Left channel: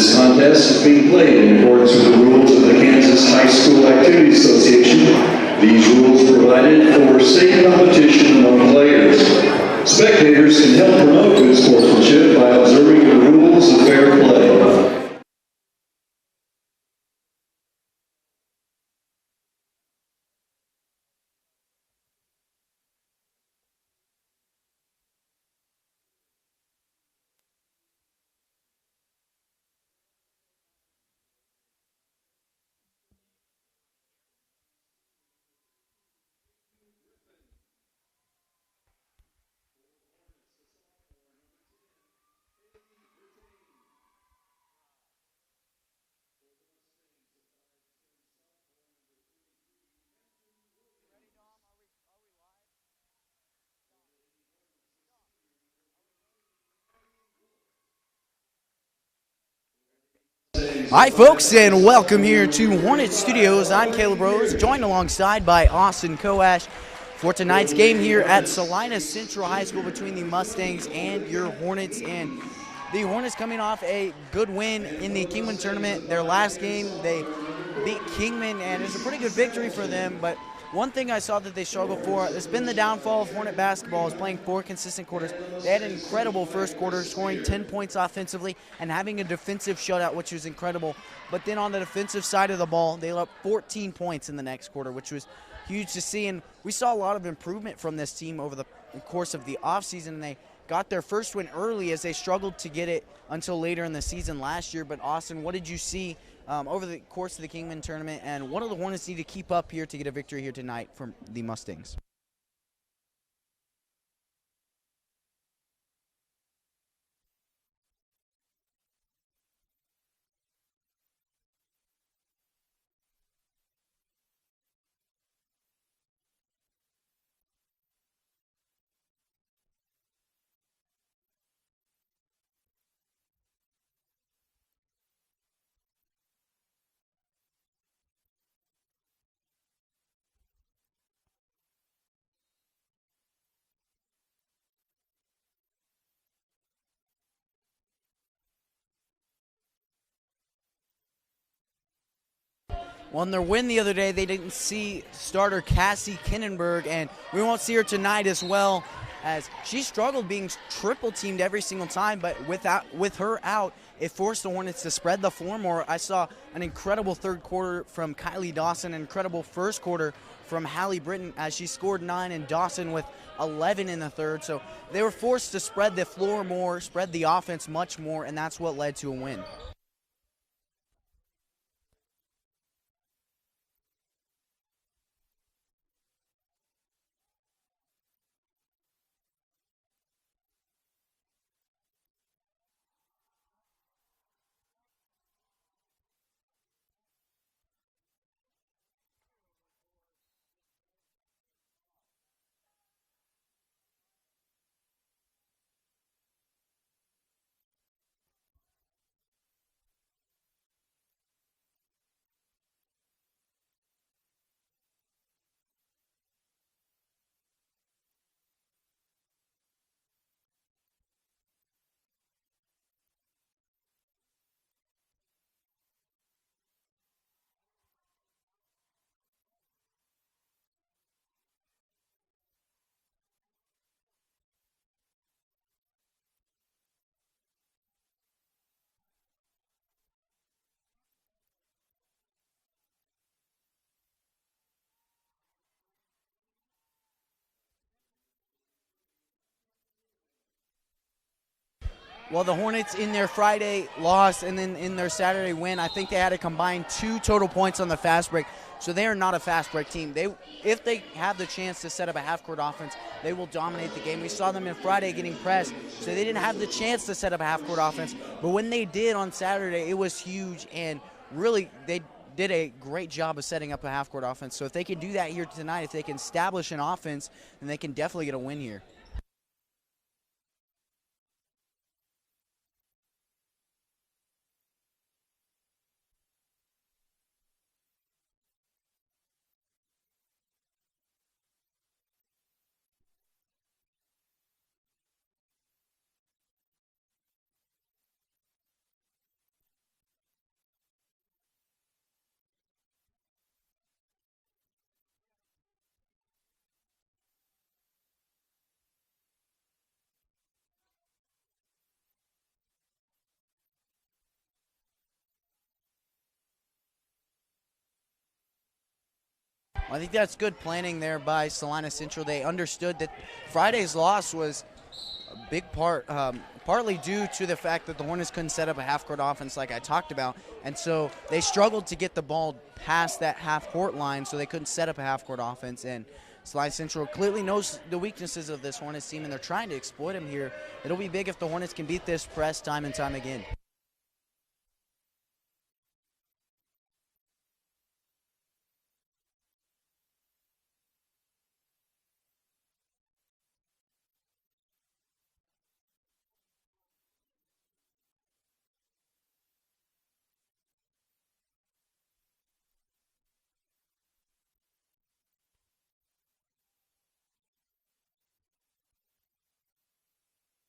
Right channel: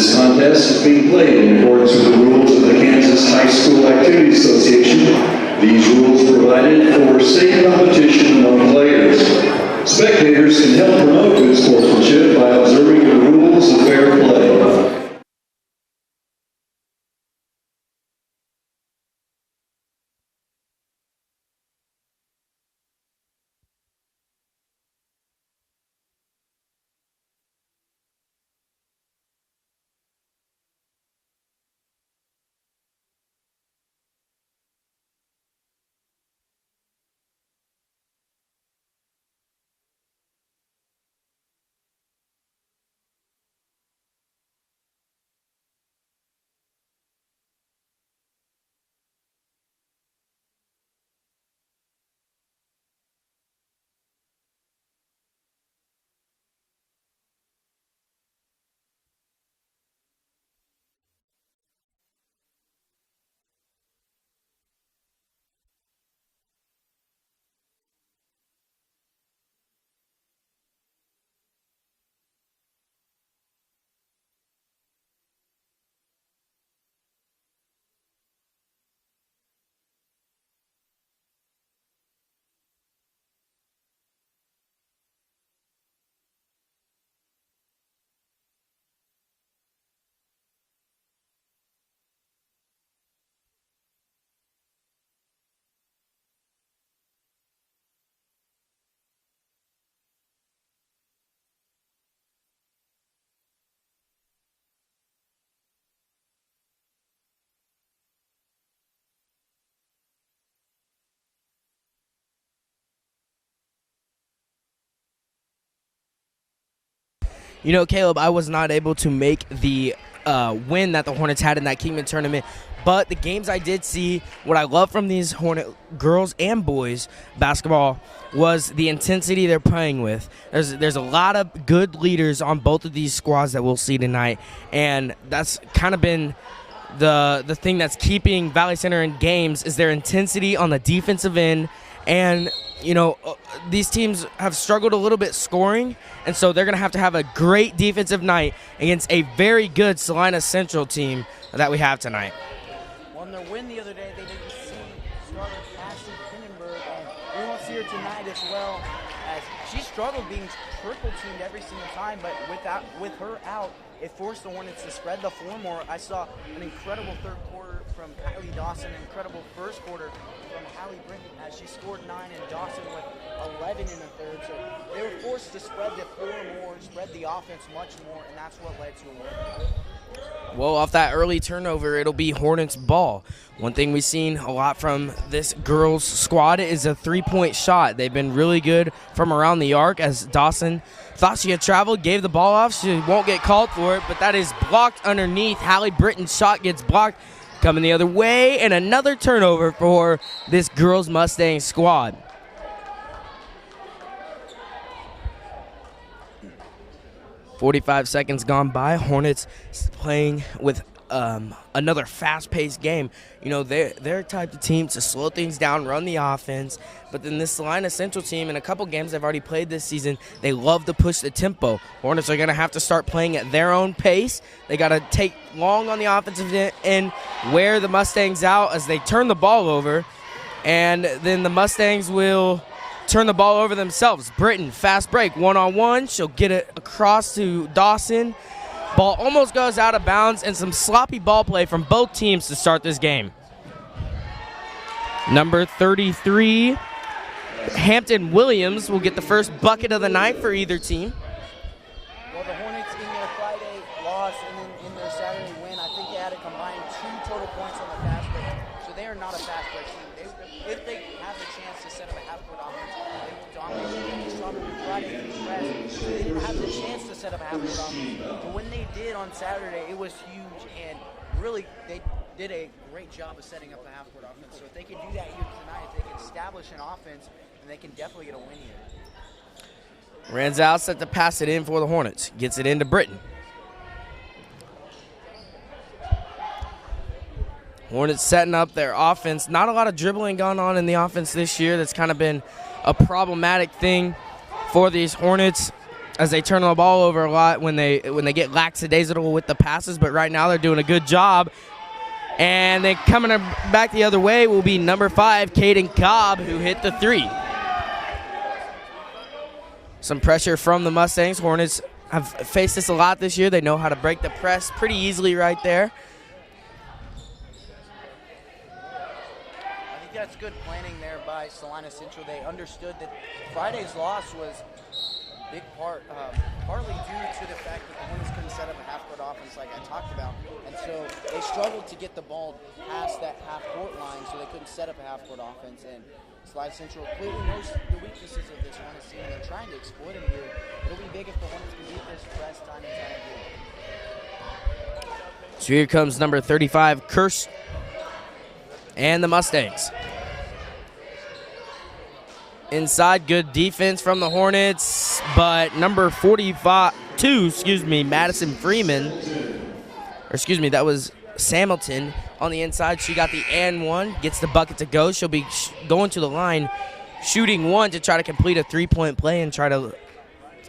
This contest is being played in accordance with the rules of the Kansas High School Activity Association. These rules provided for safe competition among players. Spectators can help promote good sportsmanship by observing the rules of fair play. Hi folks, and welcome here to Hornet Studios. I'm Caleb Rose, joined alongside by Austin Koash for tonight's game here at Salina Central High School between the Mustangs and your Hornets. And the Hornets coming off a good win in the Kingman tournament. Their last game, they beat Kingman, and it's a pretty good victory for them. But one thing I saw that they struggled for, it's been the downfall of Hornet basketball, is playing 4 consistent quarters. They had an incredible first quarter, scoring 10 points offensively and having a defensive shutout, which was incredible. But then on the defensive side of the ball, they let up 14 points in the next quarter, which was huge to see. And we saw a lot of improvement from this team over the course of the offseason, and they got their first win early as they struggled to get it until later in the season last year. But Austin, what did you see over the course of the Kingman tournament, and what do the Hornets need to keep up here to get a victory here tonight from the Mustangs? You know, Caleb, I was not able to make the win that the Hornets had in that Kingman tournament, but the games I did see, what I love from these Hornet girls and boys basketball was the intensity they're playing with. There's a lot of good leaders on both of these squads that we'll see tonight, and that's kind of been the thing that's keeping Valley Center in games is their intensity on the defensive end. And, you know, these teams have struggled a little bit scoring, and so they're going to have a great defensive night against a very good Salina Central team that we have tonight. Well, in their win the other day, they didn't see starter Cassie Kinnenberg, and we won't see her tonight as well, as she struggled being triple-teamed every single time, but with her out, it forced the Hornets to spread the floor more. I saw an incredible third quarter from Kylie Dawson, an incredible first quarter from Hallie Britton as she scored 9 and Dawson with 11 in the third. So they were forced to spread the floor more, spread the offense much more, and that's what led to a win. Well, off that early turnover, it'll be Hornets ball. One thing we've seen a lot from this girls squad is a three-point shot. They've been really good from around the arc, as Dawson thought she had traveled, gave the ball off. She won't get called for it, but that is blocked underneath. Hallie Britton's shot gets blocked, coming the other way, and another turnover for this girls Mustang squad. "45 seconds gone by. Hornets playing with another fast-paced game. You know, they're a type of team to slow things down, run the offense. But then this Salina Central team, in a couple games they've already played this season, they love to push the tempo. Hornets are going to have to start playing at their own pace. They got to take long on the offensive end, wear the Mustangs out as they turn the ball over. And then the Mustangs will turn the ball over themselves. Britton, fast break, one-on-one. She'll get it across to Dawson. Ball almost goes out of bounds, and some sloppy ball play from both teams to start this game. Number 33, Hampton Williams, will get the first bucket of the night for either team. Well, the Hornets in their Friday loss and then in their Saturday win, I think they had a combined 2 total points on the fast break. So they are not a fast break team. If they have the chance to set up a half-court offense, they will dominate the game. We saw them in Friday getting pressed, so they didn't have the chance to set up a half-court offense. But when they did on Saturday, it was huge, and really they did a great job of setting up a half-court offense. So if they can do that here tonight, if they can establish an offense, then they can definitely get a win here. Ranzau set to pass it in for the Hornets. Gets it into Britton. Hornets setting up their offense. Not a lot of dribbling going on in the offense this year. That's kind of been a problematic thing for these Hornets. as they turn the ball over a lot when they get lackadaisical with the passes, but right now they're doing a good job. And then coming back the other way will be number 5, Caden Cobb, who hit the 3. Some pressure from the Mustangs. Hornets have faced this a lot this year. They know how to break the press pretty easily right there. I think that's good planning there by Salina Central. They understood that Friday's loss was a big part, partly due to the fact that the Hornets couldn't set up a half-court offense like I talked about. And so they struggled to get the ball past that half-court line, so they couldn't set up a half-court offense. And Salina Central clearly knows the weaknesses of this Hornets team, and they're trying to exploit them here. It'll be big if the Hornets can beat this press time and time again. So here comes number 35, Kirsch, and the Mustangs. Inside, good defense from the Hornets, but number 42, Madison Freeman, that was Samilton on the inside. She got the and one, gets the bucket to go. She'll be going to the line, shooting one to try to complete a three-point play and try to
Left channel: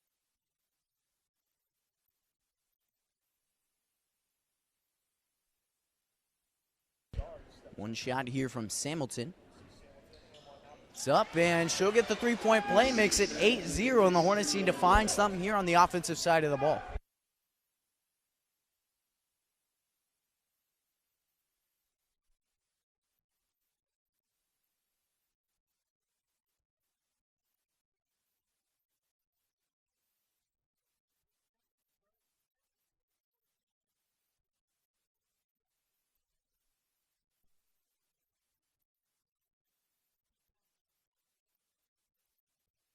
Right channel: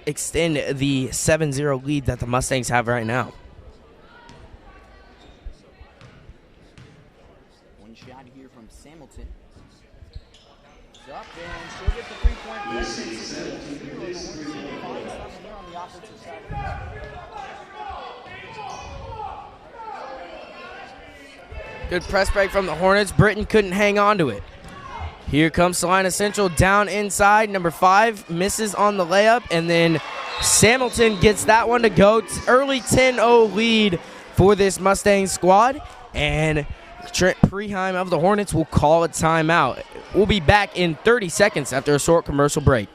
extend the 7-0 lead that the Mustangs have right now. One shot here from Samilton. It's up, and she'll get the three-point play, makes it 8-0, and the Hornets need to find something here on the offensive side of the ball. Good press break from the Hornets. Britton couldn't hang on to it. Here comes Salina Central down inside. Number 5 misses on the layup, and then Samilton gets that one to go. Early 10-0 lead for this Mustang squad, and Trent Preheim of the Hornets will call a timeout. We'll be back in 30 seconds after a short commercial break.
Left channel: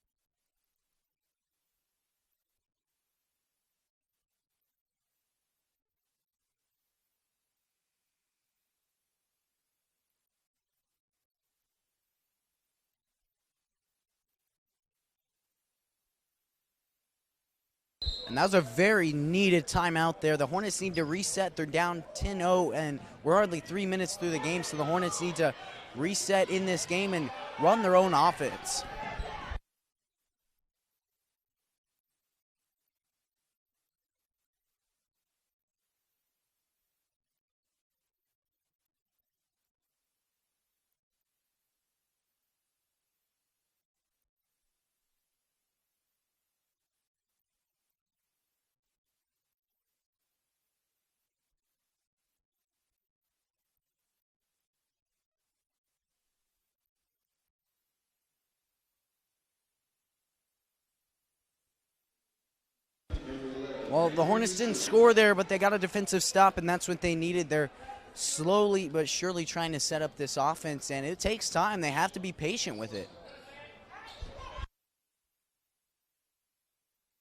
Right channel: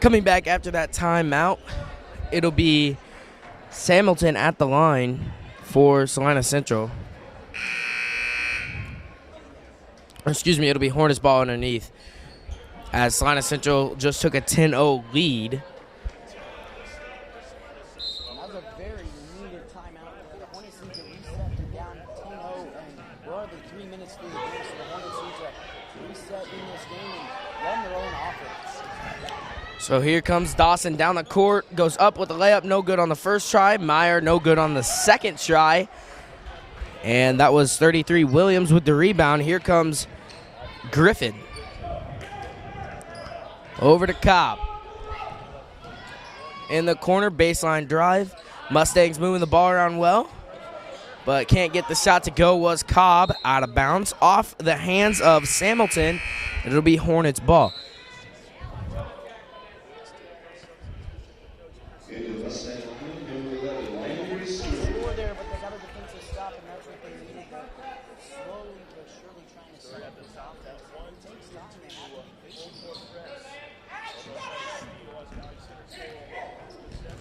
Coming back after that timeout, it'll be Samilton at the line for Salina Central. It'll be Hornets ball underneath, as Salina Central just took a 10-0 lead. And that was a very needed timeout there. The Hornets need to reset. They're down 10-0, and we're hardly 3 minutes through the game, so the Hornets need to reset in this game and run their own offense. So here comes Dawson down the court, goes up with the layup, no good on the first try. Meyer, no good on the second try. And that was 33 Williams with the rebound. Here comes Griffin. Over to Cobb. In the corner, baseline drive. Mustangs moving the ball around well, but can't get the shot to go. Was Cobb out of bounds off the hands of Samilton. It'll be Hornets ball. Well, the Hornets didn't score there, but they got a defensive stop, and that's what they needed. They're slowly but surely trying to set up this offense, and it takes time. They have to be patient with it.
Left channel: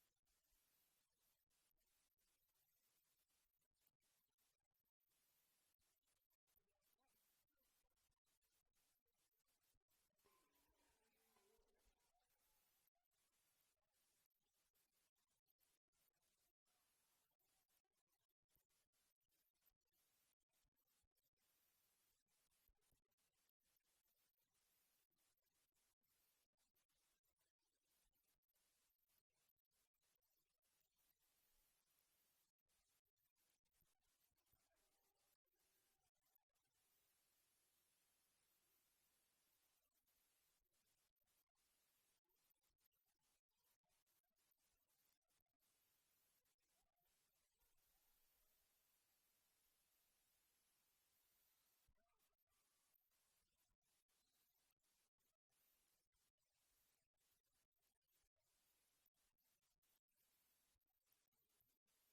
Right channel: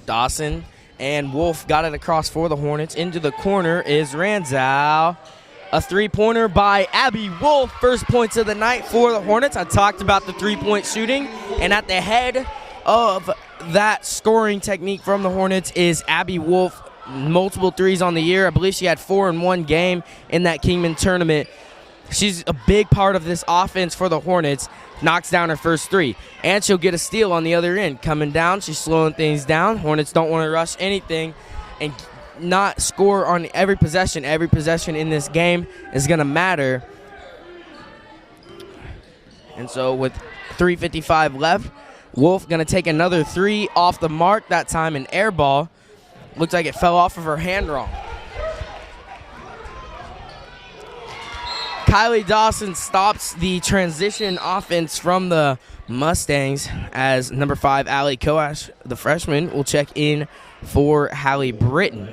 Dawson and Wolf got it across for the Hornets. Into the corner is Ranzow. A three-pointer by Abby Wolf. First points of the night for the Hornets. I talked about the three-point shooting, and at the head of that scoring technique from the Hornets is Abby Wolf. Multiple threes on the year. I believe she had 4 in one game in that Kingman tournament. She's a big part of this offense for the Hornets. Knocks down her first 3, and she'll get a steal on the other end. Coming down, she's slowing things down. Hornets don't want to rush anything and not score on every possession. Every possession in this game is going to matter. And so with 3:55 left, Wolf going to take another 3 off the mark, that time an air ball. Looks like it fell off of her hand wrong. Kylie Dawson stops the transition offense from the Mustangs as number 5, Allie Koash, the freshman, will check in for Hallie Britton.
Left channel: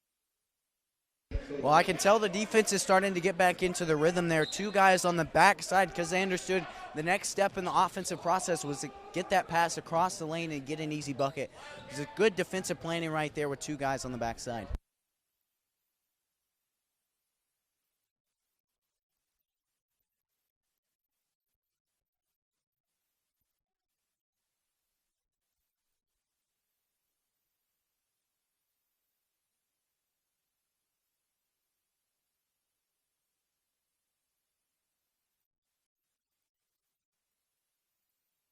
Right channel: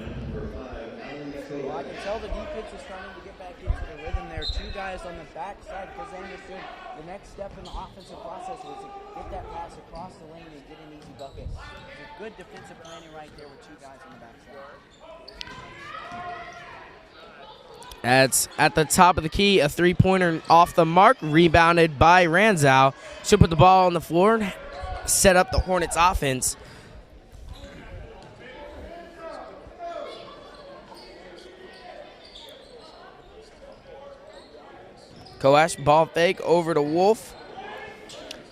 Well, I can tell the defense is starting to get back into the rhythm there. 2 guys on the backside because they understood the next step in the offensive process was to get that pass across the lane and get an easy bucket. It's a good defensive planning right there with 2 guys on the backside. That's at the top of the key, a 3-pointer off the mark, rebounded by Ranzow. She'll put the ball on the floor and set up the Hornets offense. Koash, ball fake over to Wolf.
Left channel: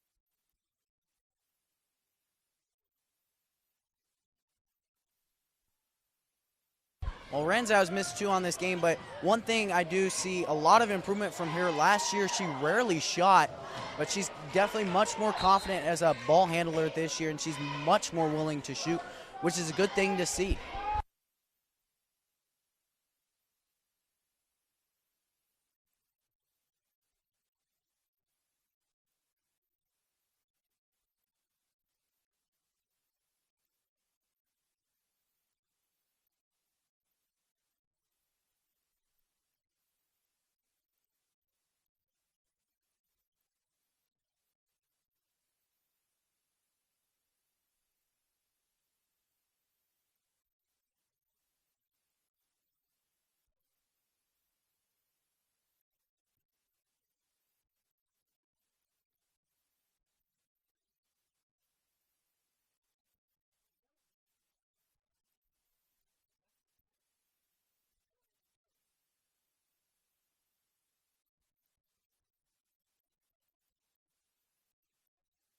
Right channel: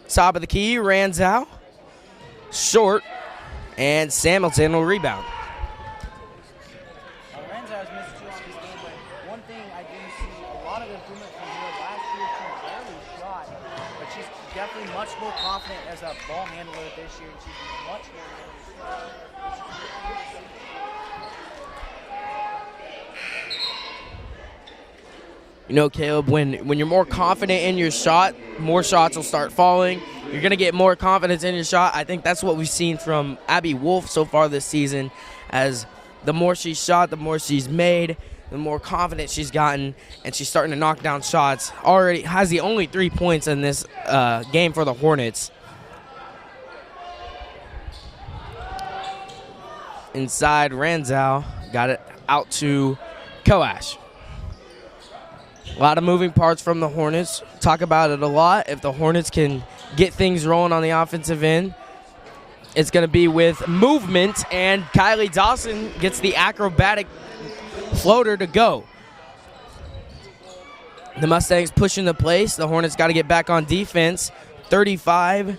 Top of the key, Ranzow. Short, and Hamilton will rebound. Well, Ranzau's missed 2 on this game, but one thing I do see a lot of improvement from here. Last year, she rarely shot, but she's definitely much more confident as a ball handler this year, and she's much more willing to shoot, which is a good thing to see. You know, Caleb, when you're more confident in your shot, more shots will start falling. You're going to get more confidence in your shot. I think that's what we've seen from Abby Wolf so far this season, as the more she's shot, the more she's made, the more confident she's gotten, and she's starting to knock down shots. Already has the only 3 points in this game for the Hornets. Inside, Ranzow got it out to Koash. A lot of moving parts from the Hornets. Talk about it a lot. If the Hornets can get things rolling on the offensive end, it's going to be with movement, and Kylie Dawson gets the acrobatic floater to go. The Mustangs pushing the place. The Hornets got to get back on defense. 35.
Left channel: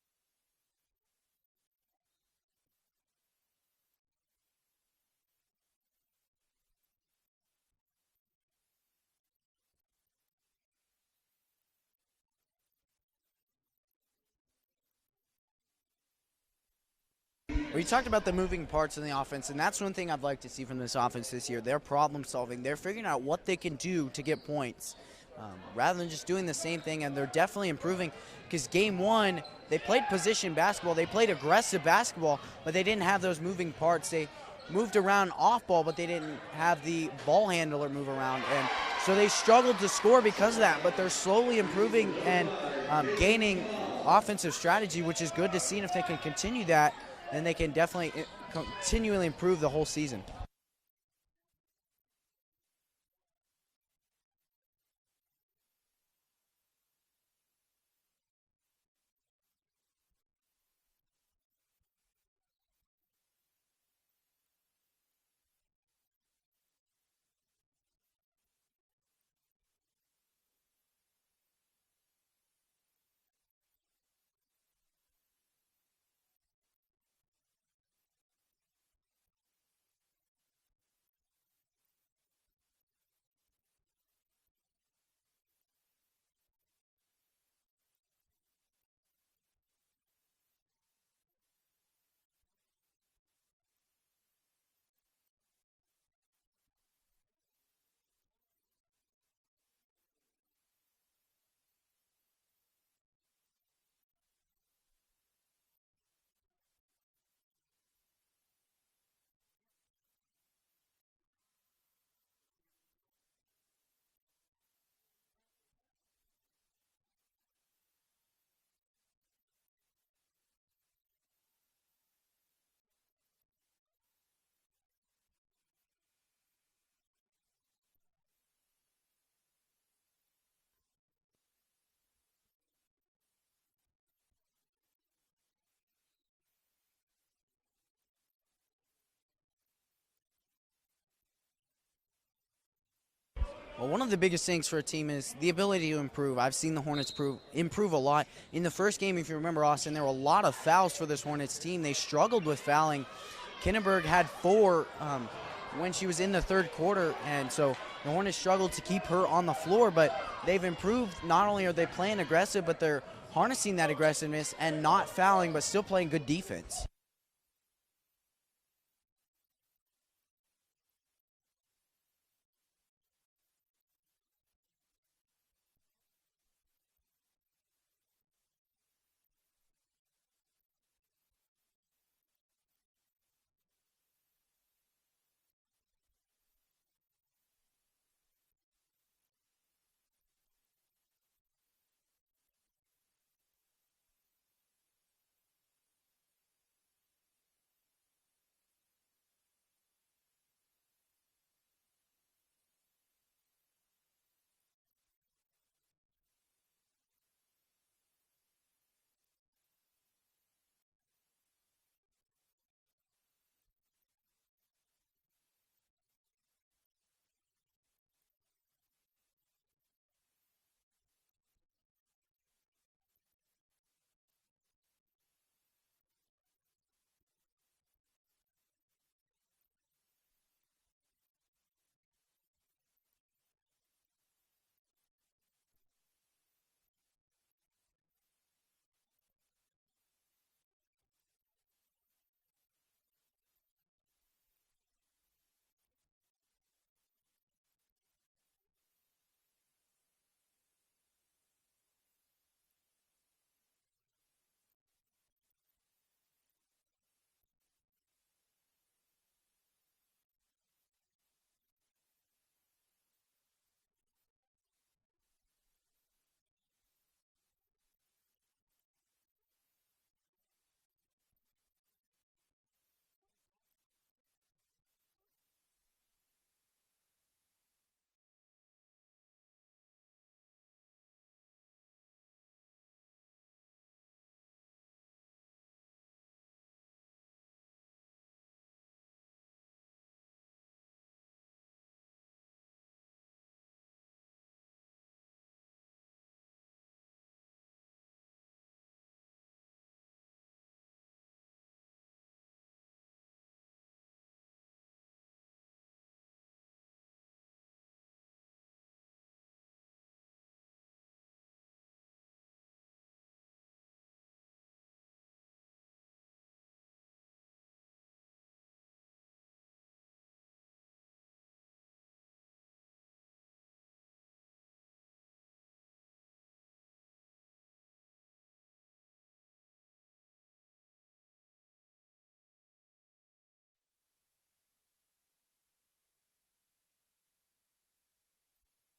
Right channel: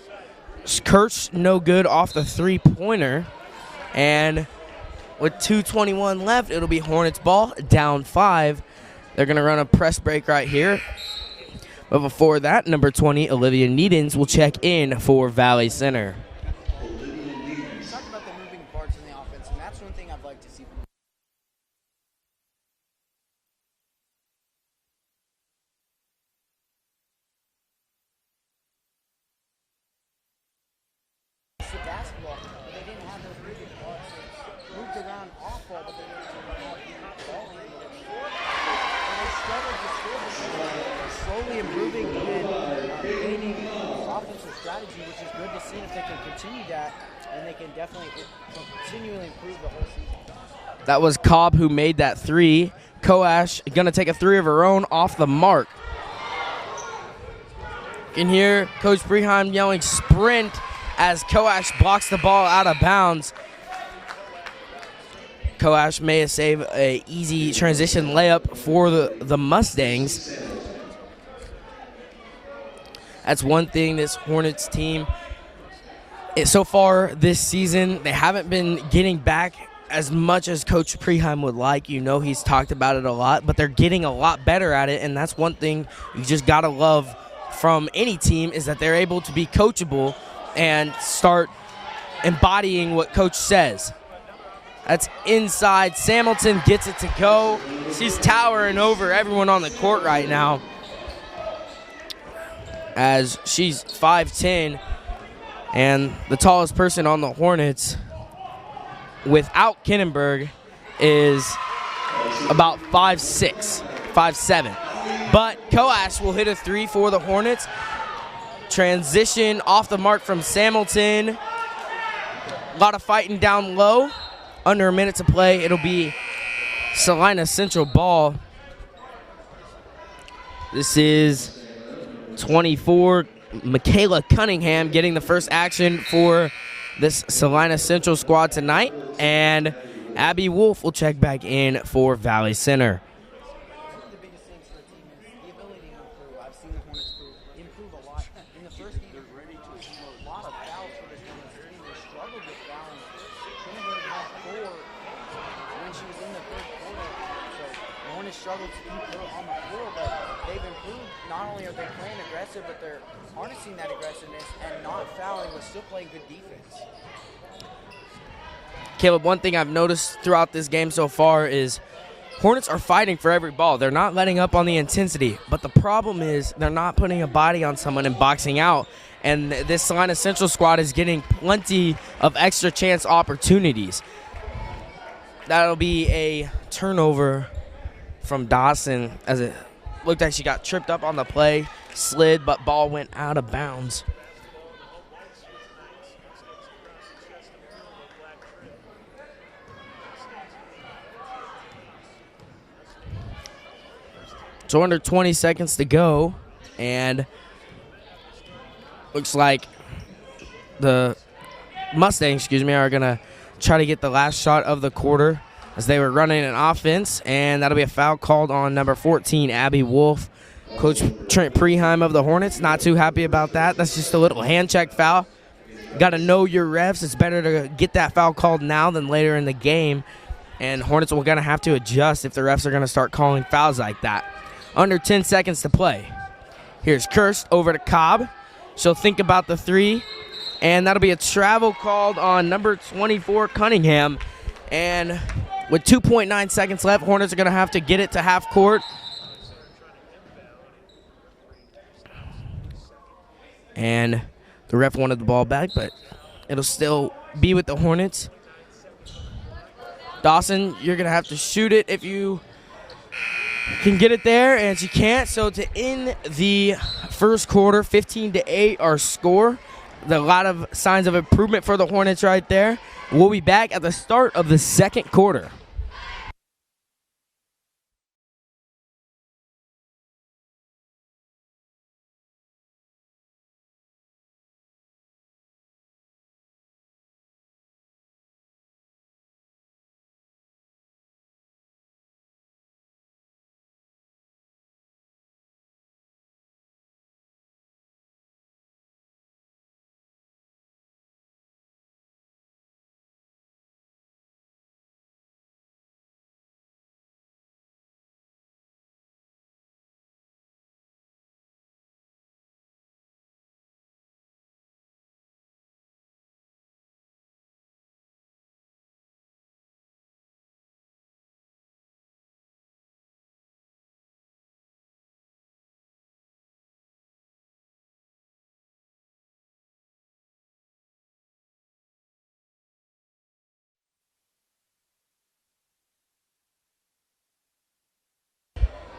Kirsch, no good off the 3-pointer. And with 2:21 left, it'll be Hornets ball, down 5. They're going to run a press break right here. But before that, number 20, Olivia Needens, will check in for Valley Center. We talked about the moving parts in the offense, and that's one thing I'd like to see from this offense this year. They're problem solving. They're figuring out what they can do to get points rather than just doing the same thing, and they're definitely improving because game 1, they played position basketball. They played aggressive basketball, but they didn't have those moving parts. They moved around off ball, but they didn't have the ball handler move around. And so they struggled to score because of that, but they're slowly improving and gaining offensive strategy, which is good to see. And if they can continue that, then they can definitely continually improve the whole season. That was Cobb who made that 3. Koash going to take a 3 of her own off the mark. You can hear Coach Breheim yelling sprint as Koash blocks the ball out of bounds. Koash may have saved an easy transition layup for the Mustangs. That's one thing this Hornets team, so far this season, they haven't been getting back as much as Coach Preheim would like. You know, he's talked about it a lot, but they're getting a lot better at it, and that's one thing you just got to love from any team, is that they're able to be coachable and start embodying what Coach says. That's inside. Hamilton gets it to go. She's towering over everyone on the court right now, as she's 5'10", and the tallest person on the Hornets without Kinnenberg is about 5'6", 5'7". But Koash will hit a 3 for the Hornets. Transition off the mark from Hamilton. A lot of fighting down low. Under a minute to play. It'll be Salina Central ball. This is 24. Michaela Cunningham getting the first action for this Salina Central squad tonight. And Abby Wolf will check back in for Valley Center. Well, one of the biggest things for a team is the ability to improve. I've seen the Hornets improve a lot. In the first game, if you remember, Austin, there were a lot of fouls for this Hornets team. They struggled with fouling. Kinnenberg had 4 when she was in the third quarter, and so the Hornets struggled to keep her on the floor, but they've improved. Not only are they playing aggressive, but they're harnessing that aggressiveness and not fouling, but still playing good defense. Caleb, one thing I've noticed throughout this game so far is Hornets are fighting for every ball. They're not letting up on the intensity. But the problem is they're not putting a body on someone and boxing out. And this Salina Central squad is getting plenty of extra chance opportunities. That'll be a turnover from Dawson, as it looked like she got tripped up on the play, slid, but ball went out of bounds. So under 20 seconds to go, and looks like the Mustangs, are going to try to get the last shot of the quarter as they were running an offense, and that'll be a foul called on number 14, Abby Wolf. Coach Trent Preheim of the Hornets, not too happy about that. That's just a little hand check foul. Got to know your refs. It's better to get that foul called now than later in the game, and Hornets are going to have to adjust if the refs are going to start calling fouls like that. Under 10 seconds to play. Here's Kirst over to Cobb. She'll think about the three, and that'll be a travel called on number 24, Cunningham. And with 2.9 seconds left, Hornets are going to have to get it to half court. And the ref wanted the ball back, but it'll still be with the Hornets. Dawson, you're going to have to shoot it if you can get it there, and she can't. So to end the first quarter, 15-8 our score. A lot of signs of improvement for the Hornets right there. We'll be back at the start of the second quarter.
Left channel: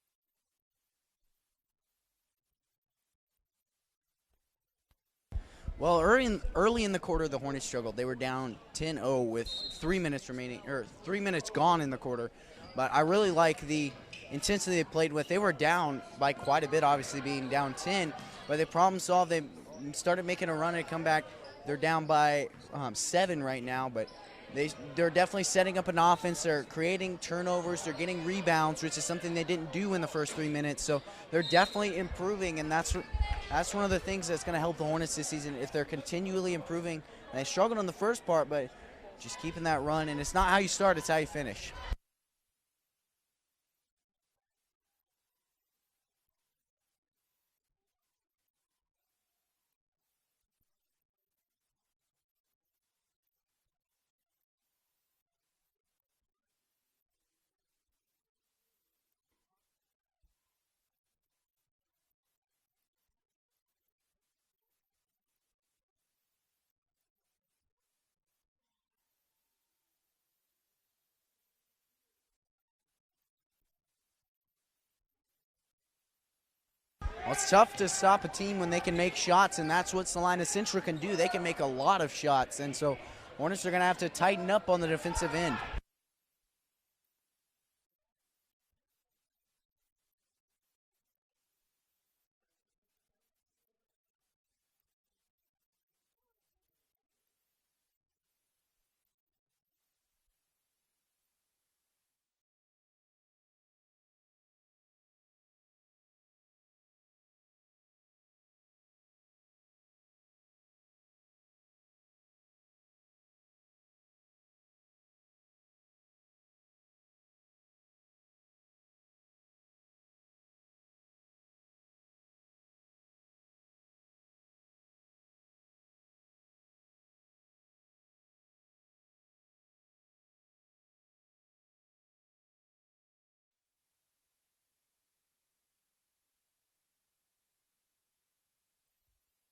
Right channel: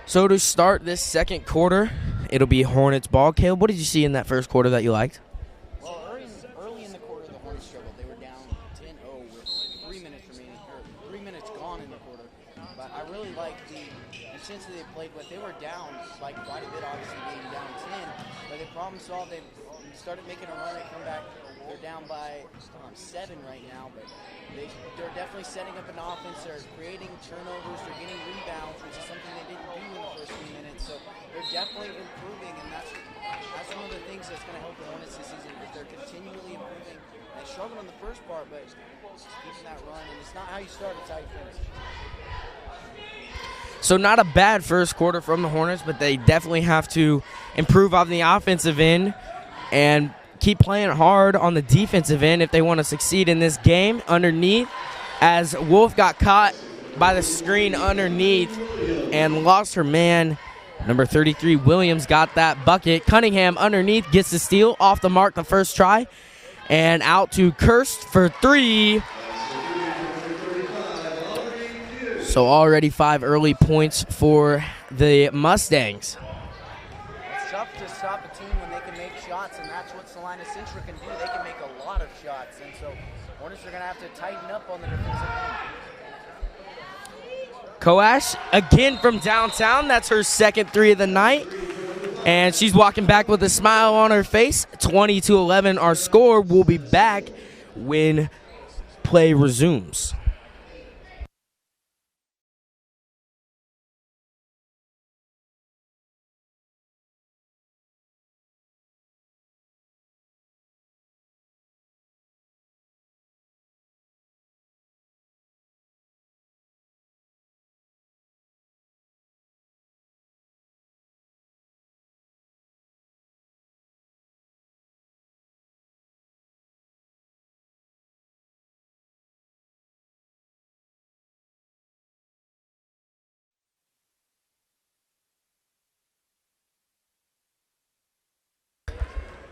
So to start this second quarter, it'll be Hornets ball. Caleb, what did you see in that first quarter that you liked? Well, early in the quarter, the Hornets struggled. They were down 10-0 with 3 minutes remaining, or 3 minutes gone in the quarter. But I really like the intensity they played with. They were down by quite a bit, obviously being down 10, but they problem solved. They started making a run and come back. They're down by 7 right now, but they're definitely setting up an offense. They're creating turnovers. They're getting rebounds, which is something they didn't do in the first 3 minutes. So they're definitely improving, and that's one of the things that's going to help the Hornets this season if they're continually improving. And they struggled on the first part, but just keeping that run. And it's not how you start, it's how you finish. So not a bad first quarter from the Hornets, but they definitely have to improve on the offensive end and keep playing hard on the defensive end if they want to succeed in this game. Underneath, as Wolf got caught by the screen underneath and lost her man. Number 33, Williams, got that bucket. Cunningham underneath gets the steal, off the mark the first try, and out to Kirst for 3. So already 5 early points for the Mustangs. Well, it's tough to stop a team when they can make shots, and that's what Salina Central can do. They can make a lot of shots, and so Hornets are going to have to tighten up on the defensive end. Koash, again from downtown. That's her second 3 of the night. And she's walking back with a smile on her face. 20-11 our score. We'll be back when play resumes.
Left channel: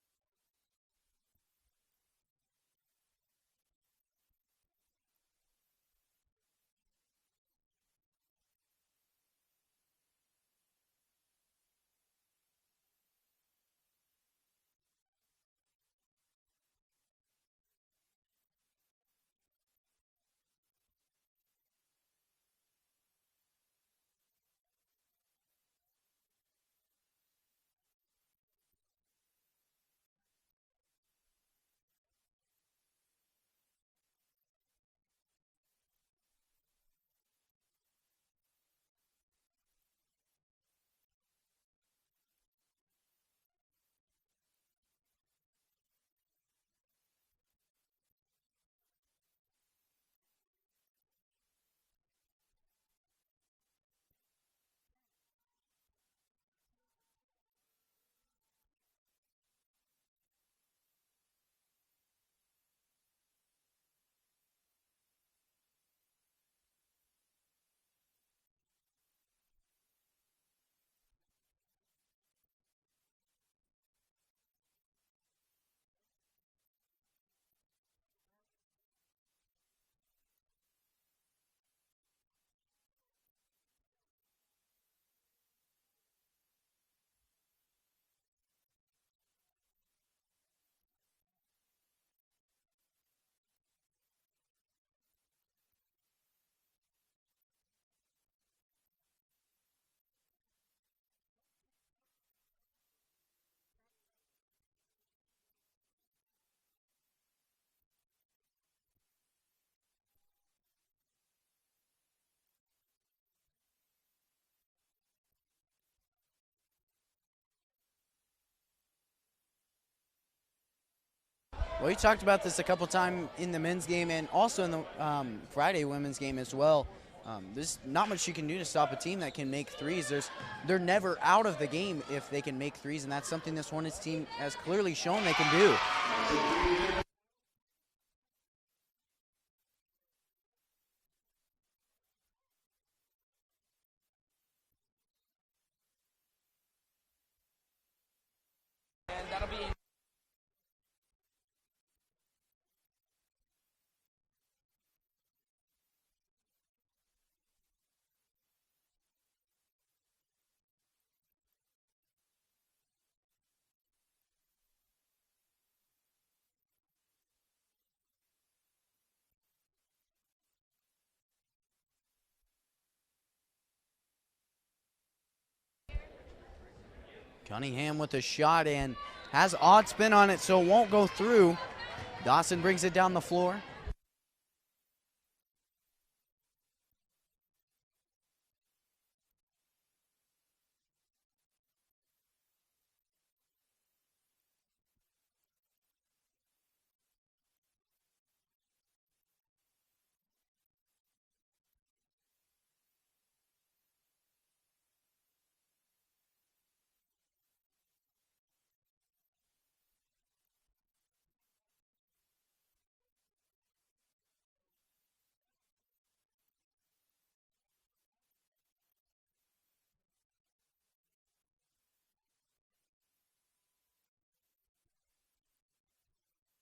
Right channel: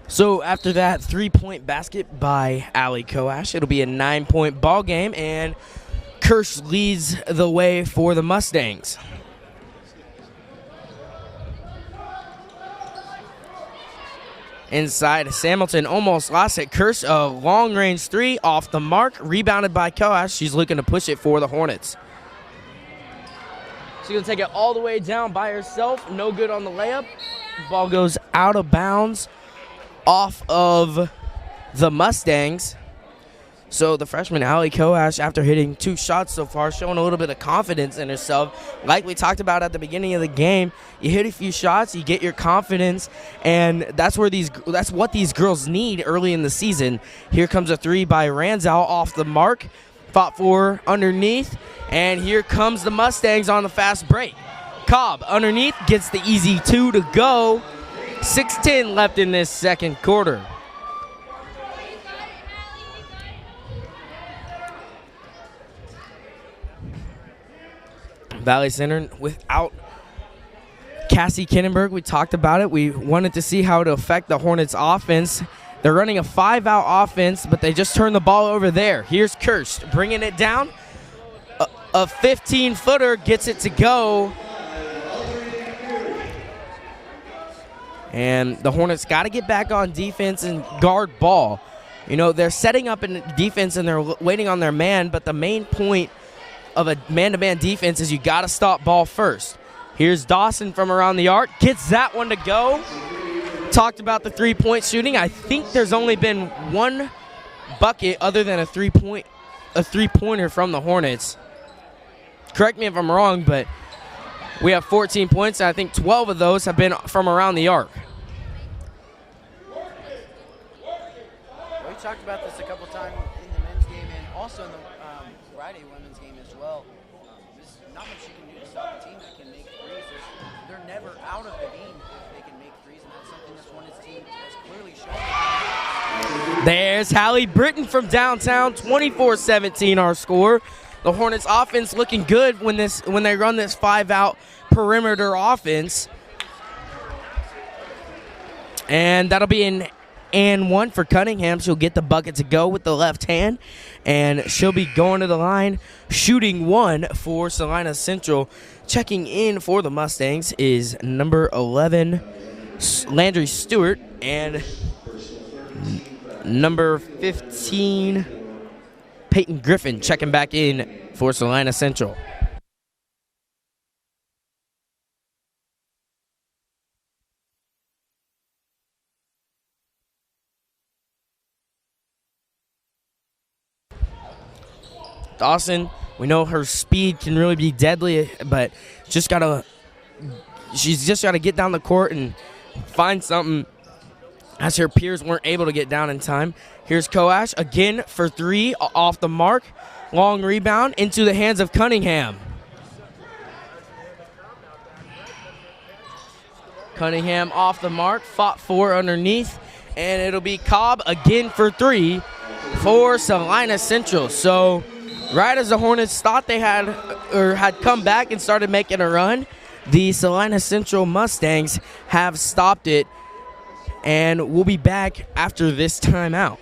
So after that 3-point basket by Allie Koash, it'll be a 9-point ball game, and Kirsch leads the way for the Mustangs. Inside, Hamilton almost lost it. Kirsch, a long-range 3 off the mark, rebounded by Koash. She's looking to push it for the Hornets. She's going to take it all the way down by herself. No good on the layup. Ball goes out of bounds off of the Mustangs. So the freshman, Allie Koash, after hitting 2 shots so far, showing a little bit of confidence in herself. Like we talked about at the beginning of the game, you hit a few shots, you get your confidence, and that's what these girls need early in the season. Here comes a 3 by Ranzow off the mark, fought for underneath, and here comes the Mustangs on the fast break. Cobb underneath gets the easy 2 to go. 6:10 left in this second quarter. Valley Center without Cassie Kinnenberg. We talked about it. We wanted to see how it affect the Hornets offense. They're running a 5-out offense, but they just turned the ball over there. Here's Kirsch bringing it down. A 15-footer gets it to go. And the Hornets got to get back on defense and guard ball. You know, they're setting up in defense and they're waiting on their man, but the main point of a man-to-man defense is you got to stop ball first. Here's Dawson from around the arc, gets that one to go. Talked about the 3-point shooting. I think there's only been one bucket other than a three-pointer from the Hornets. Correct me if I'm wrong, but we have 14 points, and I think 12 of those have been from around the arc. We talked about this a couple times in the men's game and also in the Friday women's game as well. There's not much you can do to stop a team that can make threes. They're never out of the game if they can make threes, and that's something this Hornets team has clearly shown they can do. There's Hallie Britton from downtown, 24-17 our score. The Hornets offense looking good when they run this 5-out perimeter offense. And that'll be an and 1 for Cunningham. She'll get the bucket to go with the left hand, and she'll be going to the line, shooting 1 for Salina Central. Checking in for the Mustangs is number 11, Landry Stewart, and number 15, Peyton Griffin, checking back in for Salina Central. Cunningham with a shot and has odd spin on it, so it won't go through. Dawson brings it down the floor. Dawson, we know her speed can really be deadly, but she's just gotta get down the court and find something, as her peers weren't able to get down in time. Here's Koash again for 3 off the mark. Long rebound into the hands of Cunningham. Cunningham off the mark, fought for underneath, and it'll be Cobb again for 3 for Salina Central. So right as the Hornets thought they had come back and started making a run, the Salina Central Mustangs have stopped it, and we'll be back after this timeout.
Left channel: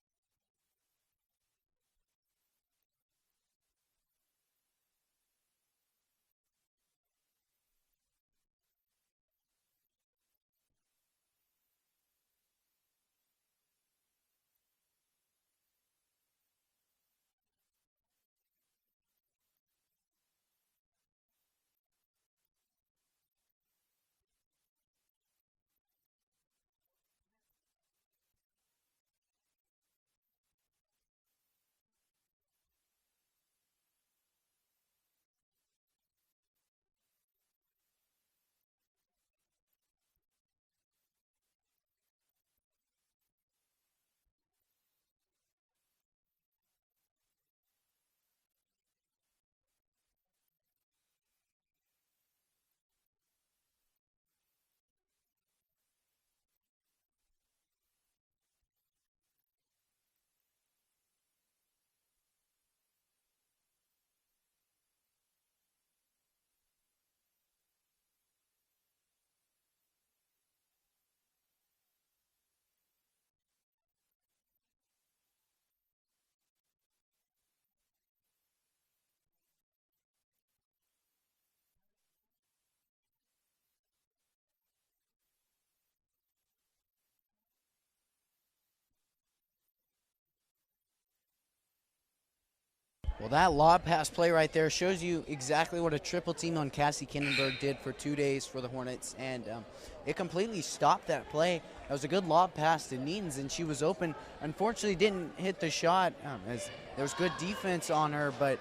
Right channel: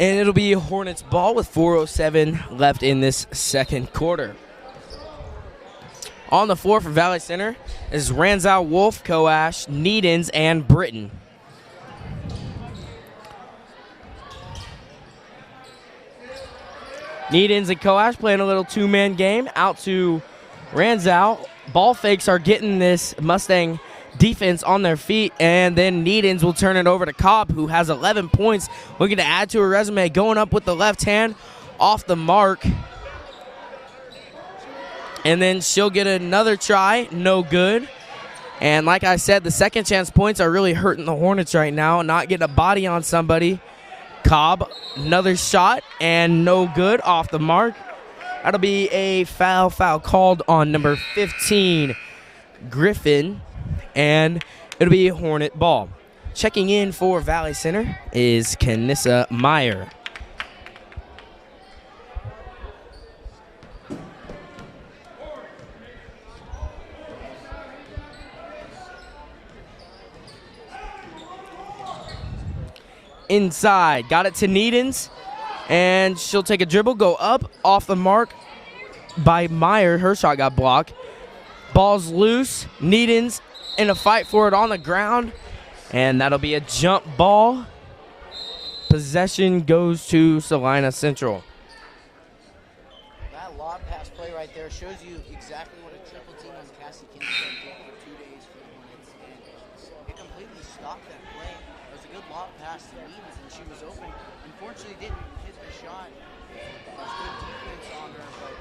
And it'll be Hornets ball with 4:07 left in this second quarter. On the floor for Valley Center is Ranzow, Wolf, Koash, Needens, and Britton. Needens and Koash playing a little 2-man game. Out to Ranzow. Ball fakes are getting this Mustang defense on their feet, and then Needens will turn it over to Cobb, who has 11 points, looking to add to her resume, going up with the left hand, off the mark. And then she'll get another try, no good. And like I said, the second chance points are really hurting the Hornets right now, not getting a body on somebody. Cobb, another shot, and no good, off the mark. That'll be a foul called on number 15, Griffin, and it'll be a Hornet ball. Checking in for Valley Center is Kanissa Meyer. Inside, got it to Needens, and she'll take a dribble, go up, off the mark by Meyer. Her shot got blocked. Ball's loose. Needens in a fight for it on the ground, and that'll be a jump ball. Possession goes to Salina Central. Well, that lob pass play right there shows you exactly what a triple team on Cassie Kindenberg did for 2 days for the Hornets, and it completely stopped that play. That was a good lob pass to Needens, and she was open. Unfortunately, didn't hit the shot. There's good defense on her, but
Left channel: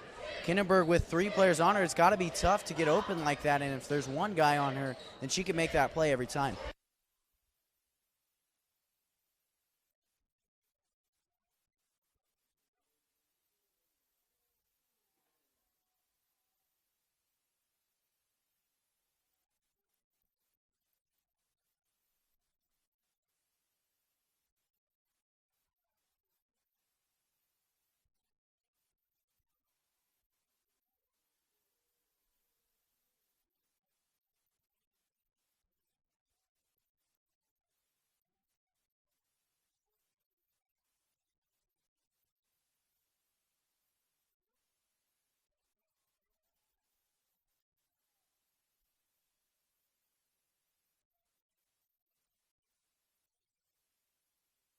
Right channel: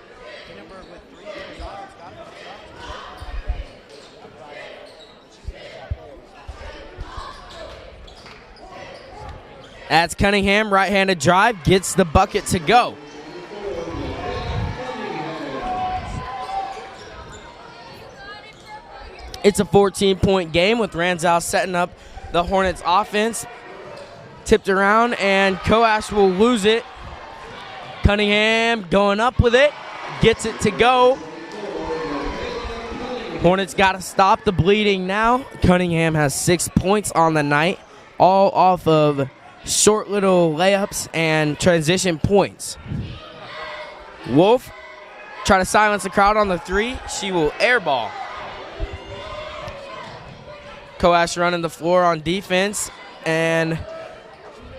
Kindenberg with 3 players on her, it's got to be tough to get open like that, and if there's one guy on her, then she can make that play every time. That's Cunningham, right-handed drive, gets the bucket to go. It's a 14-point game with Ranzow setting up the Hornets offense. Tipped around, and Coash will lose it. Cunningham going up with it, gets it to go. Hornets got to stop the bleeding now. Cunningham has 6 points on the night, all off of short little layups and transition points. Wolf try to silence the crowd on the 3. She will airball. Coash running the floor on defense, and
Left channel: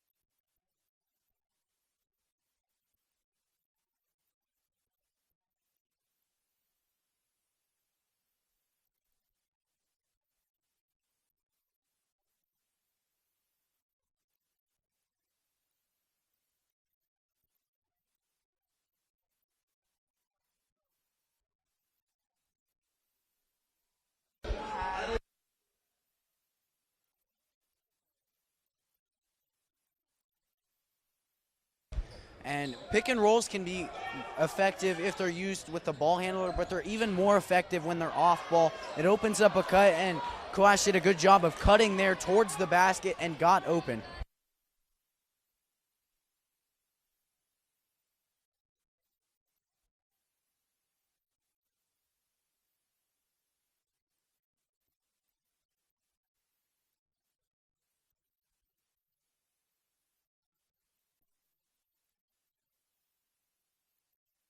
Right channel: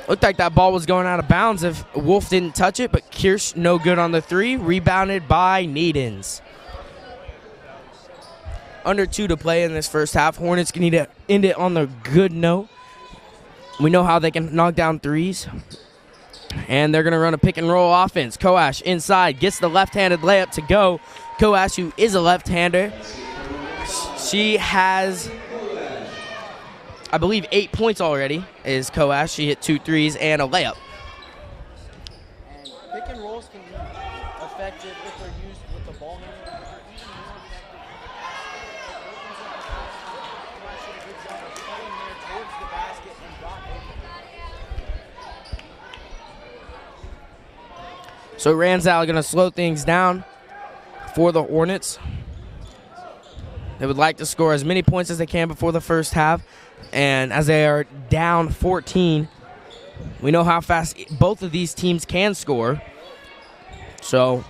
looked like that ball was going out of bounds if Wolf didn't touch it, but Kirsch no good on the 3, rebounded by Needens. Under 2 to play in this first half. Hornets need to end it on the good note. We know how they can knock down threes, and they're going to run a pick and roll offense. Coash inside, gets the left-handed layup to go. Coash, who is a left-hander, she has, I believe, 8 points already, is Coash. She hit 2 threes and a layup. And pick and rolls can be effective if they're used with the ball handler, but they're even more effective when they're off ball. It opens up a cut, and Coash did a good job of cutting there towards the basket and got open. So Ranzow going to slow things down for the Hornets. They would like to score as many points as they can before the first half. And as they are down 14, we know how fast both of these teams can score. So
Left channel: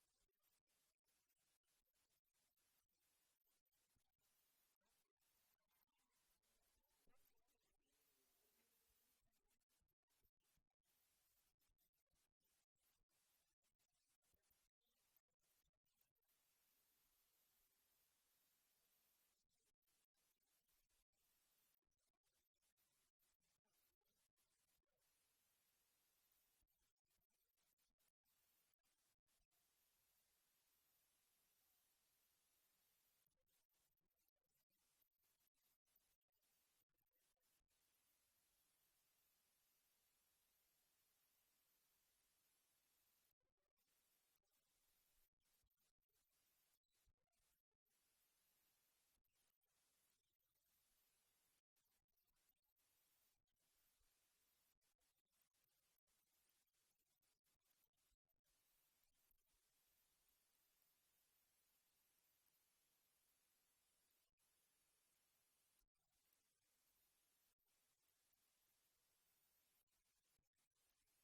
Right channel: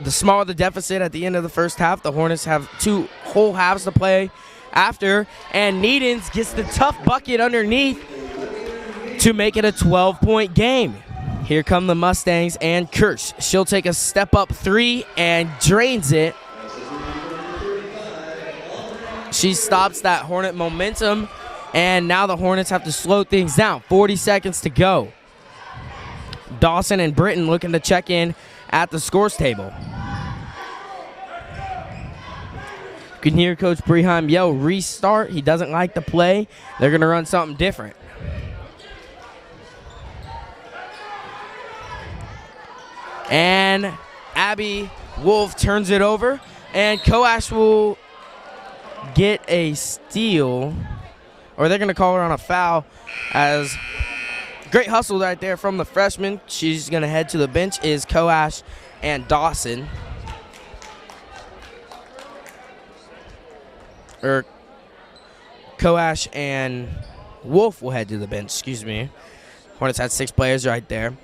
the smaller the deficit at the end of the first half, the Hornets have 2 whole halves to play after. And Needens gets the tough bucket underneath to make it a 12-point game. Here come the Mustangs and Kirsch. She'll take a step-up 3 and drains it. She stops that Hornet momentum, and now the Hornets have to slow things down. 40 seconds to go. Dawson and Britton looking to check in at the scores table. You can hear Coach Breheim yell, restart. He doesn't like the play. They're going to run something different. And Abby Wolf turns it over, and Coash will get a steal, or they're going to call her on a foul, as great hustle right there from the freshman. She's going to head to the bench is Coash and Dawson. Or Coash and Wolf will head to the bench, excuse me. Hornets had 6 players right there.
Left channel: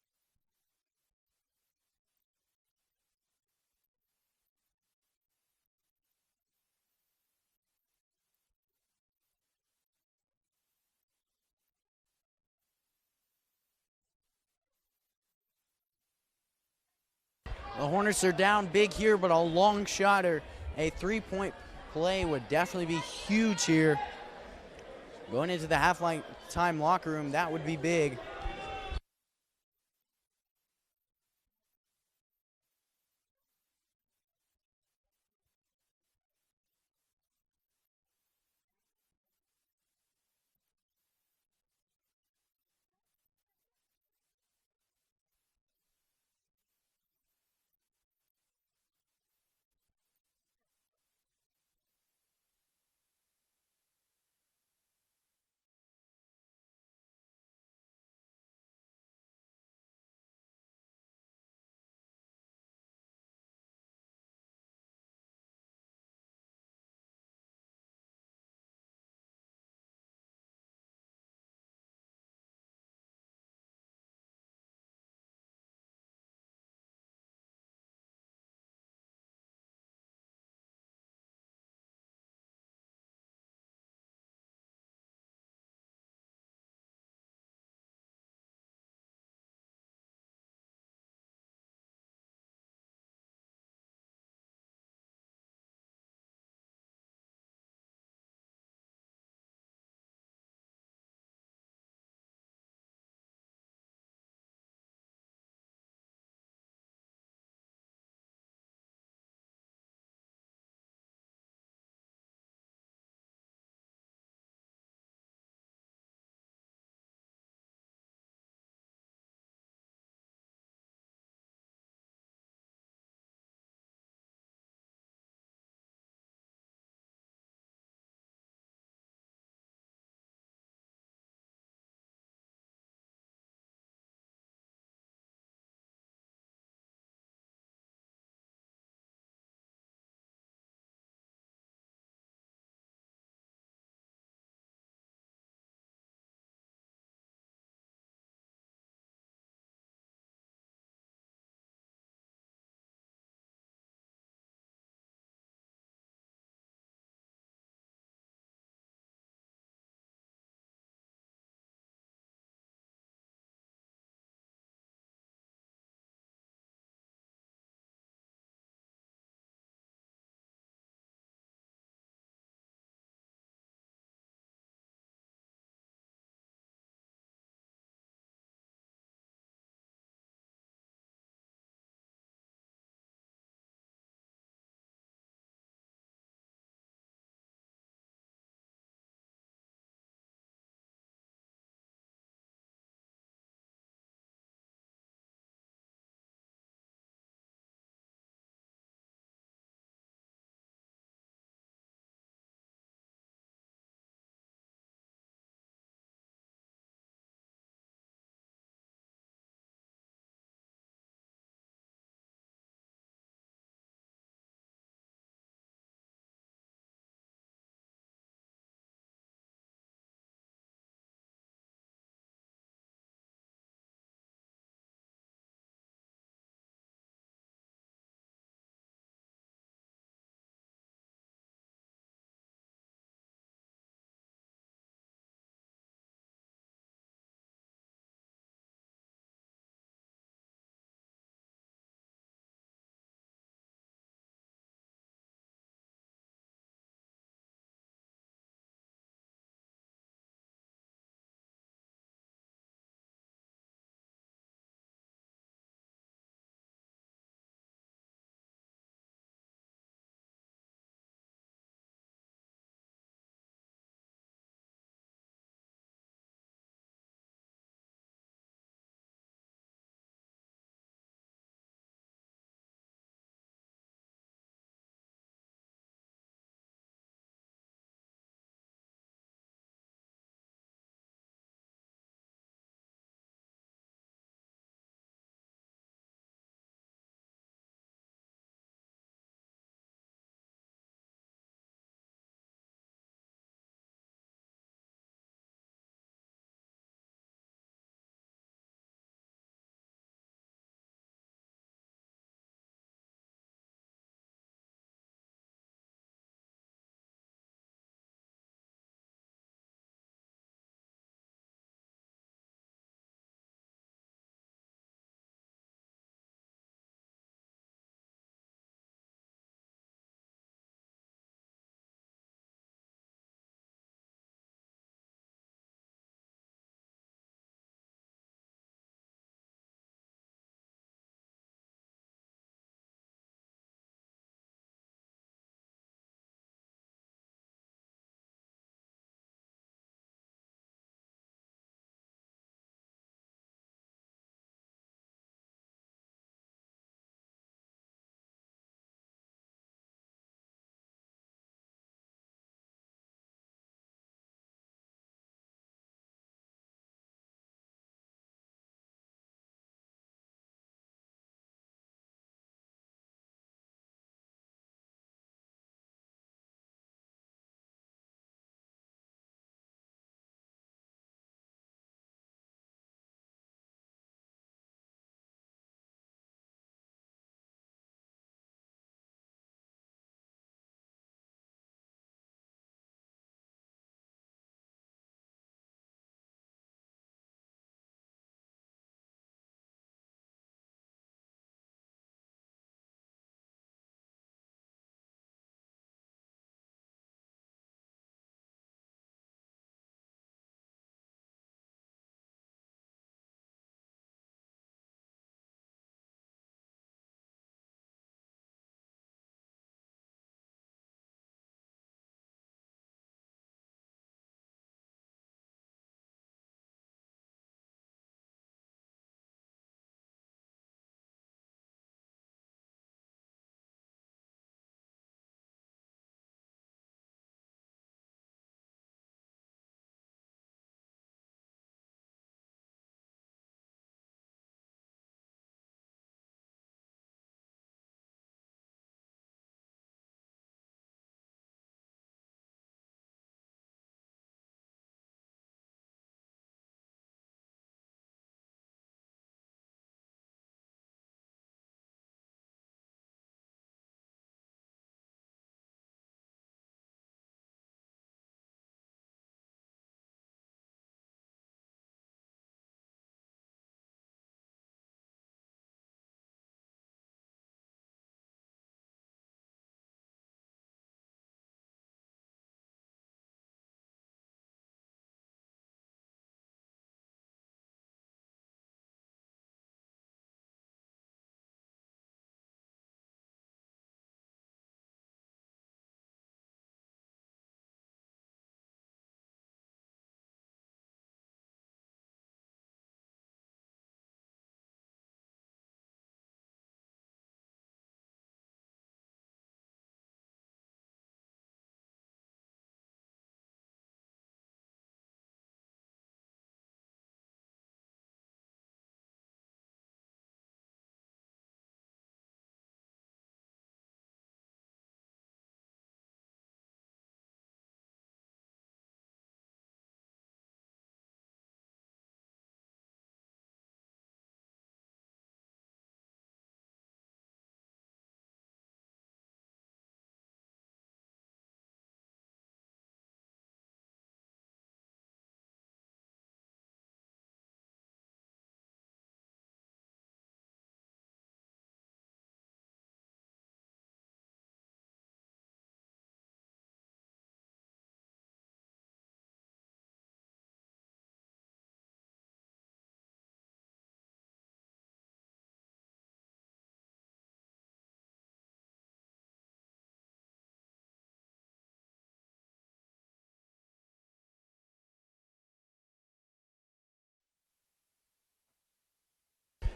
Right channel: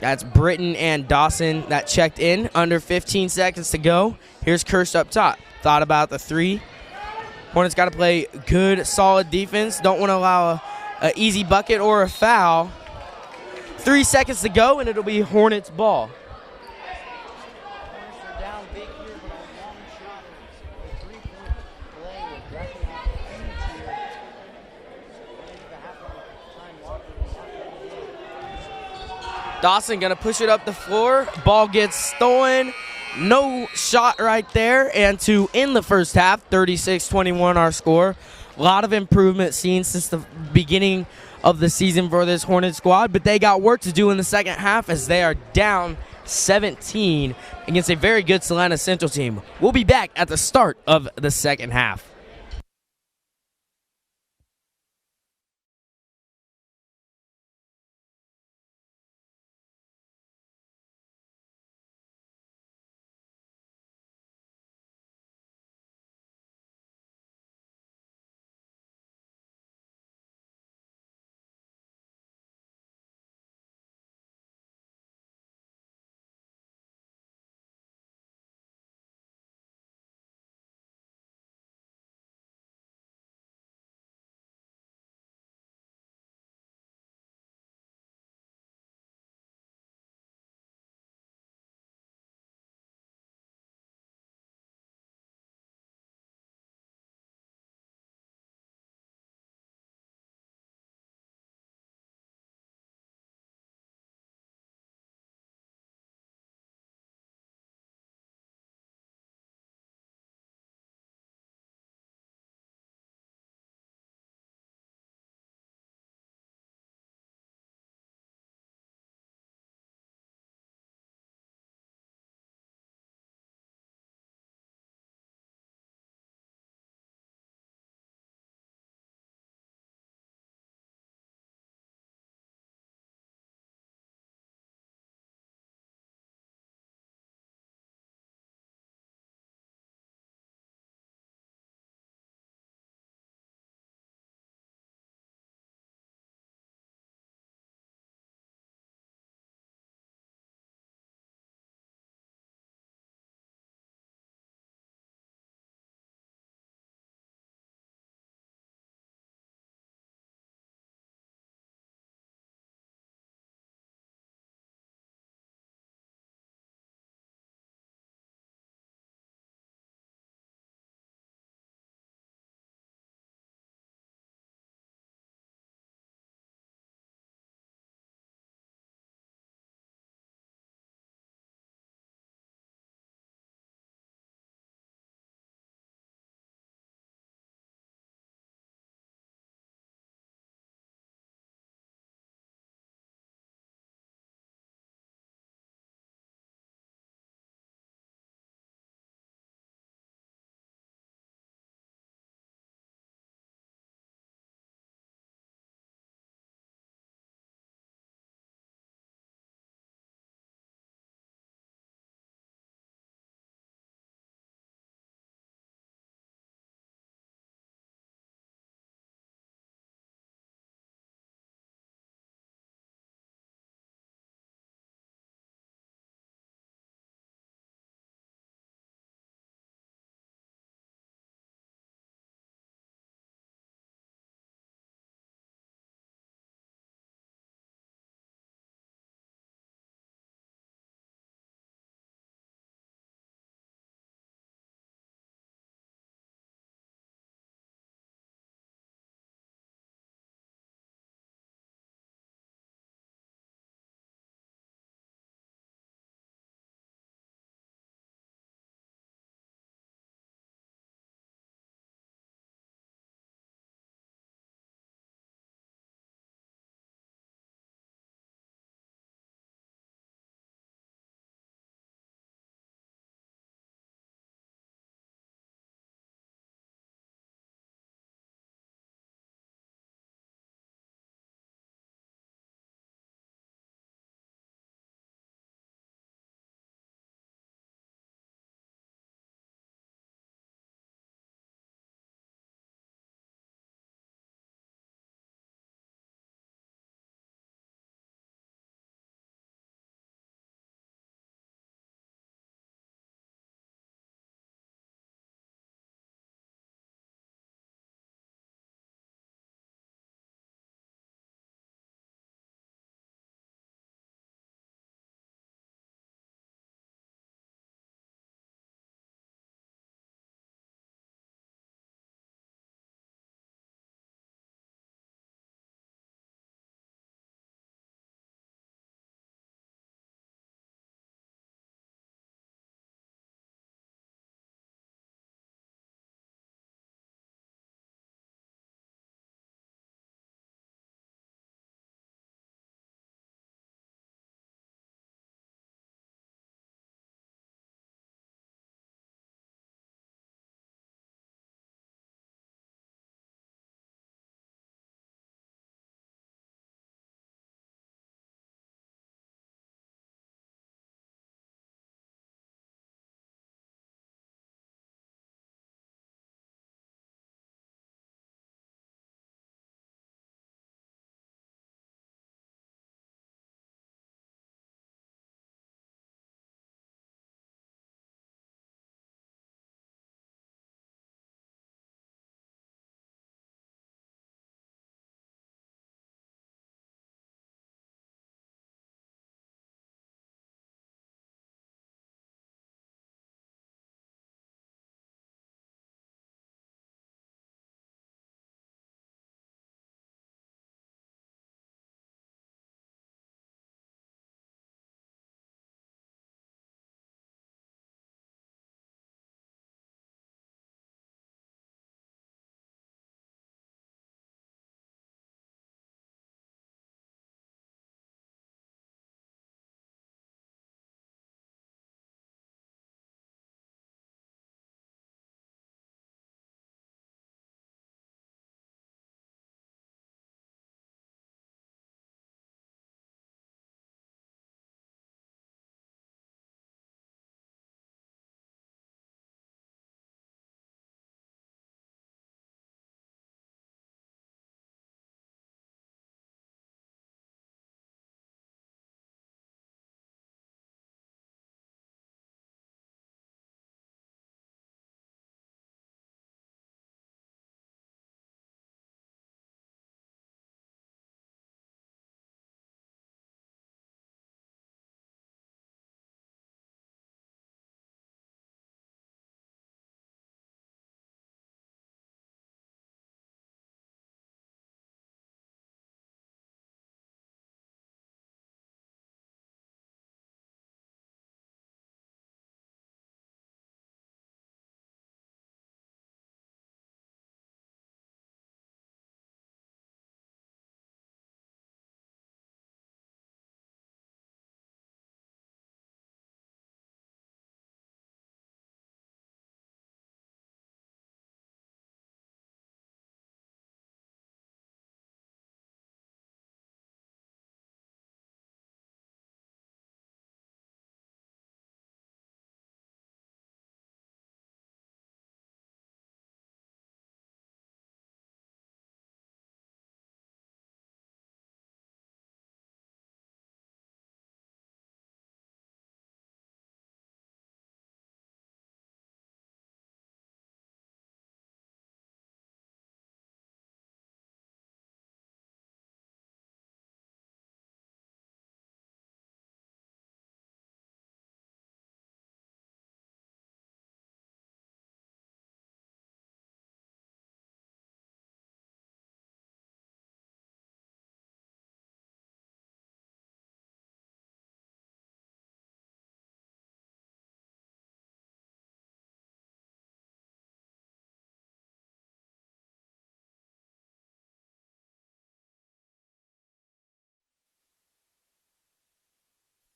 That's Britton and Dawson that checked in. Under 15 seconds to go. Here's Kirsch up top. Thought about the 3. Hornets got to play good, solid defense. Don't want to allow an easy bucket or a foul. 3 seconds to go, and it'll be Hornets ball. The Hornets are down big here, but a long shot or a 3-point play would definitely be huge here. Going into the half-time locker room, that would be big. Dawson gonna push it up the floor. Ball gets stolen. No shot right there. And to end the first half, 36-21 our score. A lot of improvement seen since the beginning of the season for this Hornet squad, but they got work to do in the second half as they are down 17 against a very good Salina Central team. We'll be back at the start of the second half.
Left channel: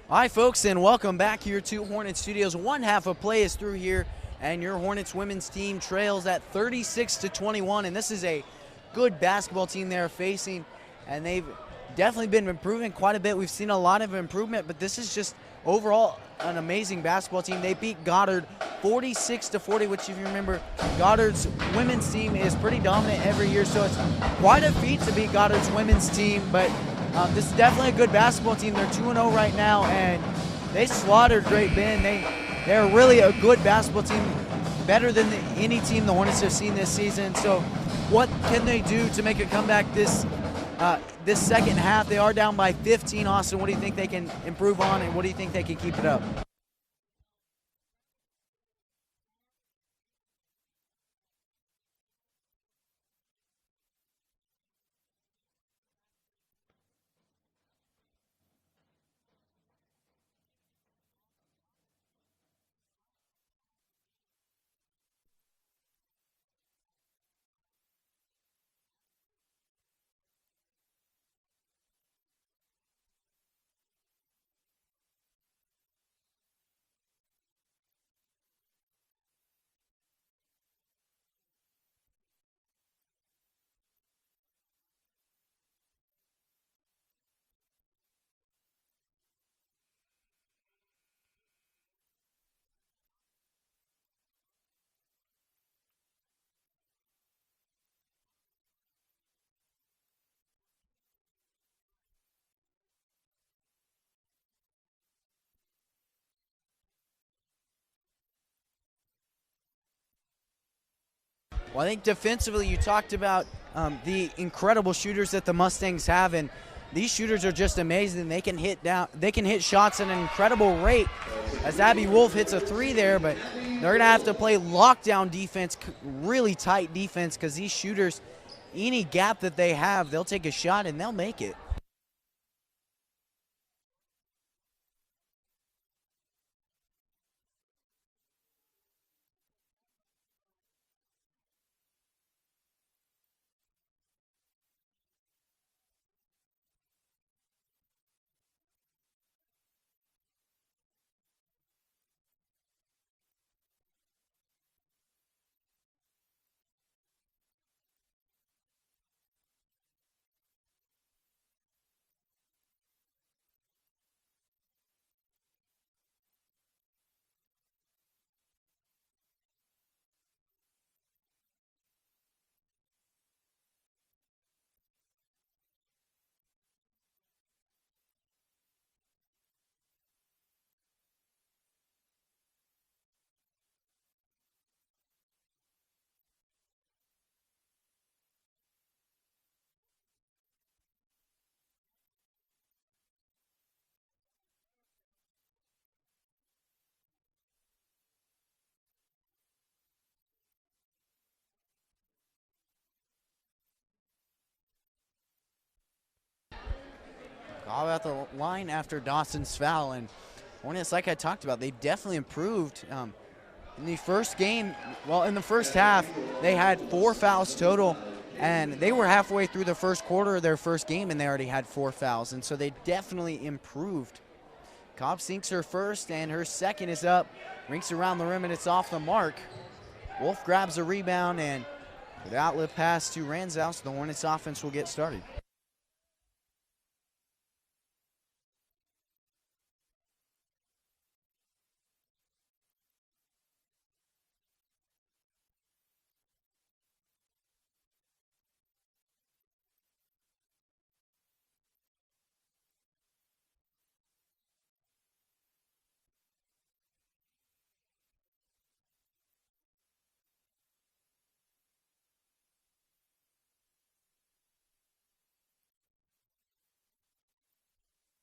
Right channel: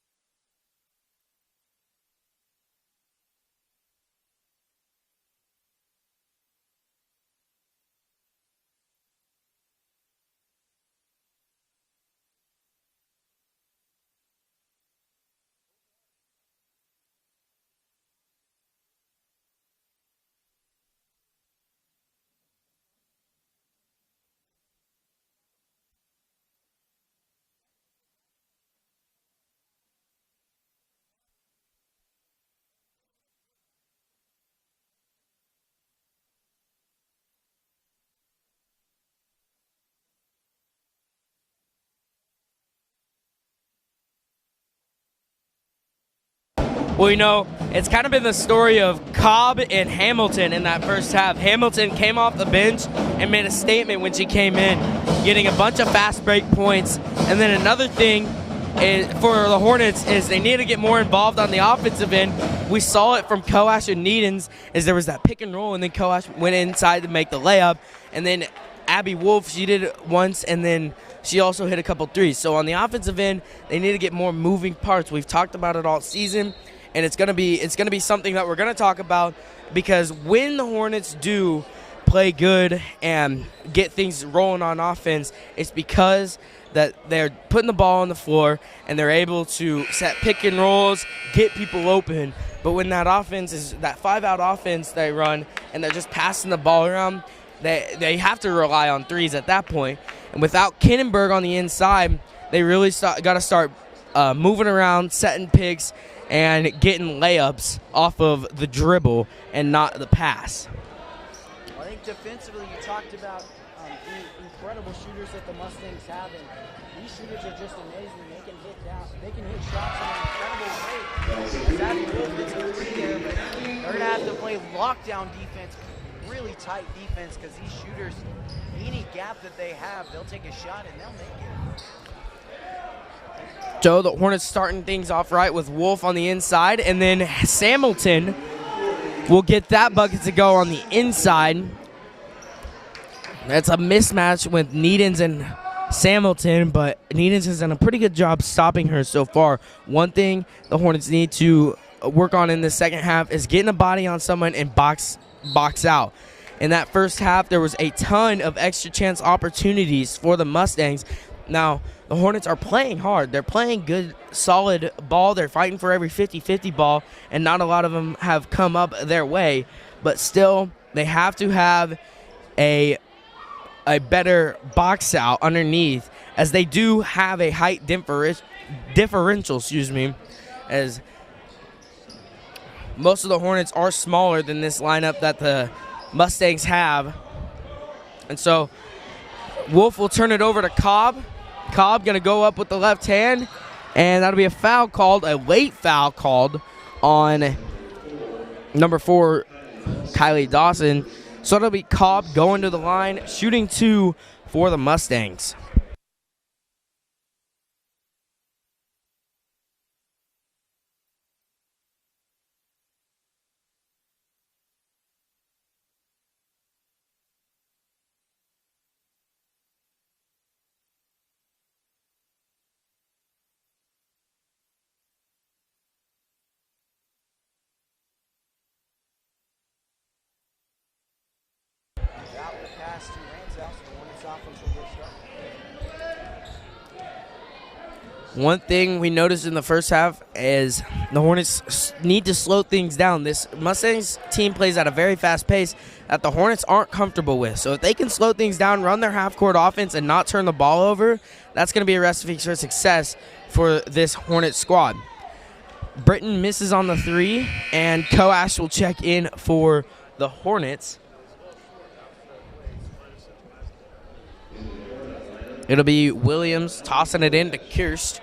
Hi, folks, and welcome back here to Hornets Studios. One half of play is through here, and your Hornets women's team trails at 36-21. And this is a good basketball team they're facing, and they've definitely been improving quite a bit. We've seen a lot of improvement, but this is just overall an amazing basketball team. They beat Goddard 46-40, which, if you remember, Goddard's women's team is pretty dominant every year, so it's quite a feat to beat Goddard's women's team. But this is definitely a good basketball team. They're 2-0 right now, and they slaughtered Great Bend. They're really a good basketball team, better than any team the Hornets have seen this season. So what can they do to make a comeback this second half? They are down by 15, Austin. What do you think they can improve on, and what do you think they can keep it up? Well, you know, it's kind of been the story of Cobb and Hamilton in that first half. Hamilton came off the bench and made a statement when she came in, getting a bunch of fast break points. And then another thing for the Hornets is they need to get more involved on the offensive end. We saw it from Coash and Needens, as there was that pick and roll, and then Coash went inside to make the layup. And then Abby Wolf, she did it once, and then she also hit a couple threes. So on the offensive end, they need to get more moving parts. We've talked about it all season, and it's gonna be something that we're gonna talk about, because when the Hornets do play good and get things rolling on offense, it's because that they're putting the ball on the floor and they're able to set pick and rolls, get people open. But when that offense is that 5-out offense they run and they're just passing the ball around, they have to rely on threes at that point. And without Kinnenberg on the inside, they really got to start moving around, setting picks, and getting layups off of the dribble and not the pass. Well, I think defensively you talked about the incredible shooters that the Mustangs have, and these shooters are just amazing. They can hit shots at an incredible rate, as Abby Wolf hits a three there, but they're going to have to play lockdown defense, really tight defense, because these shooters, any gap that they have, they'll take a shot and they'll make it. Joe, the Hornets starting things off right with Wolf on the inside, and then Hamilton will get that bucket to go on the inside. That's a mismatch with Needens and Hamilton, but Needens has done a pretty good job stopping her so far. One thing the Hornets need to work on in the second half is getting a body on someone and box out. In that first half, there was a ton of extra chance opportunities for the Mustangs. Now, the Hornets are playing hard. They're playing good, solid ball. They're fighting for every 50-50 ball, and not a lot of them have come up their way. But still, they have to have a better box out underneath, as they do have a height differential, as most of the Hornets are smaller than this lineup that the Mustangs have. And so Wolf will turn it over to Cobb. Cobb going to go up with the left hand, and that'll be a late foul called on number 4, Kylie Dawson. So it'll be Cobb going to the line, shooting 2 for the Mustangs. Cobb at the line after Dawson's foul, and Hornets, like I talked about, they definitely improved. In the first game, in the first half, they had 4 fouls total, and they were halfway through the first quarter of their first game, and they already had 4 fouls, and so they definitely improved. Cobb sinks her first, and her second is up, rinks around the rim, and it's off the mark. Wolf grabs a rebound, and the outlet pass to Ranzow, so the Hornets offense will get started. One thing we noticed in the first half is the Hornets need to slow things down. This Mustangs team plays at a very fast pace that the Hornets aren't comfortable with. So if they can slow things down, run their half-court offense, and not turn the ball over, that's going to be a recipe for success for this Hornets squad. Britton misses on the 3, and Coash will check in for the Hornets. It'll be Williams tossing it in to Kirst.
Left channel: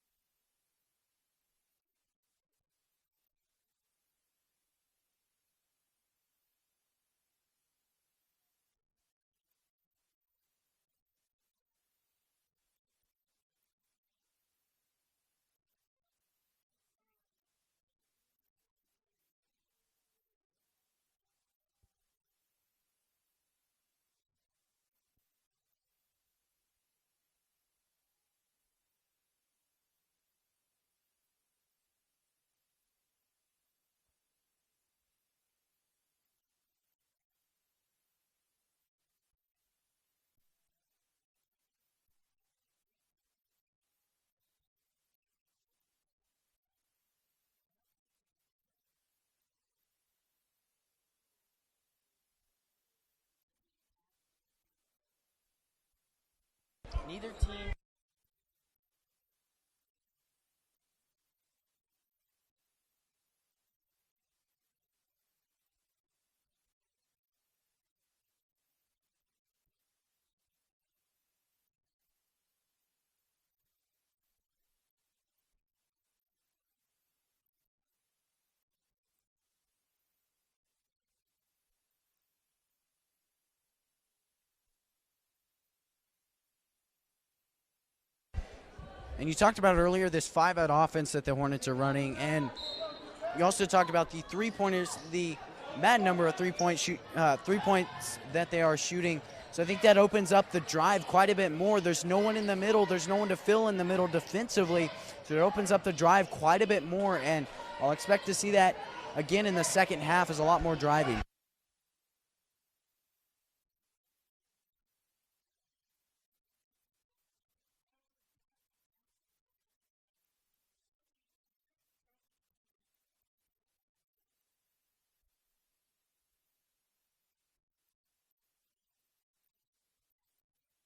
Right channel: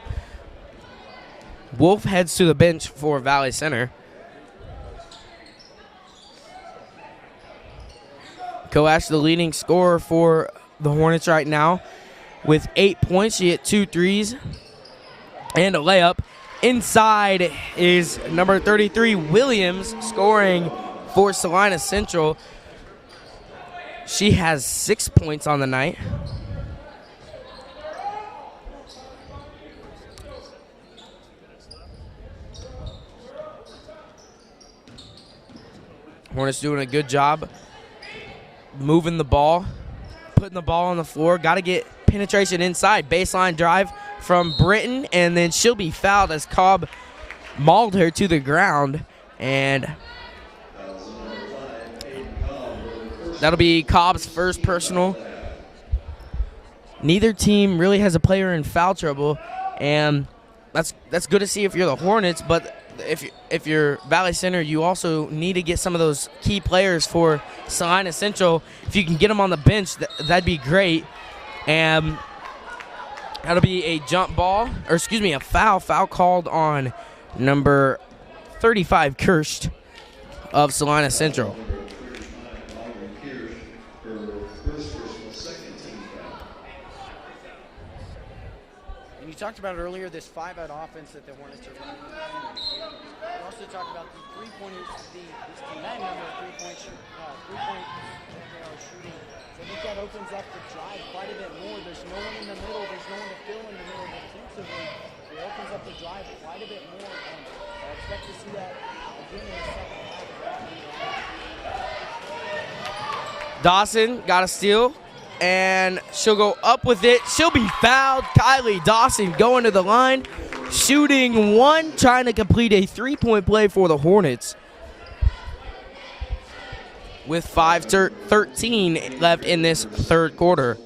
Wolf heads to the bench for Valley Center. Coash, the leading scorer for the Hornets right now, with 8 points. She hit 2 threes and a layup. Inside is number 33, Williams, scoring for Salina Central. She has 6 points on the night. Hornets doing a good job moving the ball, putting the ball on the floor. Got to get penetration inside. Baseline drive from Britton, and then she'll be fouled as Cobb mauled her to the ground. And that'll be Cobb's first personal. Neither team really has a player in foul trouble, and that's good to see if you're the Hornets, but if you're Valley Center, you also need to get some of those key players for Salina Central. If you can get them on the bench, that'd be great. And that'll be a jump ball, or excuse me, a foul called on number 35, Kirst of Salina Central. And you talked about earlier this 5-out offense that the Hornets are running, and you also talked about the three-pointers, the mad number of three-points that they are shooting. So I think that opens up the drive quite a bit more. There's no one in the middle. There's no one to fill in the middle defensively. So it opens up the drive quite a bit more, and I'll expect to see that again in the second half is a lot more driving. Dawson got a steal, and she'll go up with it. She'll be fouled. Kylie Dawson going to the line, shooting one, trying to complete a three-point play for the Hornets with 5:13 left in this third quarter.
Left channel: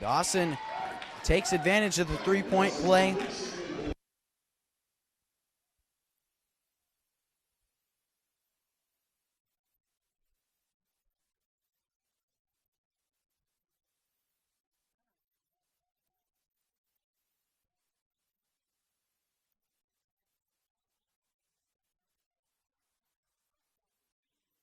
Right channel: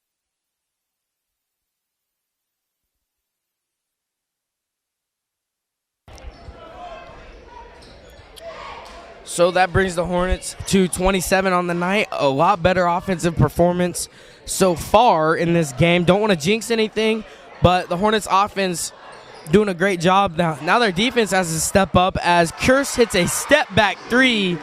Dawson takes advantage of the three-point play. So that brings the Hornets to 27 on the night. A lot better offensive performance so far in this game. Don't want to jinx anything, but the Hornets offense doing a great job. Now their defense has to step up as Kirst hits a step-back three.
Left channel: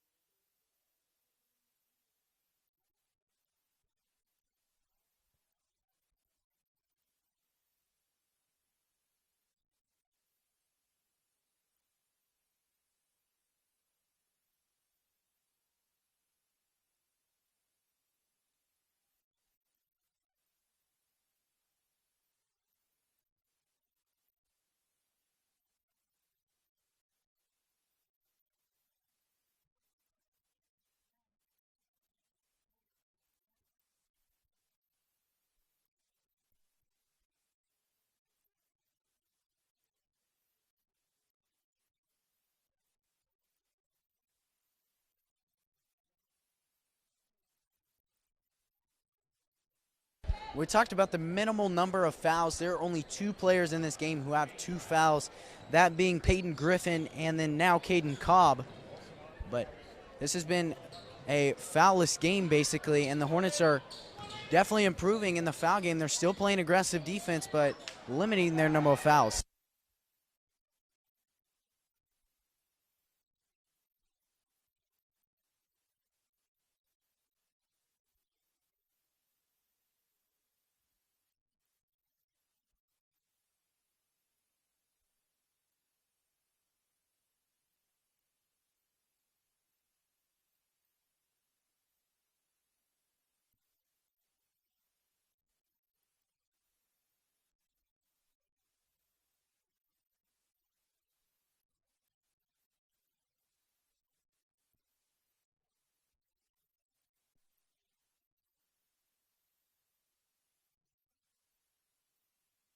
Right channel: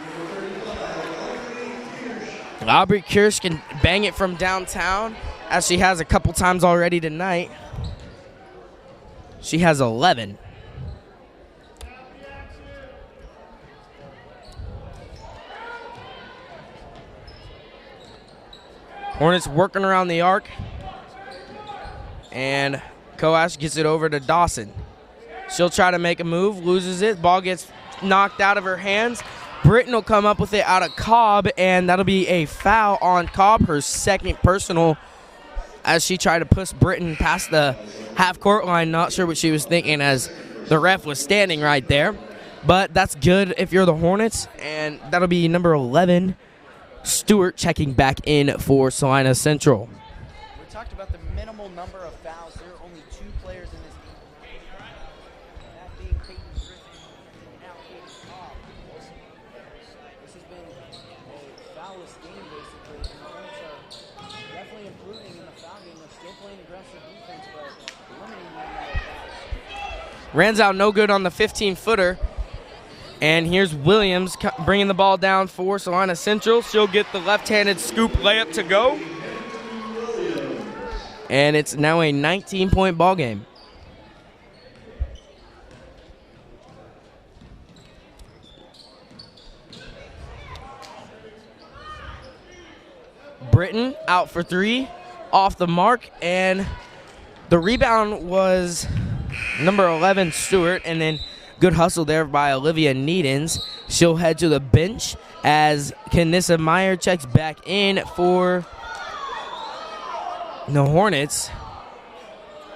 Aubrey Kirst can bang it from downtown, as she has a couple times already tonight. She has 11. Hornets working around the arc, and Coash gets it over to Dawson. She'll try to make a move, loses it. Ball gets knocked out of her hands. Britton will come up with it out of Cobb, and that'll be a foul on Cobb, her second personal, as she tried to push Britton past the half-court line. Not sure what she was thinking as the ref was standing right there. But that's good if you're the Hornets, and that'll be number 11, Stewart, checking back in for Salina Central. We talked about the minimal number of fouls. There are only 2 players in this game who have 2 fouls, that being Peyton Griffin and then now Caden Cobb. But this has been a foul-less game, basically, and the Hornets are definitely improving in the foul game. They're still playing aggressive defense, but limiting their number of fouls. Ranzow no good on the 15-footer. And here's Williams bringing the ball down for Salina Central. She'll get the left-handed scoop layup to go. And it's now a 19-point ball game. Britton out for 3, off the mark, and the rebound was number 11, Stewart, and then good hustle there by Olivia Needens. She'll head to the bench as Kanissa Meyer checks back in for the Hornets.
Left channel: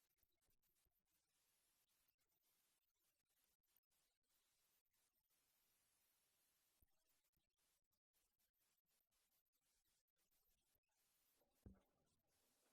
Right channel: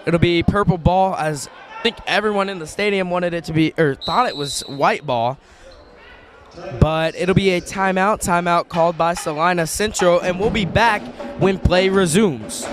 It'll be purple ball, as I think everyone in the stadium wanted it to be, or thought it was white ball. But it'll be a timeout called by Salina Central, and we'll be back when play resumes.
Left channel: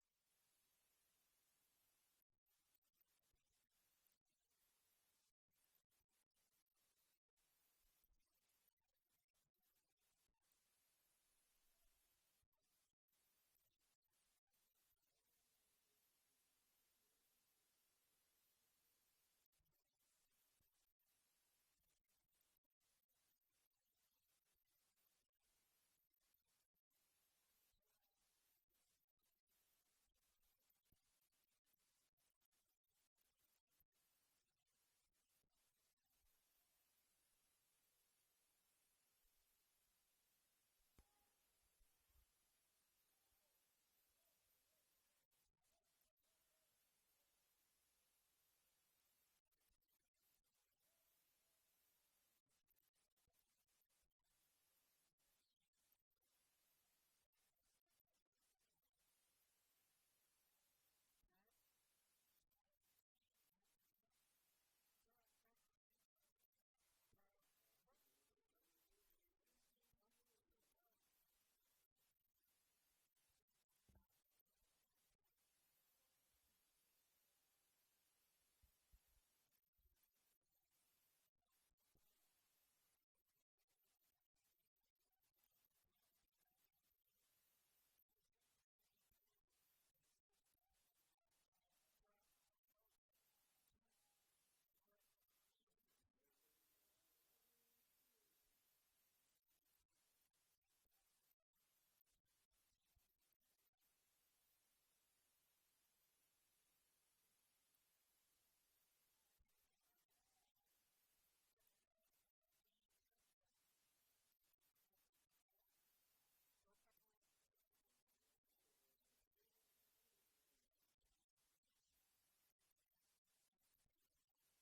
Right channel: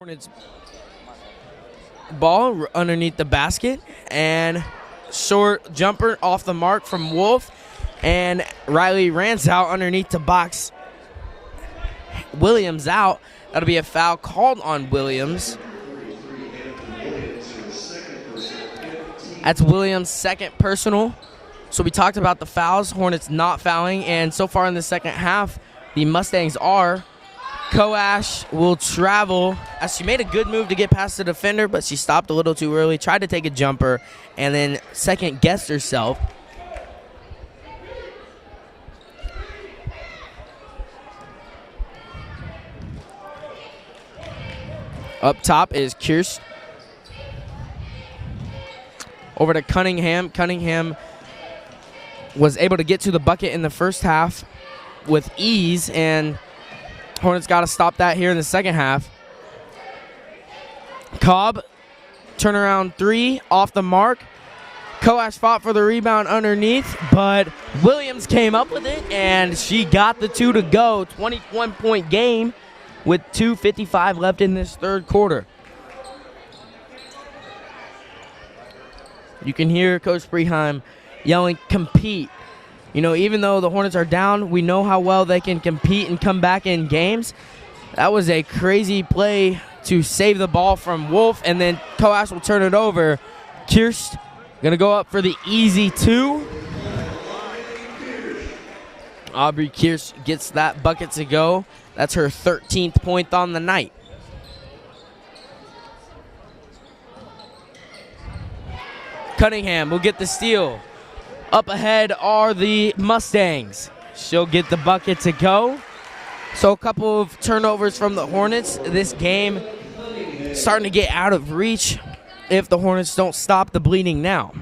Hornets ball underneath the basket, and short jumper off the mark from Wolf, and Riley Ransow underneath to box Williams out. That'll be a foul called on Williams. That's Williams' second personal. So we talked about the fouls, Hornets not fouling, and so far in the second half, the Mustangs are. Koash will travel, as she made a good move to get past the defender, but she stopped a little too early, tried to take a jumper, and then second-guessed herself. Up top is Kirsch. Over to Cunningham. Cunningham was able to get to the bucket in the first half with ease, and Hornets got to stop that here in the second half. Cobb, turnaround three, off the mark. Koash fought for the rebound underneath, but Williams came up with it, and she got the two to go. 21-point game with 2:55 left in this third quarter. You can hear Coach Preheim yelling, compete. You know, even though the Hornets are down, we know how well they can compete and come back in games. That was a crazy play to save the ball from Wolf, and then Koash will turn it over. Kirst going to go up for the easy two. Aubrey Kirst gets that bucket to go. That's her 13th point on the night. Cunningham will get the steal. Up ahead are the Mustangs. She'll get the bucket to go. So a couple of turnovers from the Hornets. This game starting to get out of reach if the Hornets don't stop the bleeding now.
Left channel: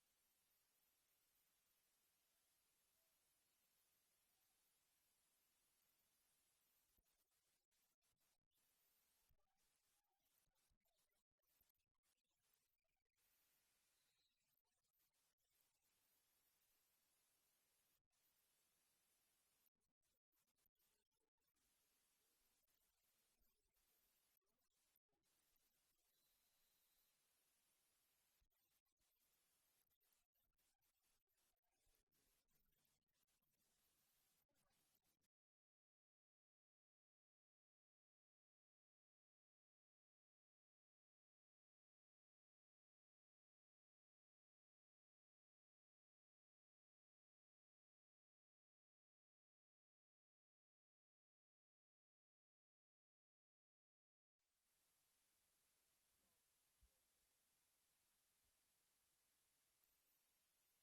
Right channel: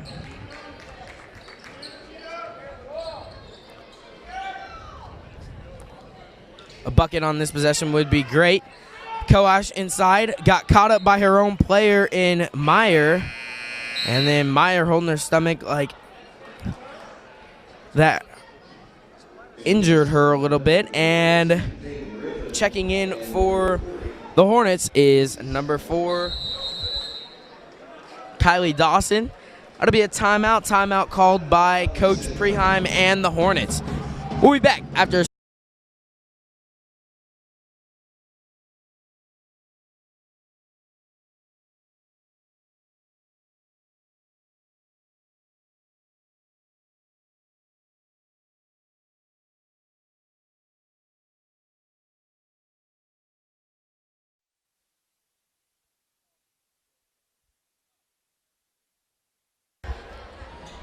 A bucket on this possession would be great. Koash inside, got caught up by her own player in Meyer. And then Meyer holding her stomach like that injured her a little bit. And checking in for the Hornets is number 4, Kylie Dawson. That'll be a timeout. Timeout called by Coach Preheim and the Hornets. We'll be back after a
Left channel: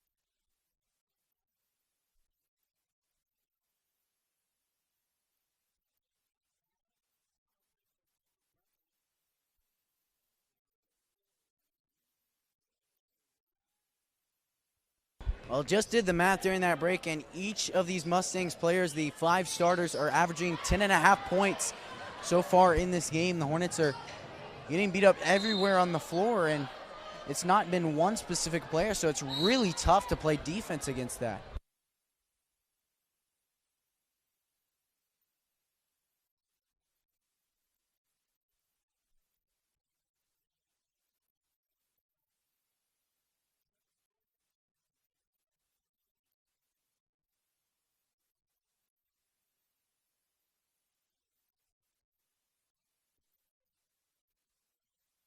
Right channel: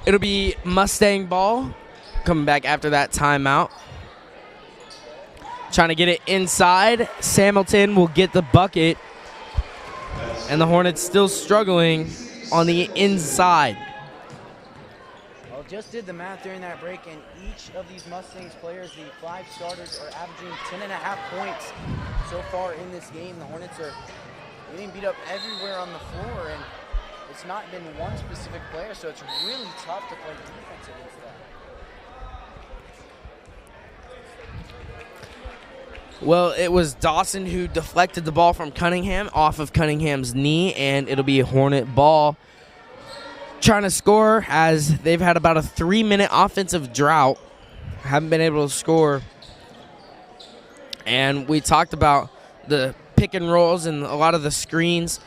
It'll be Mustang ball coming back after that timeout. Trying to get it inside. Hamilton will get the bucket. And the Hornets still struggling on the inside. Well, just did the math during that break, and each of these Mustangs players, the 5 starters, are averaging 10.5 points so far in this game. The Hornets are getting beat up everywhere on the floor, and it's not been one specific player, so it's really tough to play defense against that. Well, it was Dawson who deflected the ball from Cunningham off of Cunningham's knee, and it'll be a Hornet ball. Trying to score as they've had about a 3-minute offensive drought. Haven't been able to score. And we talked about the pick and rolls and a lot of the screens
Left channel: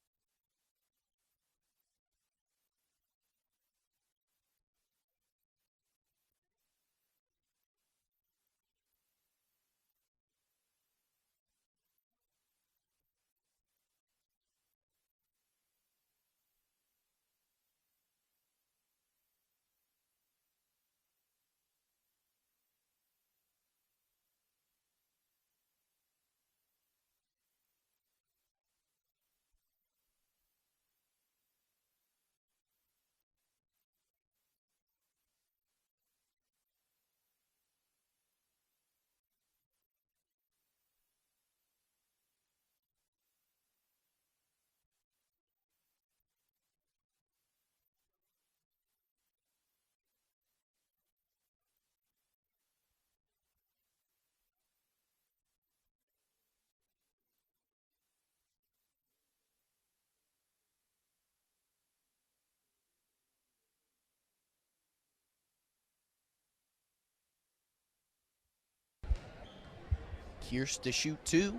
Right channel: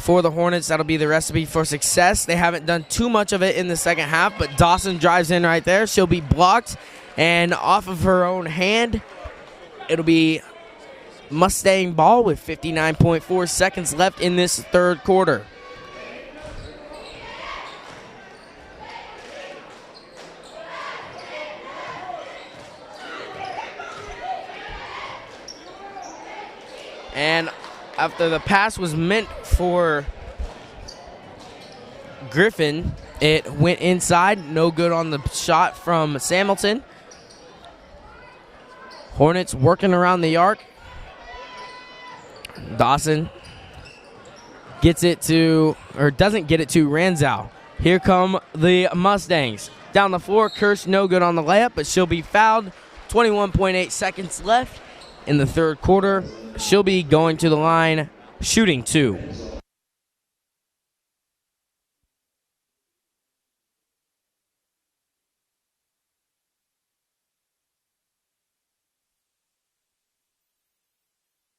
for the Hornets. That'll be the recipe for success. They haven't done too much of it in the second half, but Dawson drives in right there. She'll be blocked, and off of her own hand, it'll be Mustang ball with 59.4 seconds left in this third quarter. And after the pass was meant for Griffin, it went inside. No good on the shot from Hamilton. Hornets working around the arc. Dawson gets it to, or doesn't get it to, Ransow. Here come the Mustangs. Down the floor, Kirsch no good on the layup, but she'll be fouled. 21.8 seconds left in the third quarter. She'll be going to the line, shooting 2. Here's to shoot 2.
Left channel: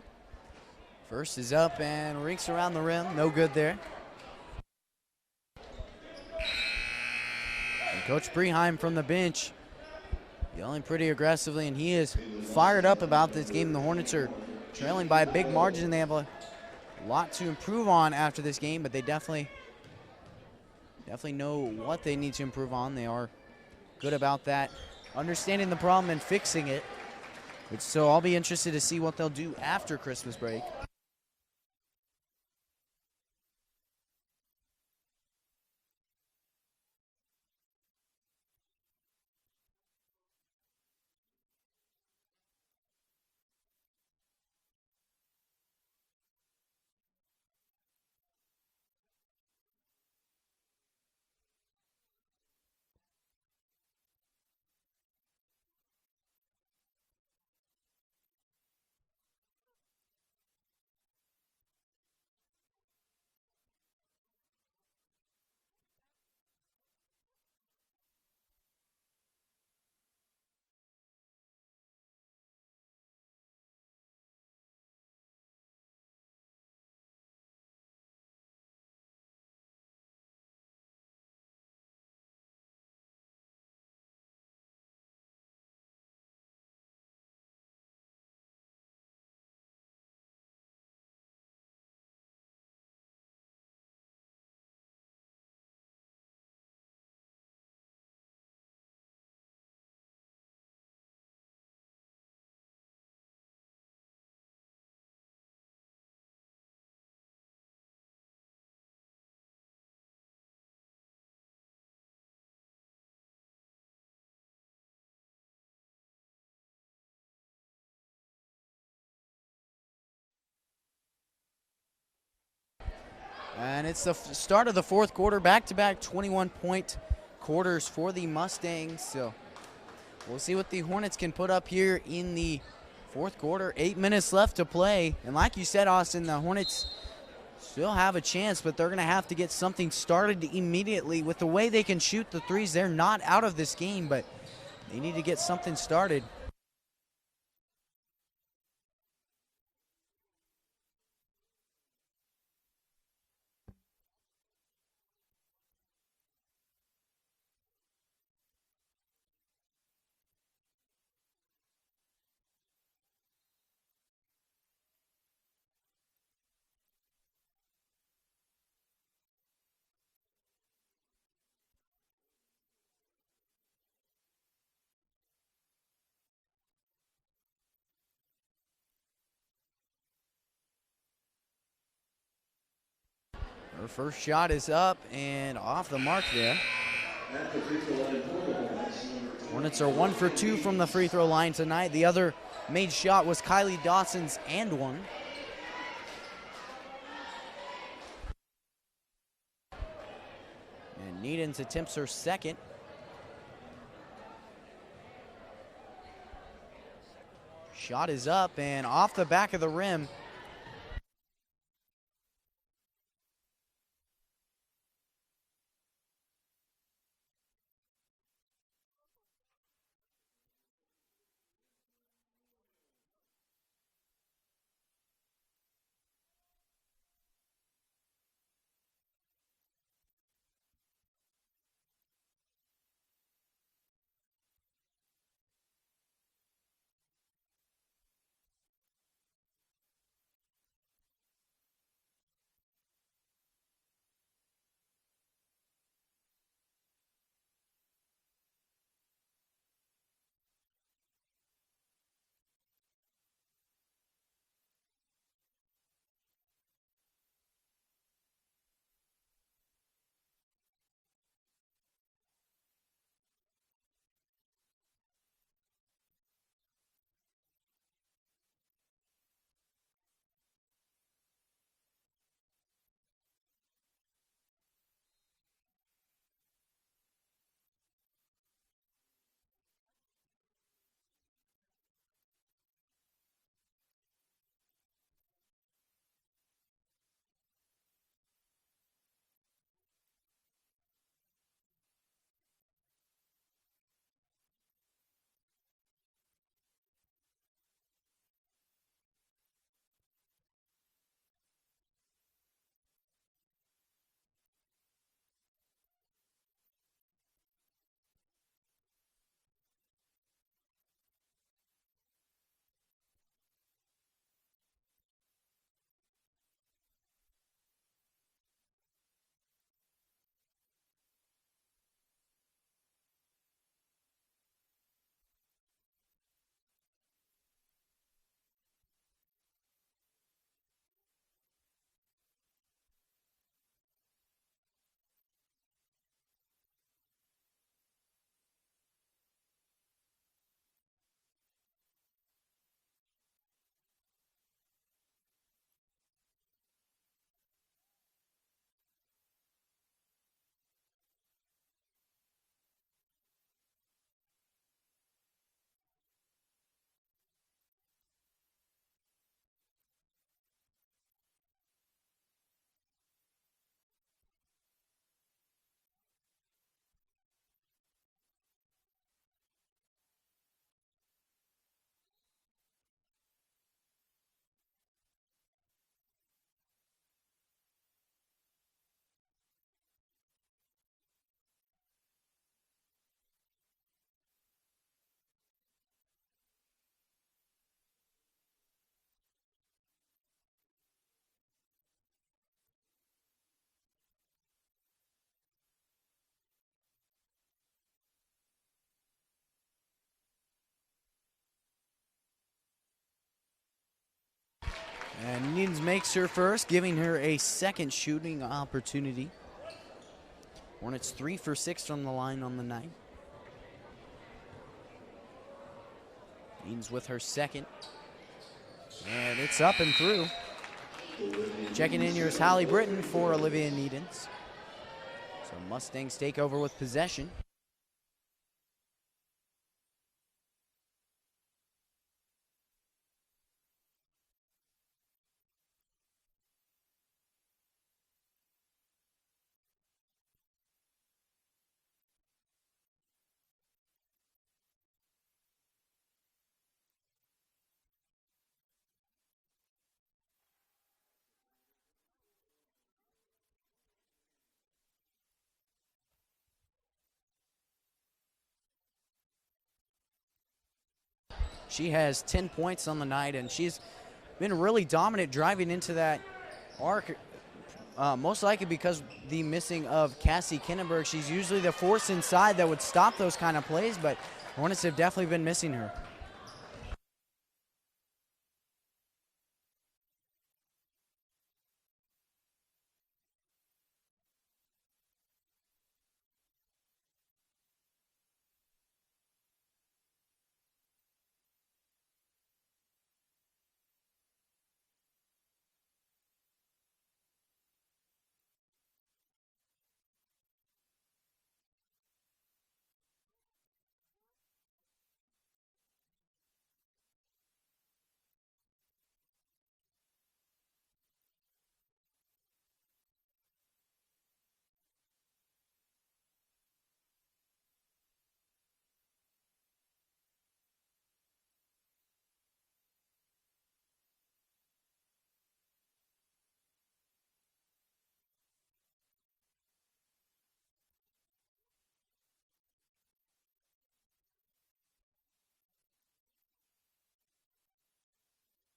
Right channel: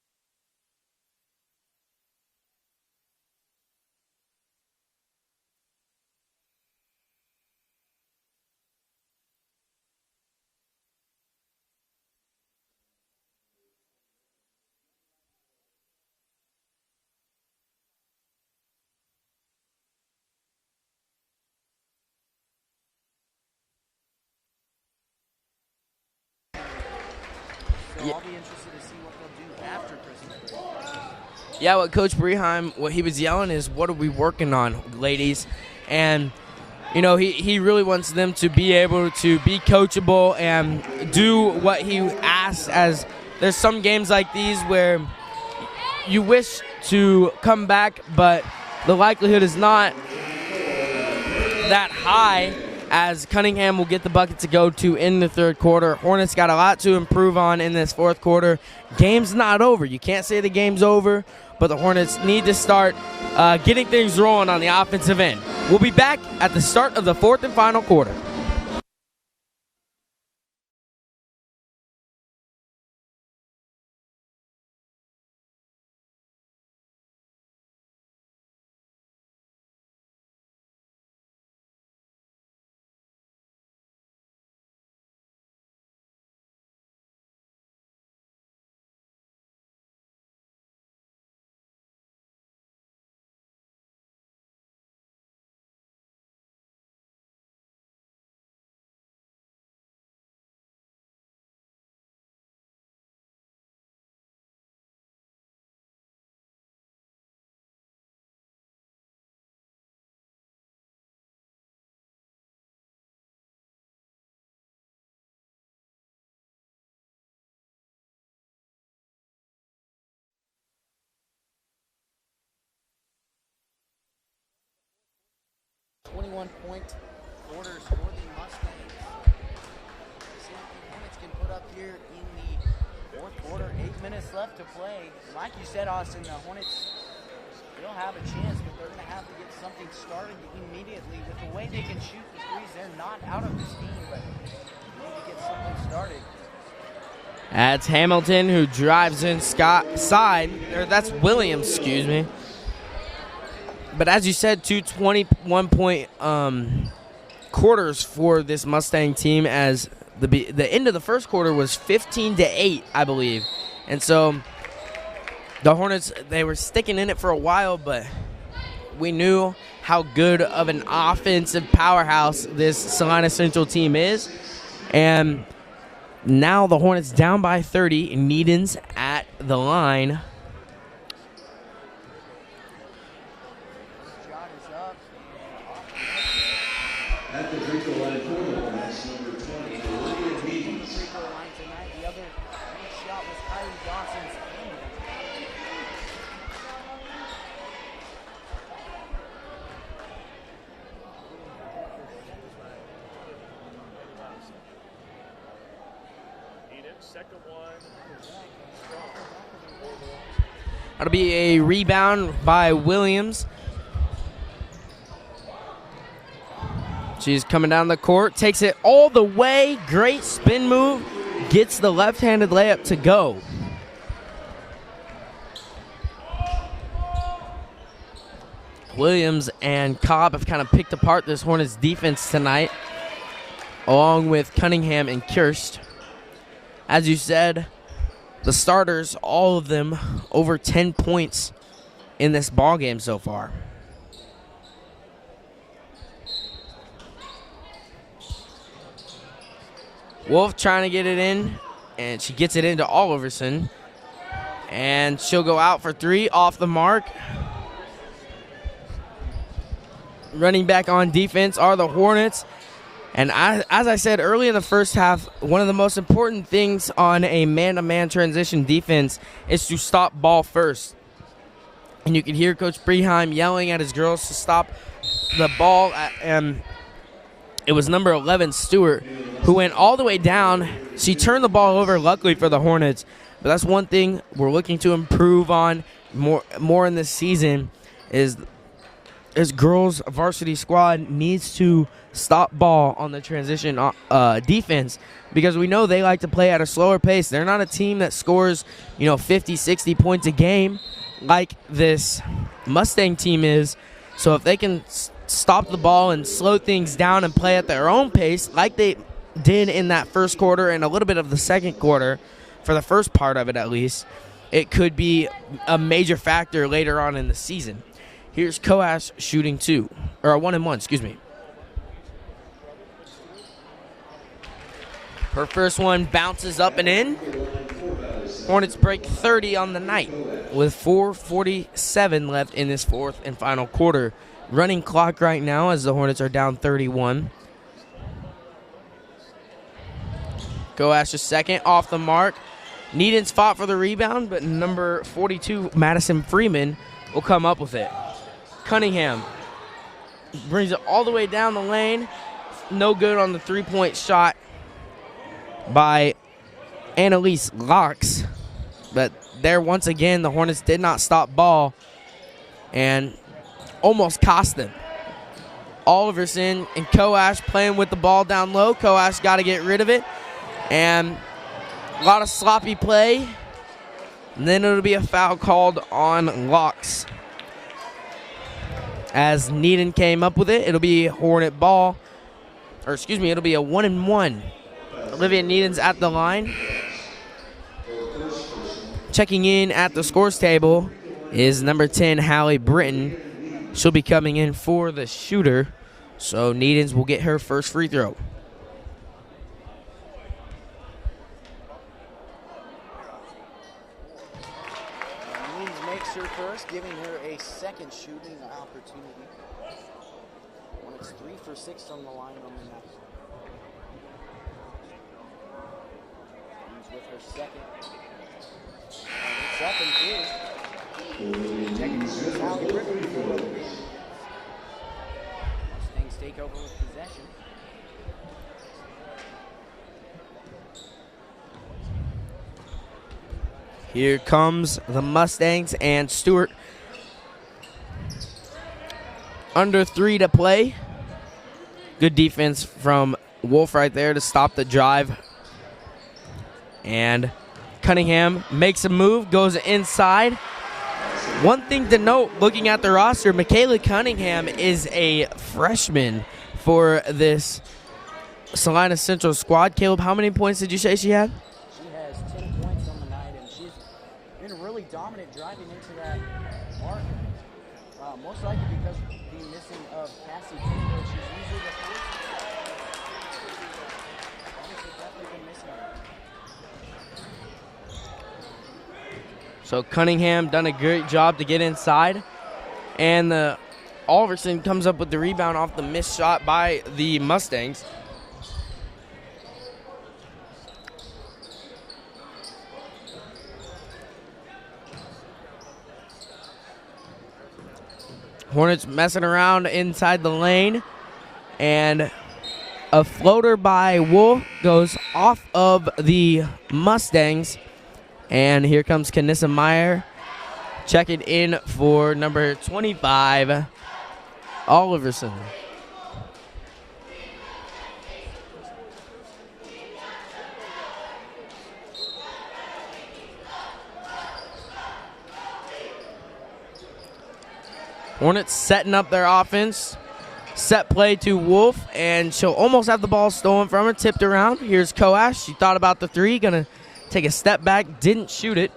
First is up and rinks around the rim. No good there. And Coach Preheim from the bench yelling pretty aggressively, and he is fired up about this game. The Hornets are trailing by a big margin, and they have a lot to improve on after this game, but they definitely know what they need to improve on. They are good about that, understanding the problem and fixing it. So I'll be interested to see what they'll do after Christmas break. Yeah, what Coach Preheim, what he was yelling is, what are we working on, ladies? And you know, he really wants them to be able to be coachable and do what he asks. As there's some games like these where you wish to come back, but the likelihood is not that high, as Cunningham will get the bucket to go to in the third quarter. Hornets got a lot to improve on in this fourth quarter. Game's not over. You can't say the game's over, but the Hornets need to start getting things rolling on the offensive end. We'll be back at the start of the fourth and final quarter. And it's the start of the fourth quarter, back-to-back 21-point quarters for the Mustangs. So we'll see what the Hornets can put up here in the fourth quarter. 8 minutes left to play. And like you said, Austin, the Hornets still have a chance, but they're going to have to get something started immediately. With the way they can shoot the threes, they're not out of this game, but they need to get something started. That's Hamilton who drives inside. That's Williams, excuse me. But as you said, 2 21-point quarters for this Mustang team, as the end of the first quarter was 15-8, I believe. And so the Hornets, they were sticking in it for a while, but we knew how good of an offensive powerhouse this Salina Central team is. And now the Hornets down by 30. Needon's at the line. First shot is up and off the mark there. At the free throw line for the Hornets, Hornets are 1 for 2 from the free throw line tonight. The other made shot was Kylie Dawson's and one. And Needens attempts her second. Shot is up and off the back of the rim. That'll be a rebound by Williams. She's coming down the court, takes it all the way, great spin move, gets the left-handed layup to go. Williams and Cobb have kind of picked apart this Hornets defense tonight, along with Cunningham and Kirst. As you said, the starters, all of them, over 10 points in this ball game so far. Wolf trying to get it in, and she gets it into Oliverson. And she'll go out for 3, off the mark. Running back on defense are the Hornets. And as I said early in the first half, one of the most important things on a man-to-man transition defense is to stop ball first. And you can hear Coach Preheim yelling at his girls to stop the ball. And it was number 11, Stewart, who went all the way down. She turned the ball over, luckily for the Hornets. But that's one thing we're looking to improve on more in this season, is this girls varsity squad needs to stop ball on the transition defense, because we know they like to play at a slower pace. They're not a team that scores, 50, 60 points a game like this Mustang team is. So if they can stop the ball and slow things down and play at their own pace like they did in that first quarter and a little bit of the second quarter, for the first part of it at least, it could be a major factor later on in the season. Here's Coash shooting 2, or a 1-and-1, excuse me. Her first one bounces up and in. Hornets break 30 on the night with 4:47 left in this fourth and final quarter. Running clock right now as the Hornets are down 31. Coash's second off the mark. Needens fought for the rebound, but number 42, Madison Freeman, will come up with it. Cunningham brings it all the way down the lane. No good on the three-point shot by Annalise Locks. But there, once again, the Hornets did not stop ball and almost cost them. Oliverson and Coash playing with the ball down low. Coash got to get rid of it. And a lot of sloppy play. And then it'll be a foul called on Locks. As Needham came up with it, it'll be Hornet ball. Or excuse me, it'll be a 1-and-1. Olivia Needham's at the line. Checking in at the scores table is number 10, Hallie Britton. She'll be coming in for the shooter. So Needham's will get her first free throw. Needhams makes her first, giving her a second shooting opportunity. Hornets 3 for 6 from the line on the night. Needhams with her second. And it's up and through. Checking in here is Hallie Britton for Olivia Needhams. So Mustangs take over with possession. Here comes the Mustangs and Stewart. Under 3 to play. Good defense from Wolf right there to stop the drive. And Cunningham makes a move, goes inside. One thing to note, looking at the roster, Michaela Cunningham is a freshman for this Salina Central squad. Caleb, how many points did you say she had? She has 10 points on the night, and she's been really dominant driving into that arc. Most likely because the missing of Cassie Kinnenberg. She's usually the force inside that would stop those kind of plays, but Hornets have definitely been missing her. So Cunningham done a great job to get inside. And Oliverson comes up with the rebound off the missed shot by the Mustangs. Hornets messing around inside the lane. And a floater by Wolf goes off of the Mustangs. And here comes Kanissa Meyer checking in for number 25, Oliverson. Hornets setting up their offense. Set play to Wolf, and she'll almost have the ball stolen from her, tipped around. Here's Coash. She thought about the three, gonna take a step back, didn't shoot it.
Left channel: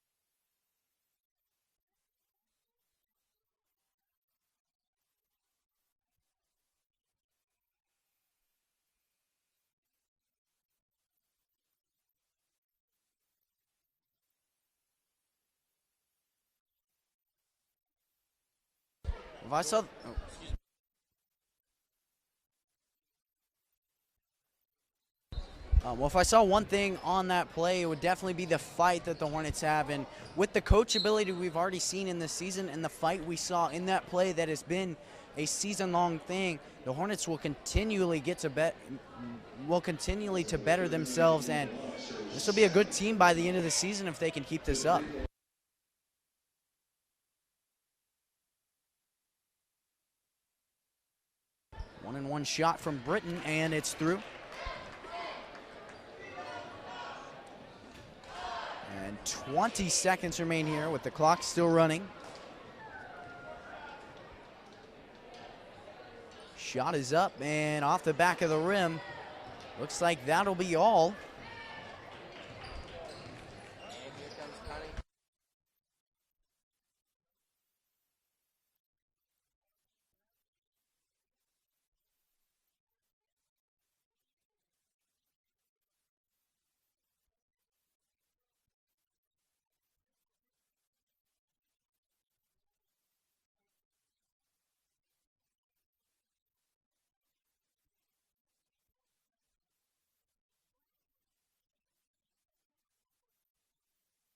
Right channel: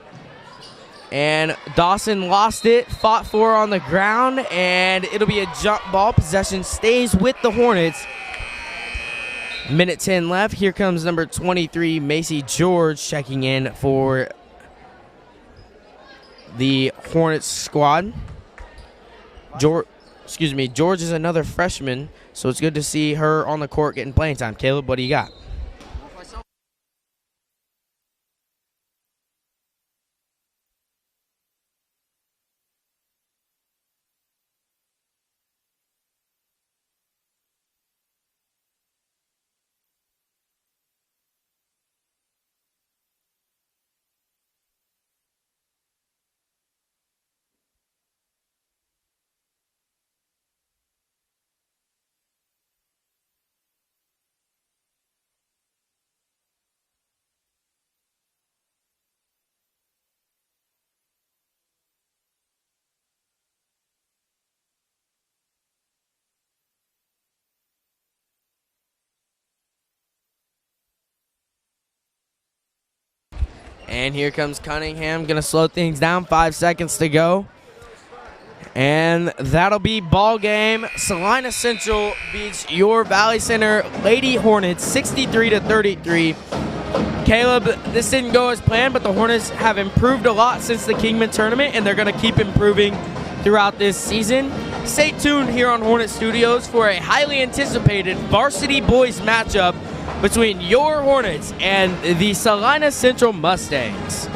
And Dawson lost it, fought for her on the ground, and it'll be a jump ball. Possession stays with the Hornets. Minute 10 left. Here comes number 23, Macy George, checking in for the Hornets squad. George is another freshman, so it's good to see her on the court getting playing time. Caleb, what do you got? Well, if I saw one thing on that play, it would definitely be the fight that the Hornets have. And with the coachability we've already seen in this season and the fight we saw in that play that has been a season-long thing, the Hornets will continually to better themselves. And this will be a good team by the end of the season if they can keep this up. One shot from Britton, and it's through. And 20 seconds remain here with the clock still running. Shot is up and off the back of the rim. Looks like that'll be all. And here comes Cunningham, gonna slow things down, 5 seconds to go. And that'll be ball game. Salina Central beats your Valley Center Lady Hornets 63-33. Caleb, this didn't go as planned, but the Hornets have improved a lot since the Kingman tournament, and they're gonna keep improving throughout this season. Stay tuned here on Hornet Studios for a highly anticipated varsity boys matchup between your Hornets and the Salina Central Mustangs.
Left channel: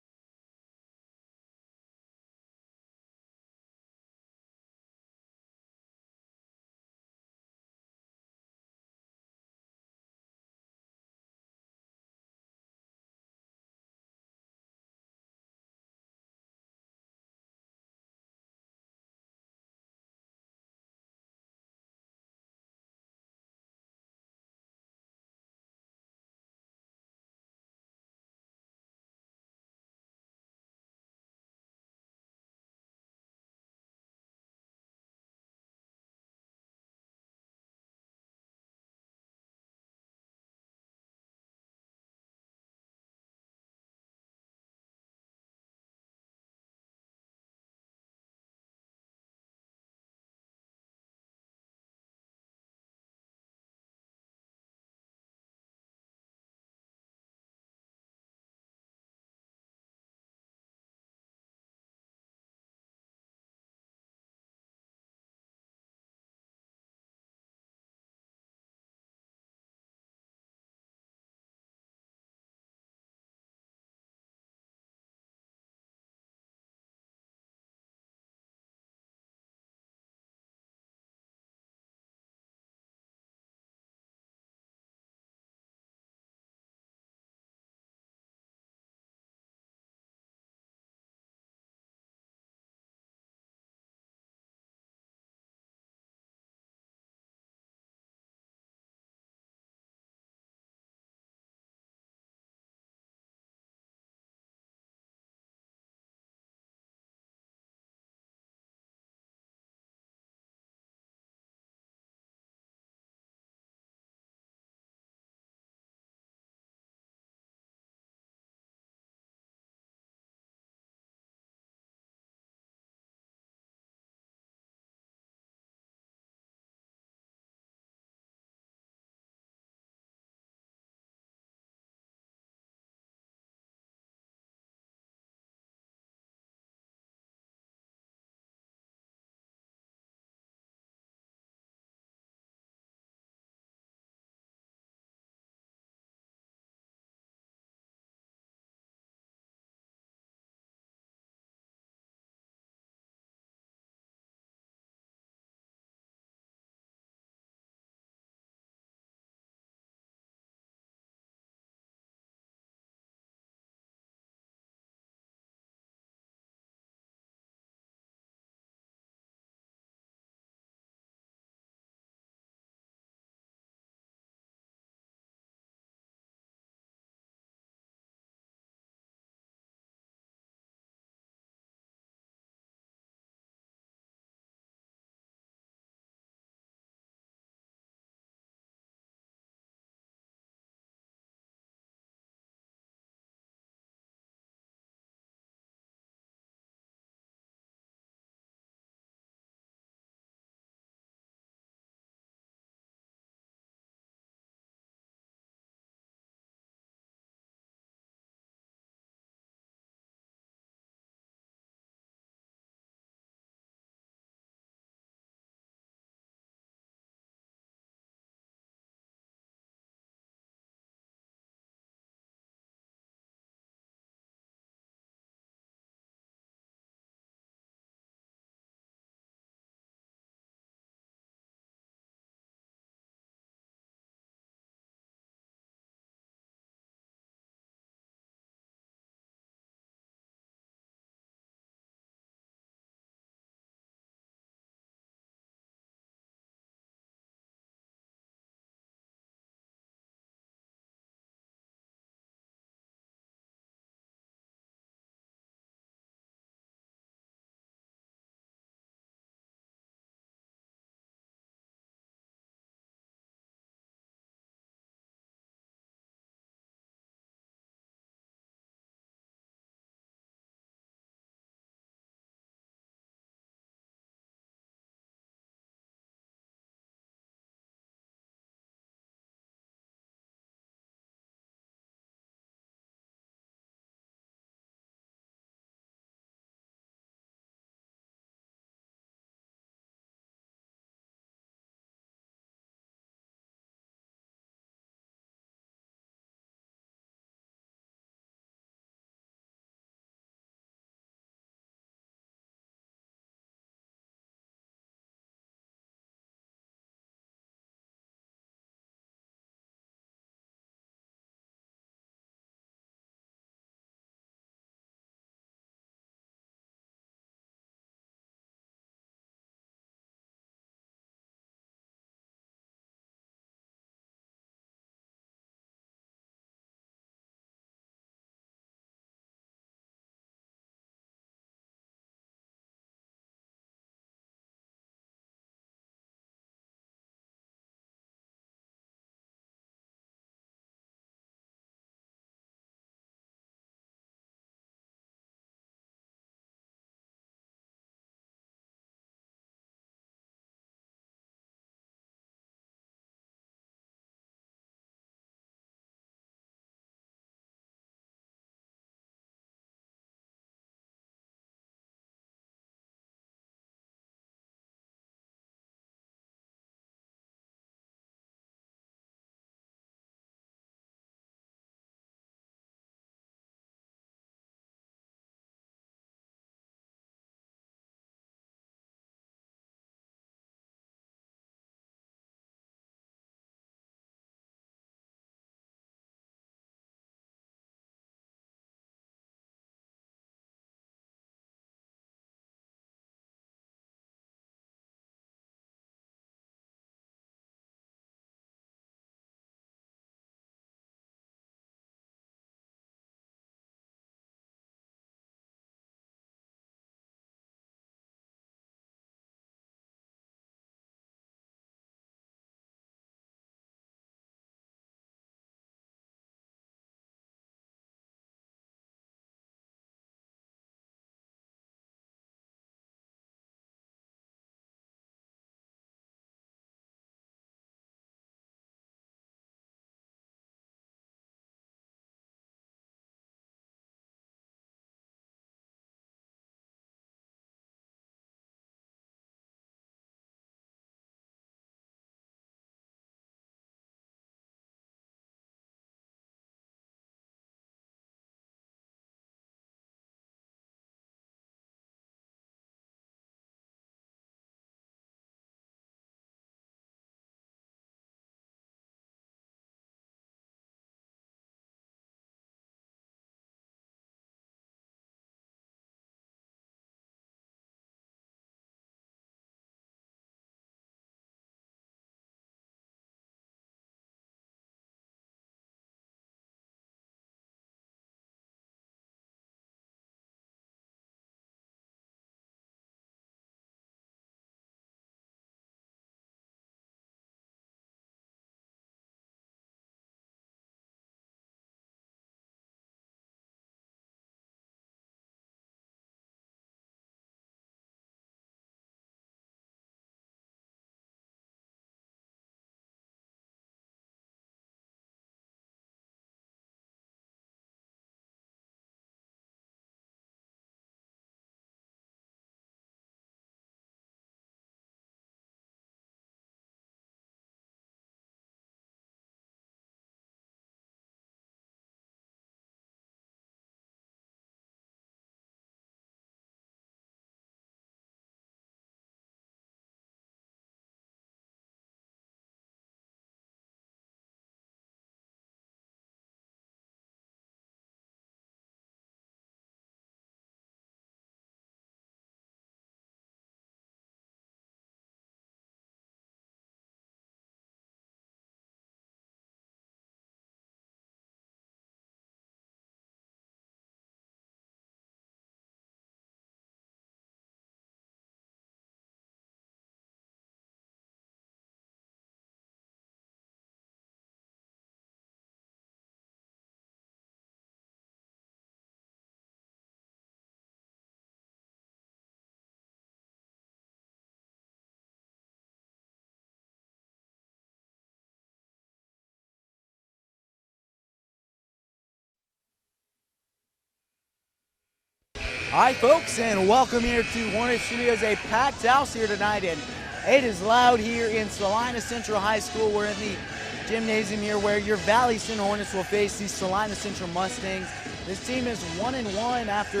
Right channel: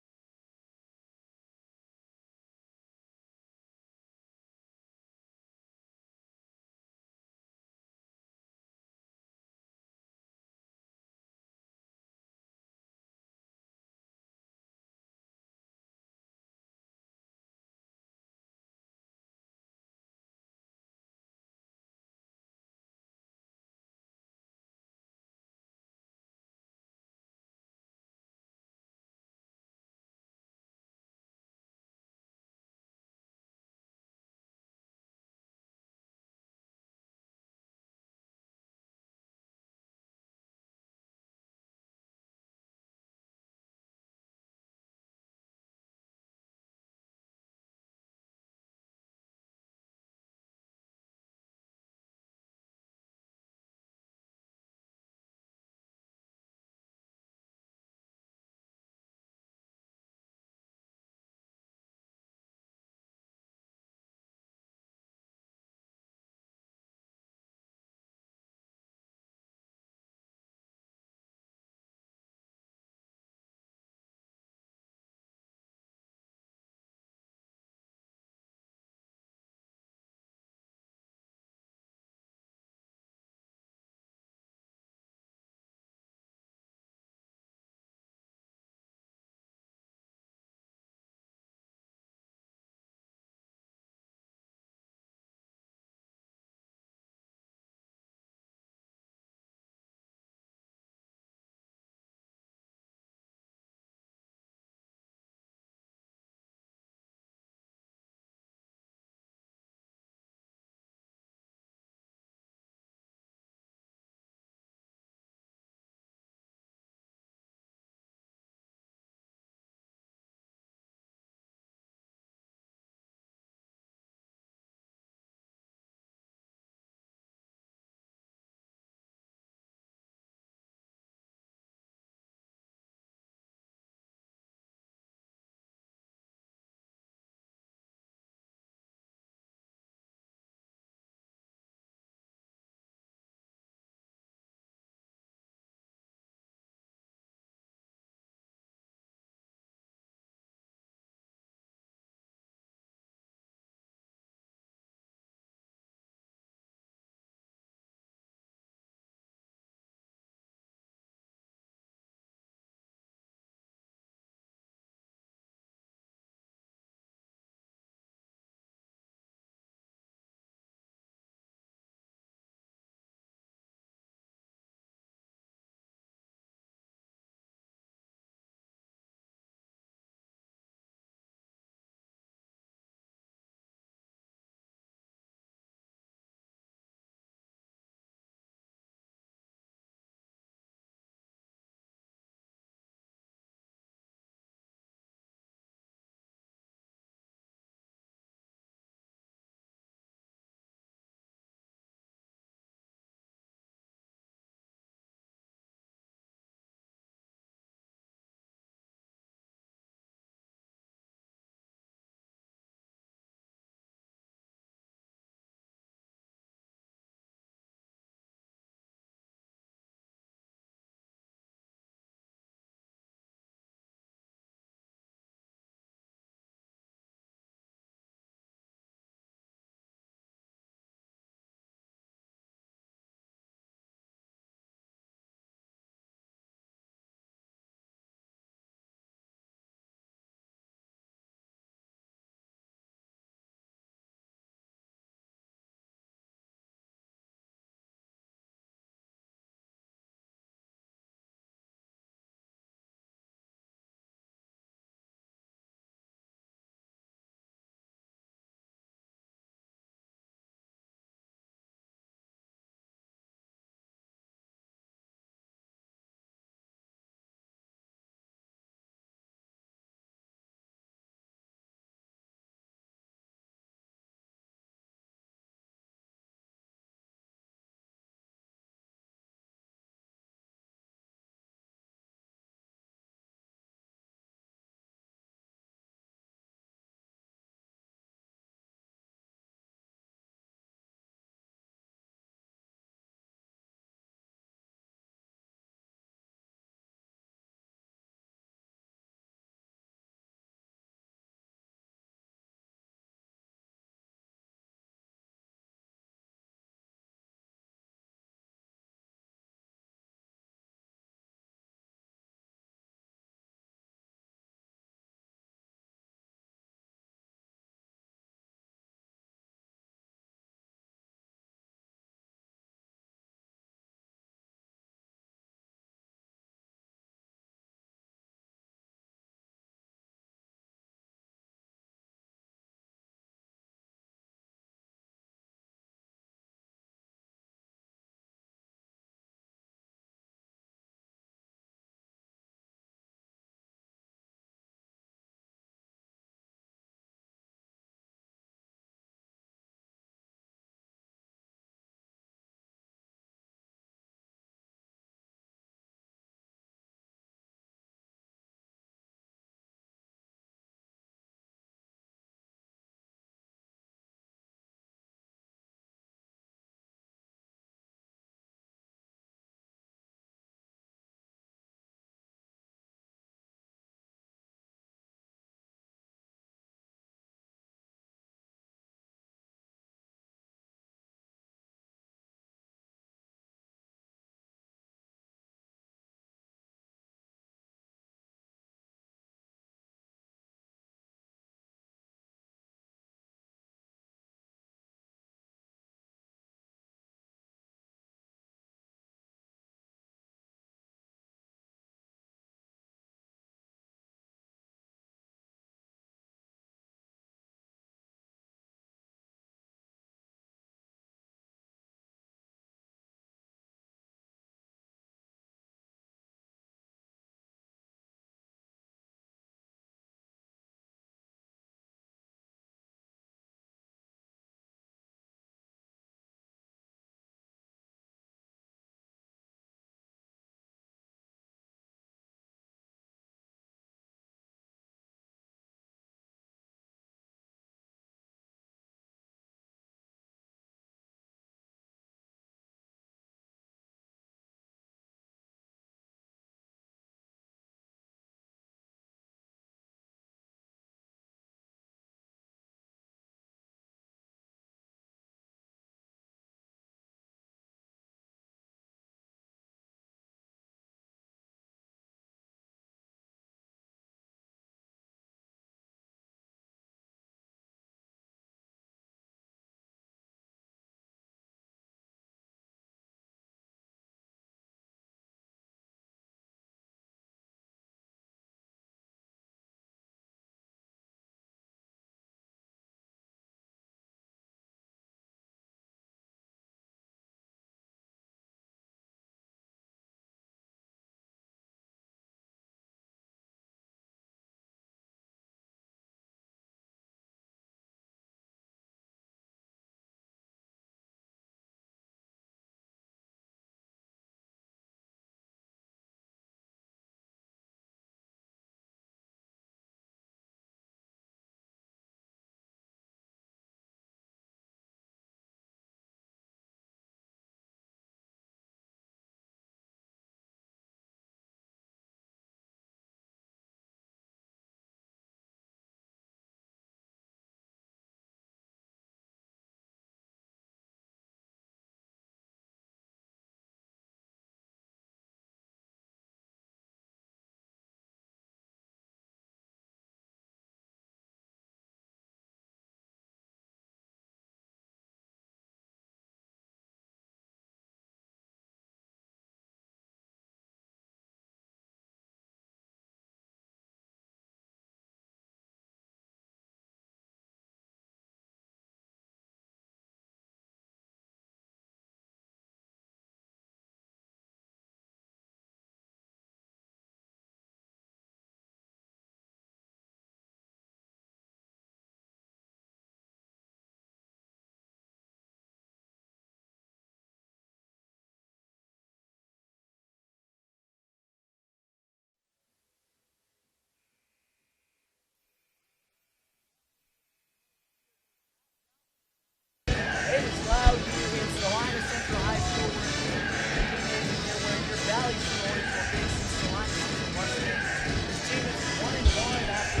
Hi folks, and welcome here to Hornet Studios, a packed house here tonight, and it is loud here in Salina Central High School. We're in the gymnasium here where your Valley Center Hornets will face the Salina Central Mustangs. This team is 1-1 after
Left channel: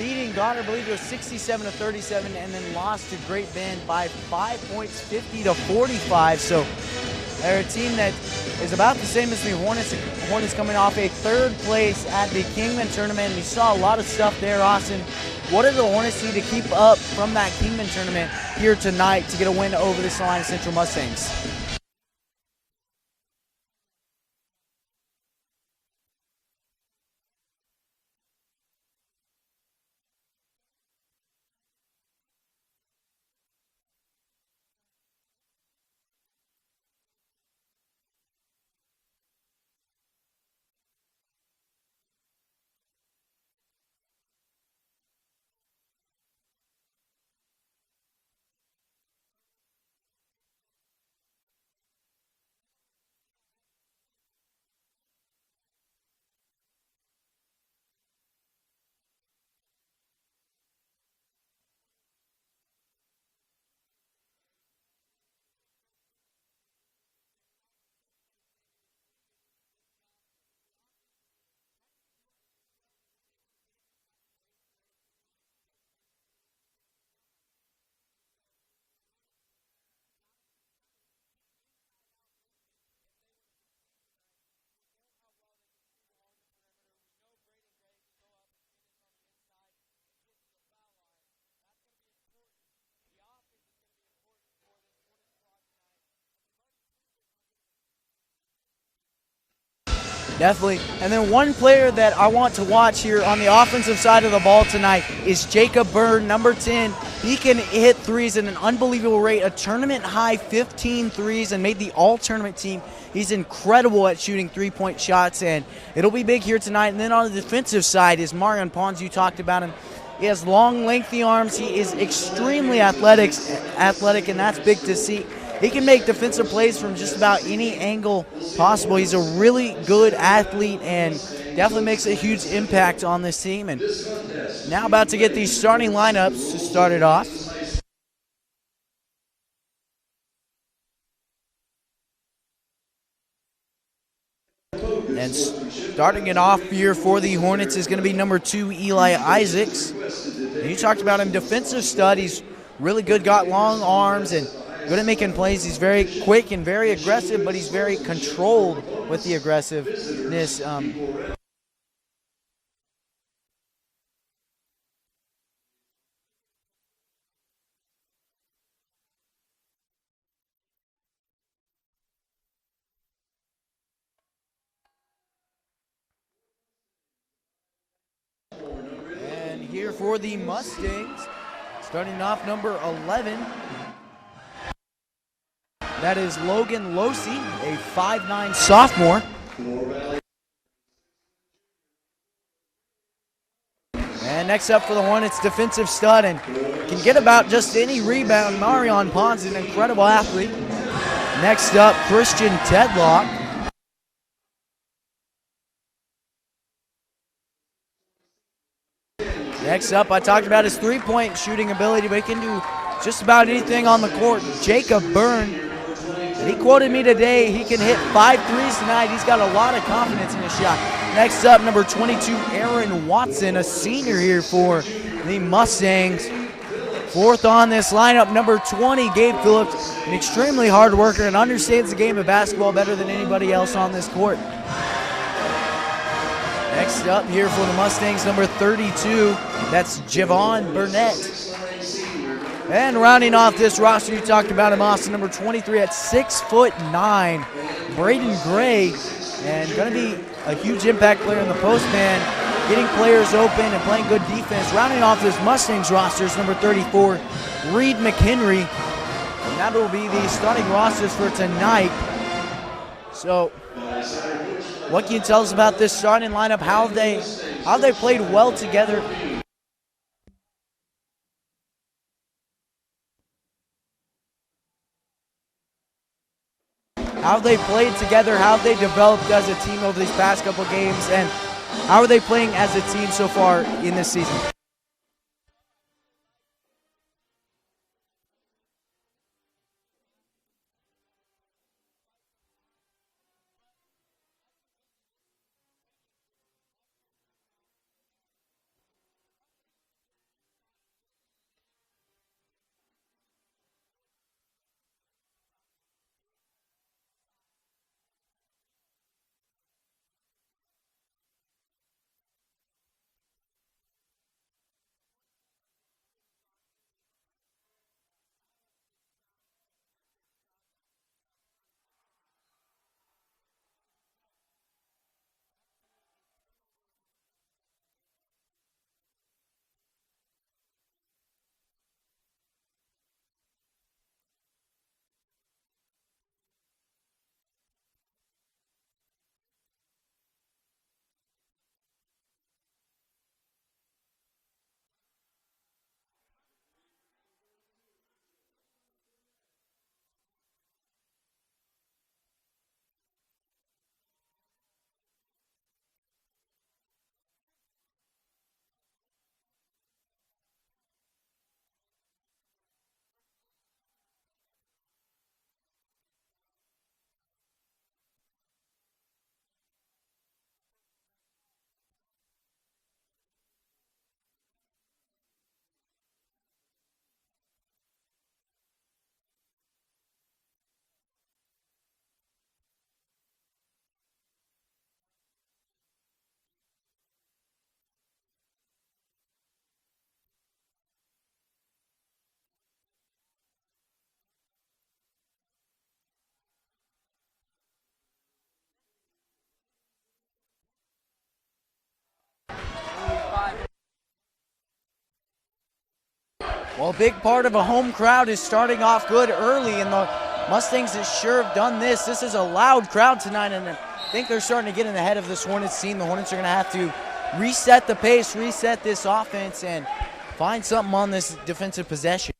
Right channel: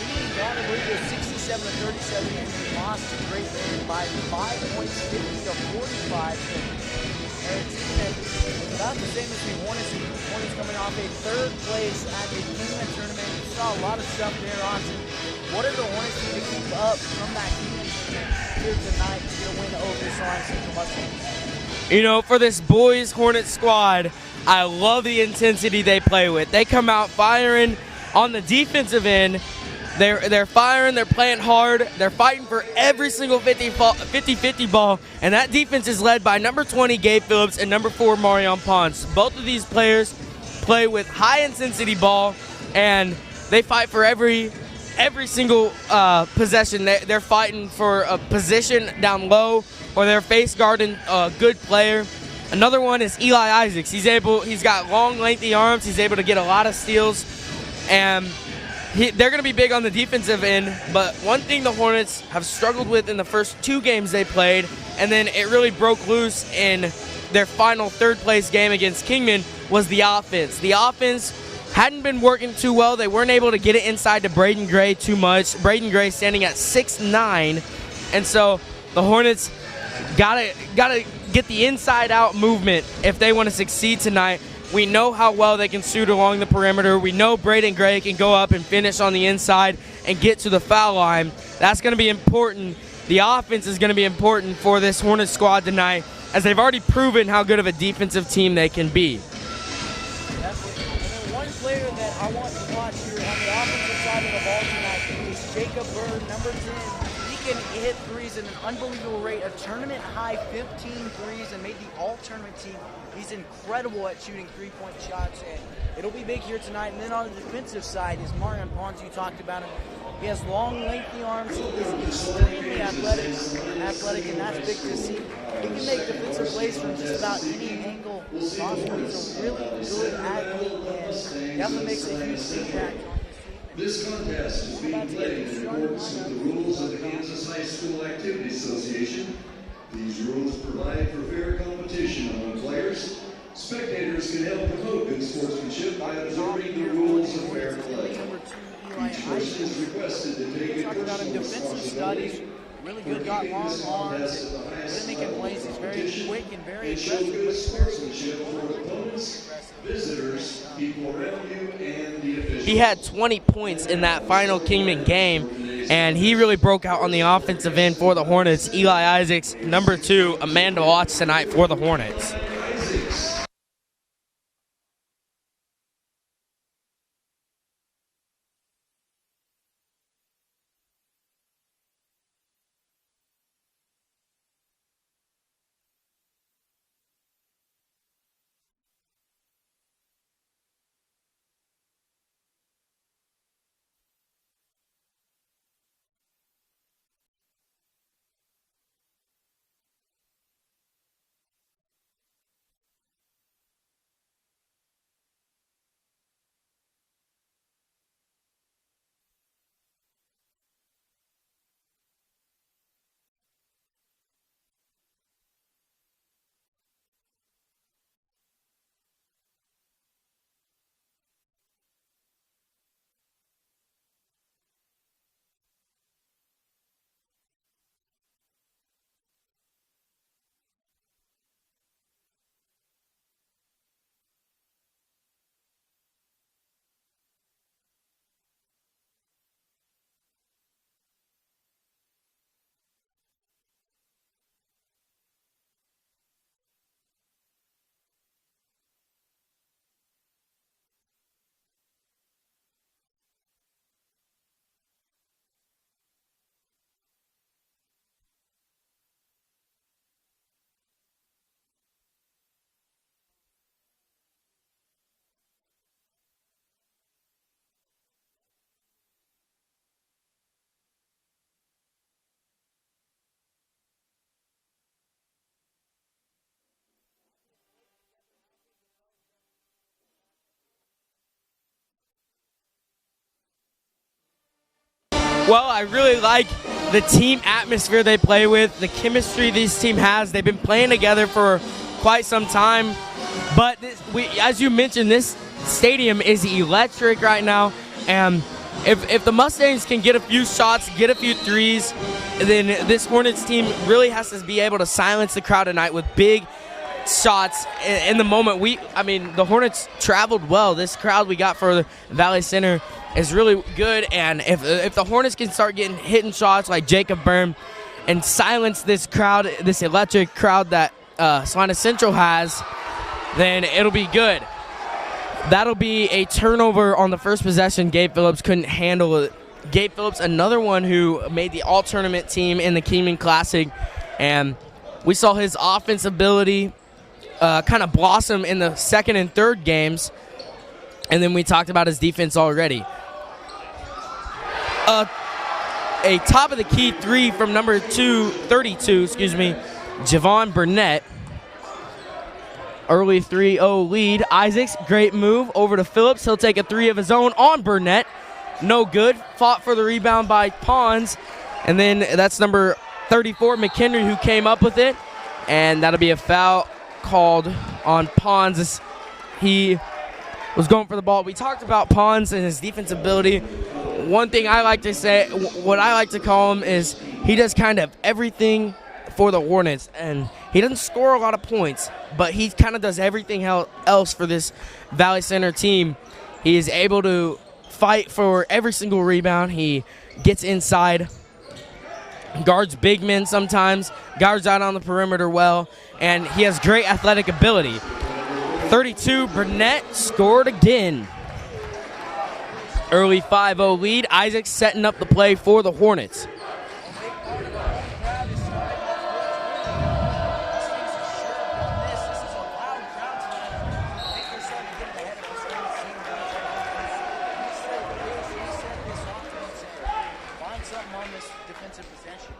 beating Garner Burrito 67-37, and then lost to Great Bend by 5 points, 50-45. So they're a team that is about the same as the Hornets. Hornets coming off a third place at the Kingman tournament. You saw a lot of stuff there, Austin. What do the Hornets need to keep up from that Kingman tournament here tonight to get a win over the Salina Central Mustangs? You know, for this boys Hornet squad, I love the intensity they play with. They come out firing on the defensive end. They're firing, they're playing hard, they're fighting for every single 50-50 ball, and that defense is led by number 20, Gabe Phillips, and number 4, Marion Pons. Both of these players play with high-intensity ball, and they fight for every single possession. They're fighting for a position down low, or they're face guarding a good player. Another one is Eli Isaacs. He's got long, lengthy arms. He's able to get a lot of steals, and they're going to be big on the defensive end, but one thing the Hornets have struggled with in the first 2 games they played, and then it really broke loose in their final third-place game against Kingman, was the offense. The offense hadn't been working too well. They weren't able to get it inside to Braden Gray too much. Braden Gray standing at 6'9", and so the Hornets gotta get the inside-out movement if they want to succeed tonight. We know how well they can shoot along the perimeter. We know Braden Gray can go up and finish on the inside and get to the foul line. That's going to be important. The offense is going to be important for this Hornets squad tonight, as they've already proven how good of a defensive team they can be. Definitely. And then one player that I want to watch here on the offensive side of the ball tonight is Jacob Byrne, number 10. He can hit threes at an unbelievable rate, a tournament-high 15 threes, and made the all-tournament team. He's incredible at shooting three-point shots, and it'll be big here tonight. And then on the defensive side is Marion Pons. You talked about him. He has long, lengthy arms. He is extremely athletic, and that's big to see. He can make defensive plays from just about any angle possible. He's a really good athlete and definitely makes a huge impact on this team. And now about to get these starting lineups started off. And starting it off here for the Hornets is going to be number 2, Eli Isaacs. You talked about him, defensive stud. He's really good, got long arms, and good at making plays. He's very quick and very aggressive, but he's very controlled with the aggressiveness. He had 20 points in that final Kingman game, and he really broke out on the offensive end for the Hornets. Eli Isaacs, number 2, a man to watch tonight for the Hornets. And here for the Mustangs, starting off number 11. That is Logan Losey, a 5'9" sophomore. And next up for the Hornets, defensive stud, and can get about just any rebound. Marion Pons is an incredible athlete. Next up, Christian Tedlock. Next up, I talked about his three-point shooting ability, but he can do just about anything on the court. Jacob Byrne. He quoted me today, he can hit 5 threes tonight. He's got a lot of confidence in his shot. Next up, number 22, Aaron Watson, a senior here for the Mustangs. Fourth on this lineup, number 20, Gabe Phillips, an extremely hard worker and understands the game of basketball better than anybody else on this court. Next up here for the Mustangs, number 32, that's Javon Burnett. And rounding off this roster, you talked about him, Austin, number 23 at 6'9", Braden Gray, and going to be a huge impact player in the post man, getting players open and playing good defense. Rounding off this Mustangs roster is number 34, Reed McHenry, and that will be the starting rosters for tonight. So, what can you tell us about this starting lineup? How they played well together? How they played together, how they developed as a team over these past couple games, and how are they playing as a team so far in this season? Well, I really like the team atmosphere they play with, the chemistry this team has. They've been playing together for quite some time. But as you mentioned, this stadium is electric right now. And if the Mustangs can get a few shots, get a few threes, then this Hornets team really has to be able to silence the crowd tonight with big shots in the moment. The Hornets traveled well. This crowd we got for the Valley Center is really good, and if the Hornets can start getting hitting shots like Jacob Byrne and silence this crowd, this electric crowd that Salina Central has, then it'll be good. That'll be a turnover on the first possession. Gabe Phillips couldn't handle it. Gabe Phillips, another one who made the all-tournament team in the Kingman Classic, and we saw his offense ability kind of blossom in the second and third games, and then we talked about his defense already. A top-of-the-key three from number 32, Javon Burnett. Early 3-0 lead. Isaacs, great move over to Phillips. He'll take a three of his own on Burnett. No good. Fought for the rebound by Pons. And then that's number 34, McHenry, who came up with it. And that'll be a foul called on Pons as he was going for the ball. We talked about Pons and his defense ability. One thing I like to say, what I like to call him is he does kind of everything for the Hornets. And he doesn't score a lot of points, but he kind of does everything else for this Valley Center team. He is able to fight for every single rebound. He gets inside, guards big men sometimes, guards out on the perimeter well, and he has great athletic ability. 32, Burnett scored again. Early 5-0 lead. Isaac setting up the play for the Hornets. Well, a big part of a home crowd is starting off good early, and the Mustangs has sure have done this. This is a loud crowd tonight, and I think they're starting to get in ahead of this Hornets team. The Hornets are going to have to reset the pace, reset this offense, and find something on this defensive possession.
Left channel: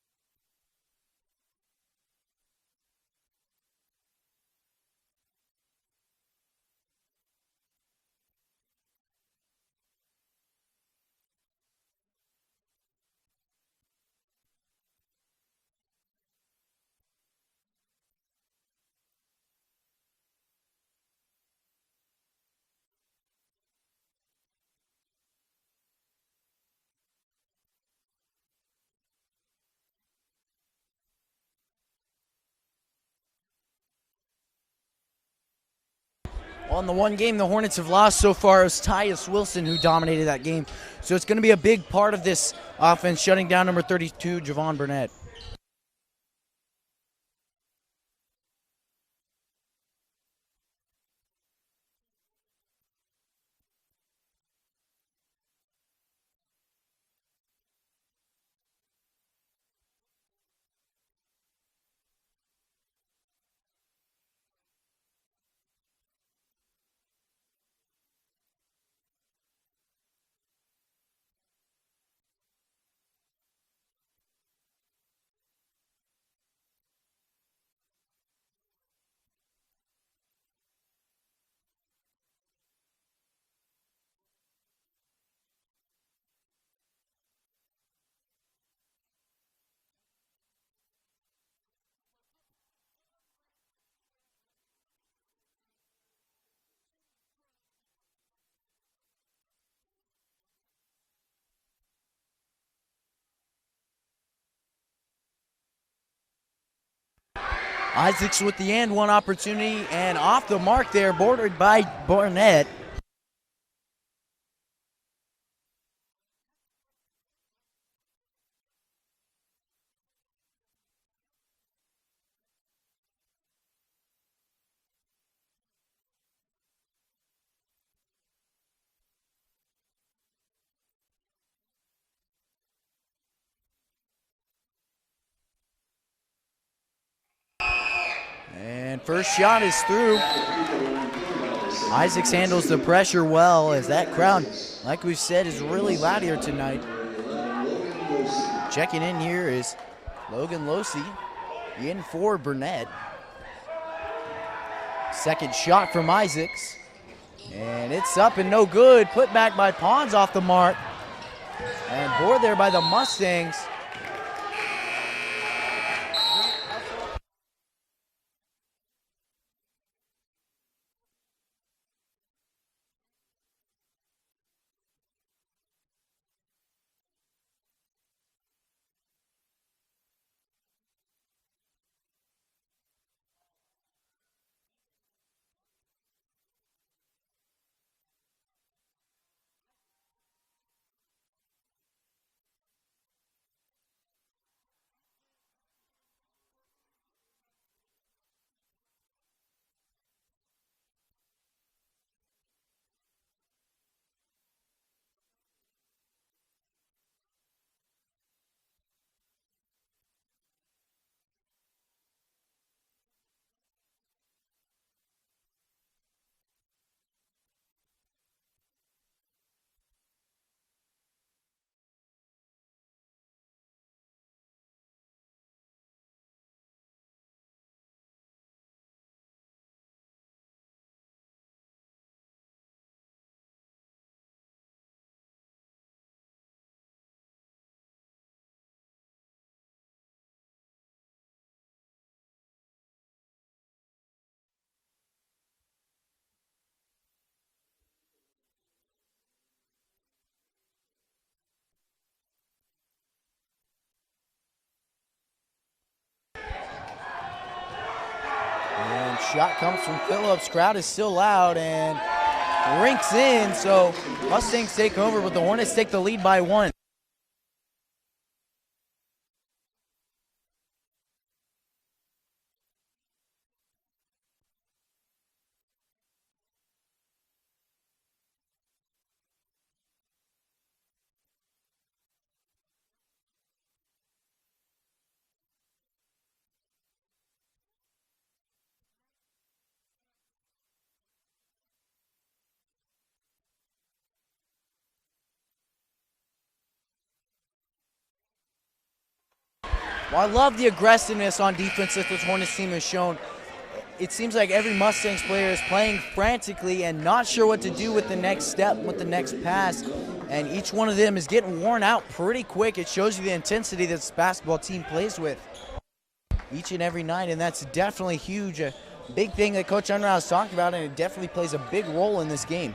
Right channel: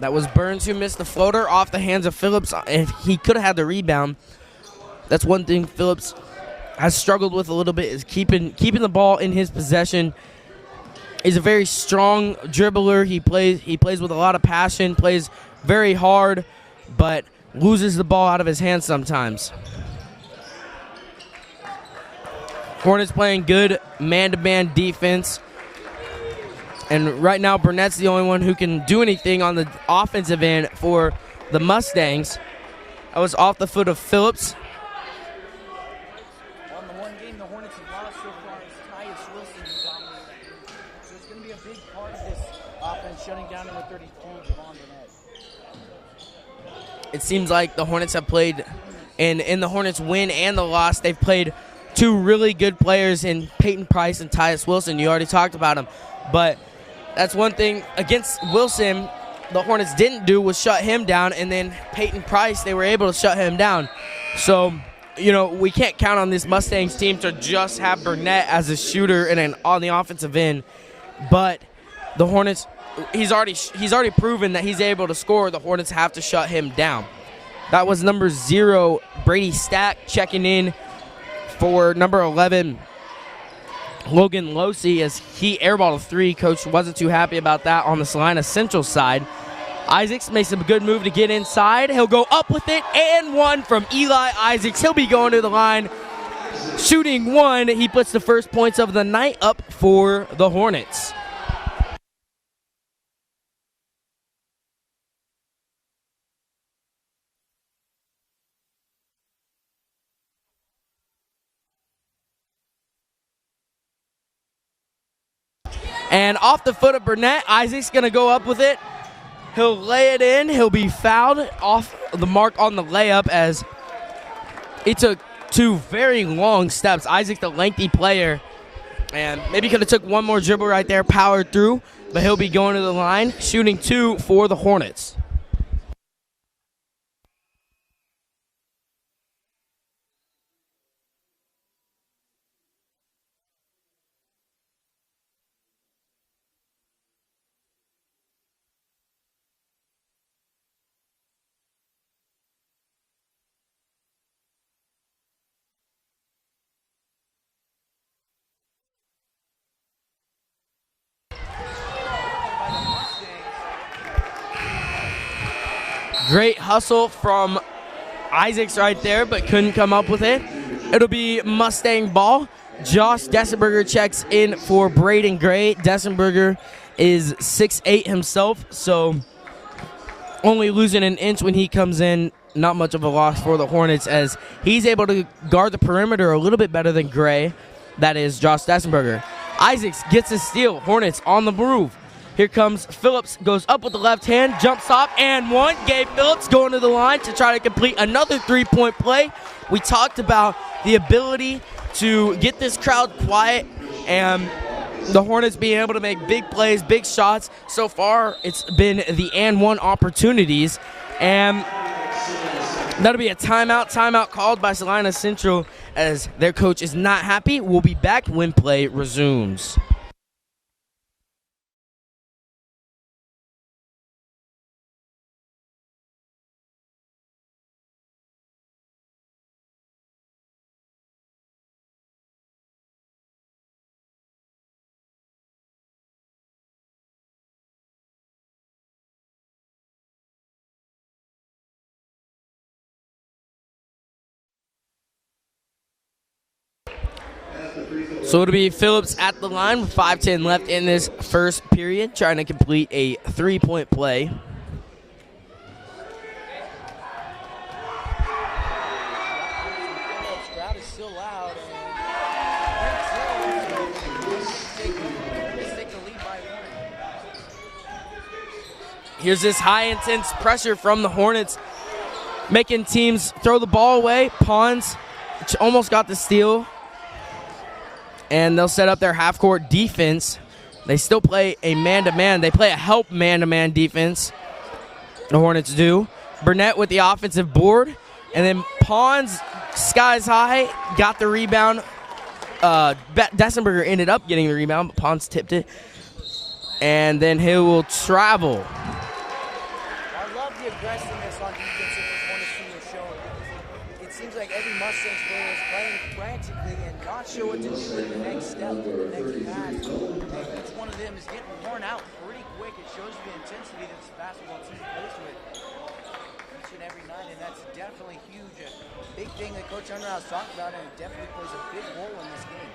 That was Burns who missed the floater off the hands of Phillips, and he could have had the rebound. That's one thing Phillips has struggled with a little bit, is keeping the ball in his possession. He's a very strong dribbler. He plays with a lot of passion, plays very hard, but loses the ball out of his hands sometimes. Hornets playing good man-to-man defense. And right now, Burnett's the only one who can do anything on the offensive end for the Mustangs. That was off the foot of Phillips. On the one game the Hornets have lost so far is Tyus Wilson, who dominated that game. So it's going to be a big part of this offense, shutting down number 32, Javon Burnett. It seems like the Hornets have played, and in the Hornets win and the loss, they've played two really good players in Peyton Price and Tyus Wilson. You already talked about them. But that's one thing against Wilson the Hornets didn't do was shut him down, and then Peyton Price, they were able to shut him down. So, you know, we can't count on this Mustangs team to just have Burnett as a shooter and on the offensive end. But the Hornets, he's already proven that he's able to score. The Hornets have to shut him down. That was number 0, Brady Stack, checking in for number 11, Logan Losey, as he airballed a 3. Coach wasn't too happy about that on the Salina Central side. Isaacs makes a good move to get inside. He'll go up with it, and one from Eli Isaacs. He'll be going to the line, shooting 1. He puts the first points of the night up for the Hornets. Isaacs with the and one opportunity, and off the mark there, bordered by Burnett. And off the foot of Burnett, Isaacs going to go up with it. He'll lay it in. He'll be fouled off the mark on the layup, as he took 2 very long steps. Isaac, the lengthy player, and maybe could have took one more dribble right there, powered through, but he'll be going to the line, shooting 2 for the Hornets. And first shot is through. Isaacs handles the pressure well, as that crowd, like we've said, is really loud here tonight. Checking in here is Logan Losey, in for Burnett. Second shot from Isaacs, and it's up and no good. Put back by Pons off the mark. And board there by the Mustangs. Great hustle from Isaacs right there, but couldn't come up with it. It'll be Mustang ball. Josh Dessenberger checks in for Braden Gray. Dessenberger is 6'8" himself, so only losing an inch when he comes in. Not much of a loss for the Hornets, as he's able to guard the perimeter a little bit better than Gray. That is Josh Dessenberger. Isaacs gets a steal. Hornets on the move. Here comes Phillips, goes up with the left hand, jump stop, and one. Gabe Phillips going to the line to try to complete another three-point play. We talked about the ability to get this crowd quiet and the Hornets being able to make big plays, big shots. So far, it's been the and one opportunities, and that'll be a timeout. Timeout called by Salina Central as their coach is not happy. We'll be back when play resumes. So it'll be Phillips at the line with 5:10 left in this first period, trying to complete a three-point play. And shot comes from Phillips. Crowd is still loud and rinks in. So Mustangs take over, but the Hornets take the lead by one. Here's this high intense pressure from the Hornets, making teams throw the ball away. Pons almost got the steal, and they'll set up their half-court defense. They still play a man-to-man. They play a help man-to-man defense, the Hornets do. Burnett with the offensive board, and then Pons, skies high, got the rebound. Dessenberger ended up getting the rebound, but Pons tipped it. And then he will travel. Well, I love the aggressiveness on defense that this Hornets team has shown. It seems like every Mustangs player is playing frantically and not sure what to do with the next step, with the next pass. And each one of them is getting worn out pretty quick. It shows you the intensity that this basketball team plays with each and every night, and that's definitely huge. A big thing that Coach Unrau's talked about, and it definitely plays a big role in this game.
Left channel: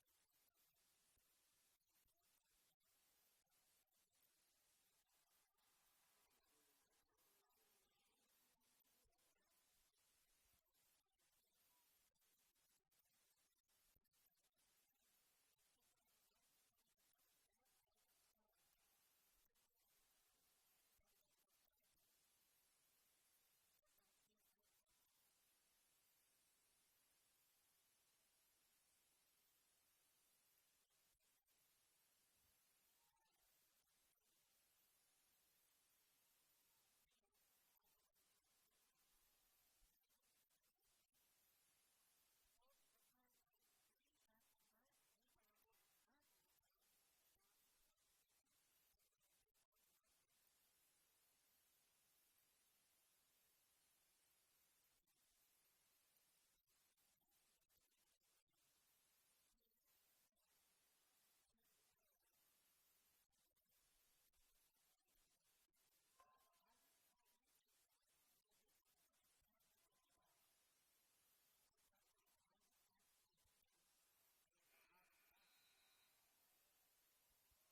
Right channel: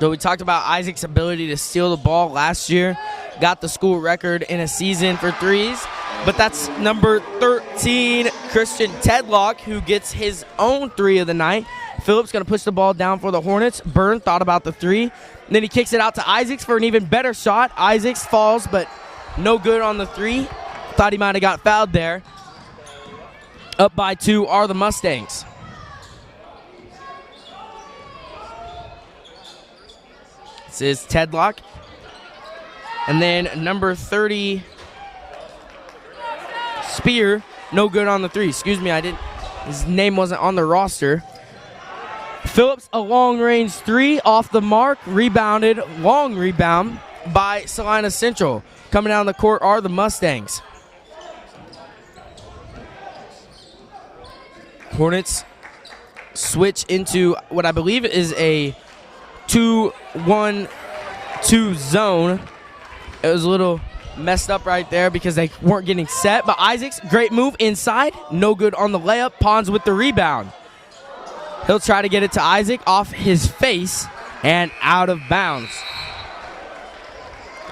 So we talked about Isaac's ability to steal the ball last year. Got the school record in a season for threes. But that's number 13, Christian Tedlock, who gets his own three of the night. Phillips going to push the ball down for the Hornets. Byrne thought about the three. And then he kicks it out to Isaacs for an even better shot. Isaacs falls, but no good on the three. Thought he might have got fouled there. Up by two are the Mustangs. This is Tedlock. And then number 30, Spear, no good on the three. Excuse me, his name wasn't on the roster. Phillips, a long-range three off the mark, rebounded, long rebound by Salina Central. Coming down the court are the Mustangs. Hornets switch into what I believe is a 2-1-2 zone. It was a little messed up right there because they weren't getting set. But Isaacs, great move inside. No good on the layup. Pons with the rebound. He'll try to get it to Isaac off his face and out of bounds.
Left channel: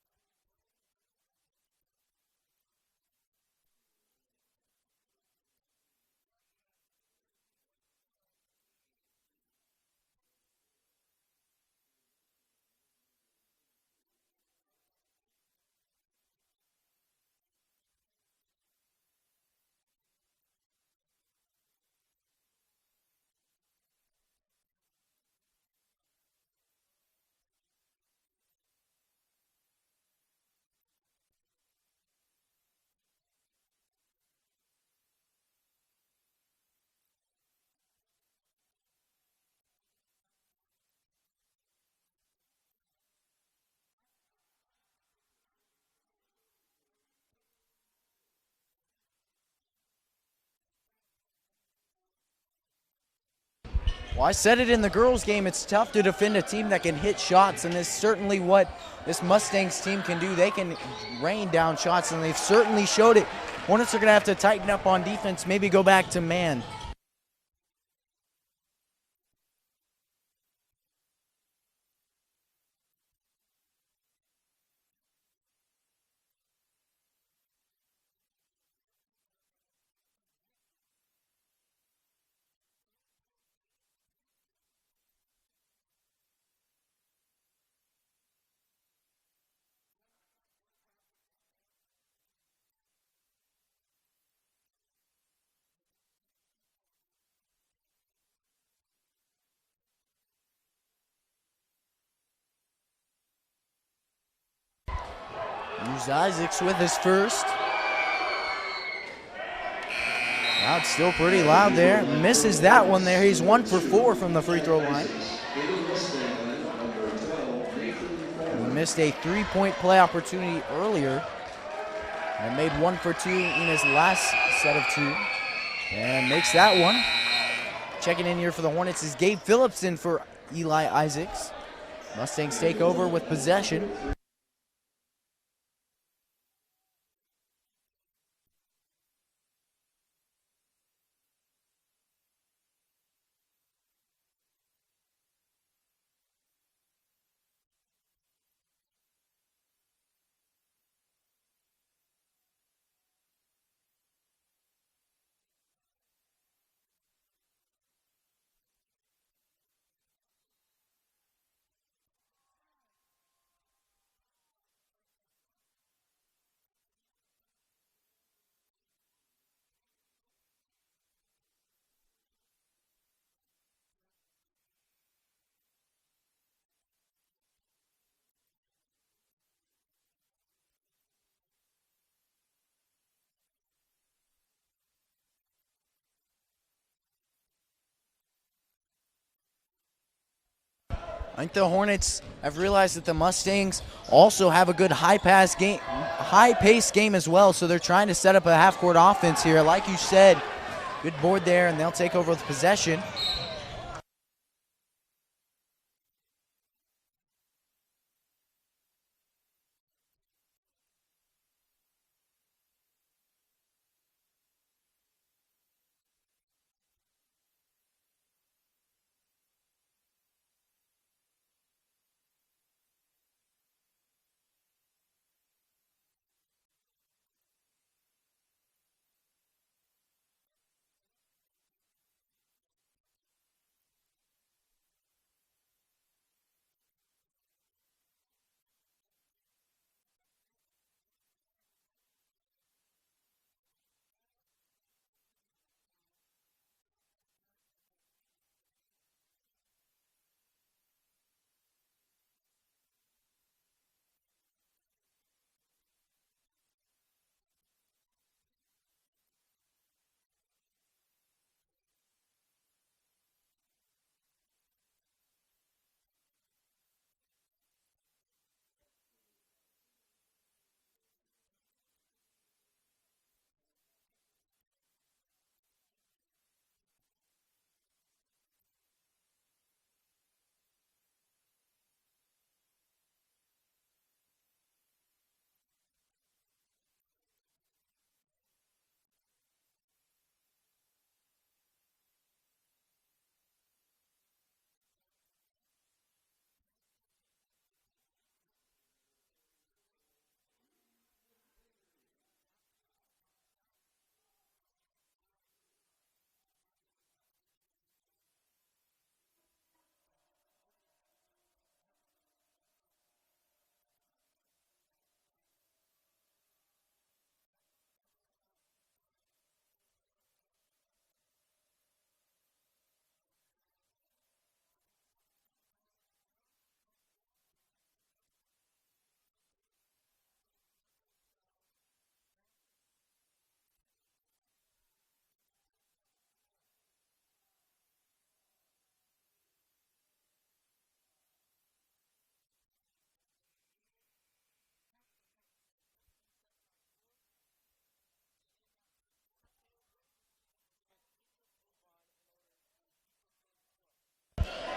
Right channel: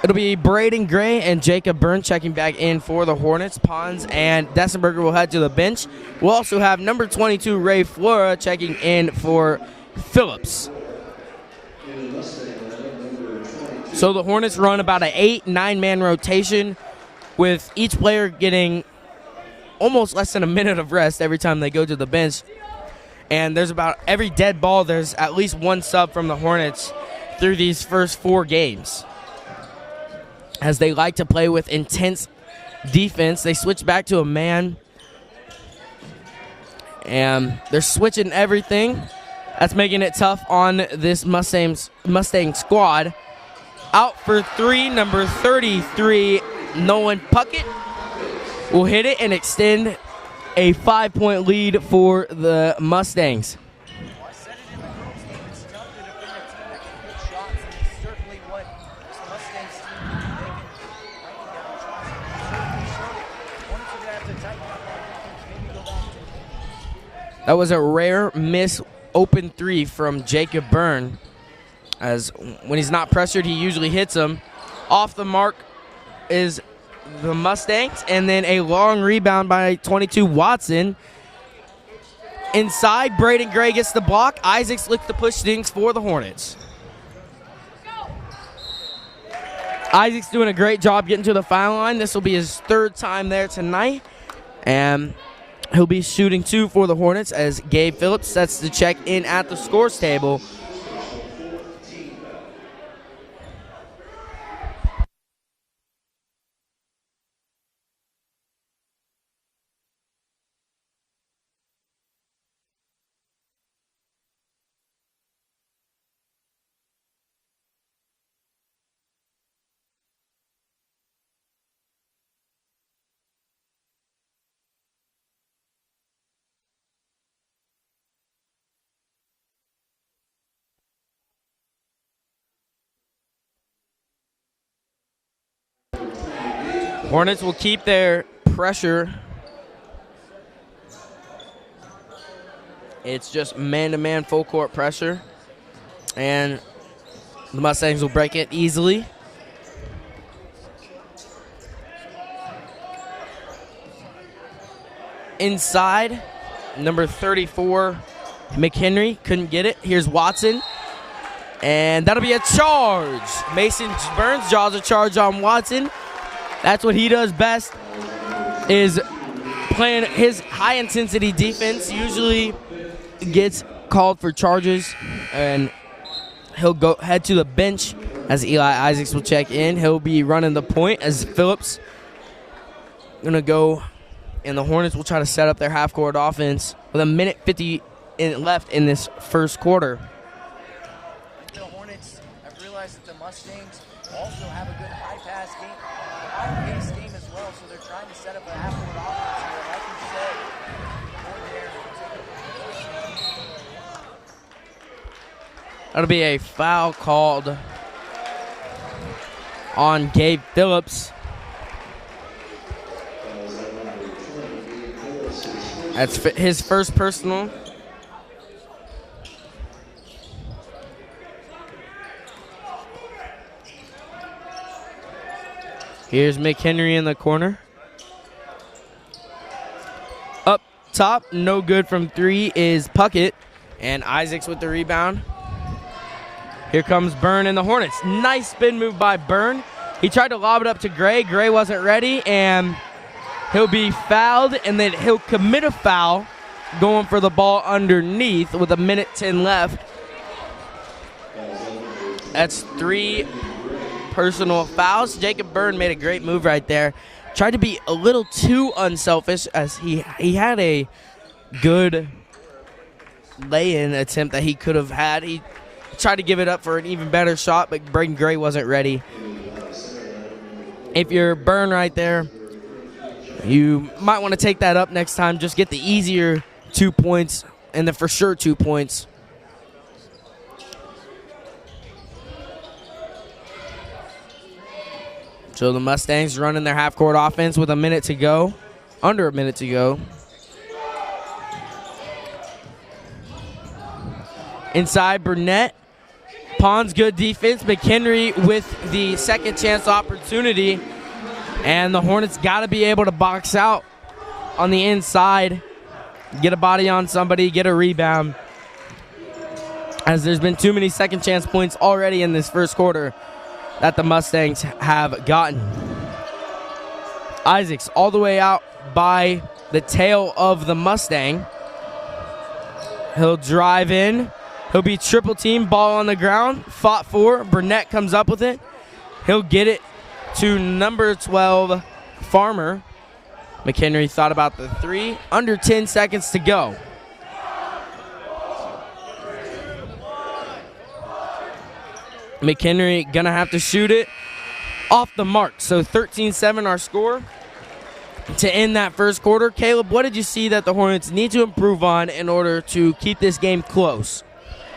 It'll be Braden Gray and Jacob Byrne checking back in for the Hornets. Pons and Dessenberger will head to the bench. We'll also have number 22, Ray Flora, checking in for Phillips. So the Hornets run about an 8-9-man rotation, with each player getting almost less than a minute of rest every time they go to the bench. And there's about every dead ball, there's at least one sub from the Hornets through these first 4 games. As they like to play with intense defense, they switch back to a man. And they're switching everything. That's making it tough on this Mustang squad. Out for three, number 33, Nolan Puckett will hit it and extend a 5-point lead for the Mustangs. Well, I said it in the girls' game. It's tough to defend a team that can hit shots, and it's certainly what this Mustangs team can do. They can rain down shots, and they've certainly showed it. Hornets are going to have to tighten up on defense, maybe go back to man. That was a rare miss open three from Jacob Byrne, as when he's not pressured, he usually hits them. Off the mark is the Mustangs, and then a long rebound by 22 Watson. Inside, Braden Gray gets the block. Isaacs looks to push things for the Hornets. Isaacs doing a great job getting to the foul line. This will be his third time there tonight, and he'll be shooting 2 for the Hornets as Gabe Phillips sets the check in at the scores table. Here's Isaacs with his first. Now it's still pretty loud there. Misses that one there. He's 1 for 4 from the free throw line. He missed a 3-point play opportunity earlier and made 1 for 2 in his last set of 2. And makes that one. Checking in here for the Hornets is Gabe Phillips in for Eli Isaacs. Mustangs take over with possession. Hornets will keep their pressure. It's just man-to-man full court pressure, and the Mustangs will break it easily. Inside, number 34, McHenry couldn't get it. Here's Watson, and that'll be a charge. Mason Burns draws a charge on Watson. That's what he does best, is playing his high-intensity defense. Usually gets called for charges, and he'll go head to the bench as Eli Isaacs will check in. He'll be running the point as Phillips gonna go, and the Hornets will try to set up their half-court offense with 1:50 left in this first quarter. I think the Hornets have realized that the Mustangs also have a good high-paced game as well, so they're trying to set up a half-court offense here. Like you said, good board there, and they'll take over with possession. That'll be a foul called on Gabe Phillips. That's his first personal. Here's McHenry in the corner. Up top, no good from 3 is Puckett, and Isaacs with the rebound. Here comes Byrne and the Hornets. Nice spin move by Byrne. He tried to lob it up to Gray. Gray wasn't ready, and he'll be fouled, and then he'll commit a foul going for the ball underneath with 1:10 left. That's 3 personal fouls. Jacob Byrne made a great move right there. Tried to be a little too unselfish, as he had a good lay-in attempt that he could have had. He tried to give it up for an even better shot, but Braden Gray wasn't ready. If you're Byrne right there, you might want to take that up next time. Just get the easier 2 points, and the for sure 2 points. So the Mustangs running their half-court offense with 1 minute to go, under 1 minute to go. Inside, Burnett. Pond's good defense. McHenry with the second chance opportunity. And the Hornets got to be able to box out on the inside, get a body on somebody, get a rebound, as there's been too many second chance points already in this first quarter that the Mustangs have gotten. Isaacs all the way out by the tail of the Mustang. He'll drive in. He'll be triple team, ball on the ground, fought for. Burnett comes up with it. He'll get it to number 12, Farmer. McHenry thought about the 3. Under 10 seconds to go. McHenry gonna have to shoot it off the mark. So 13-7 our score. to end that first quarter. Caleb, what did you see that the Hornets need to improve on in order to keep this game close?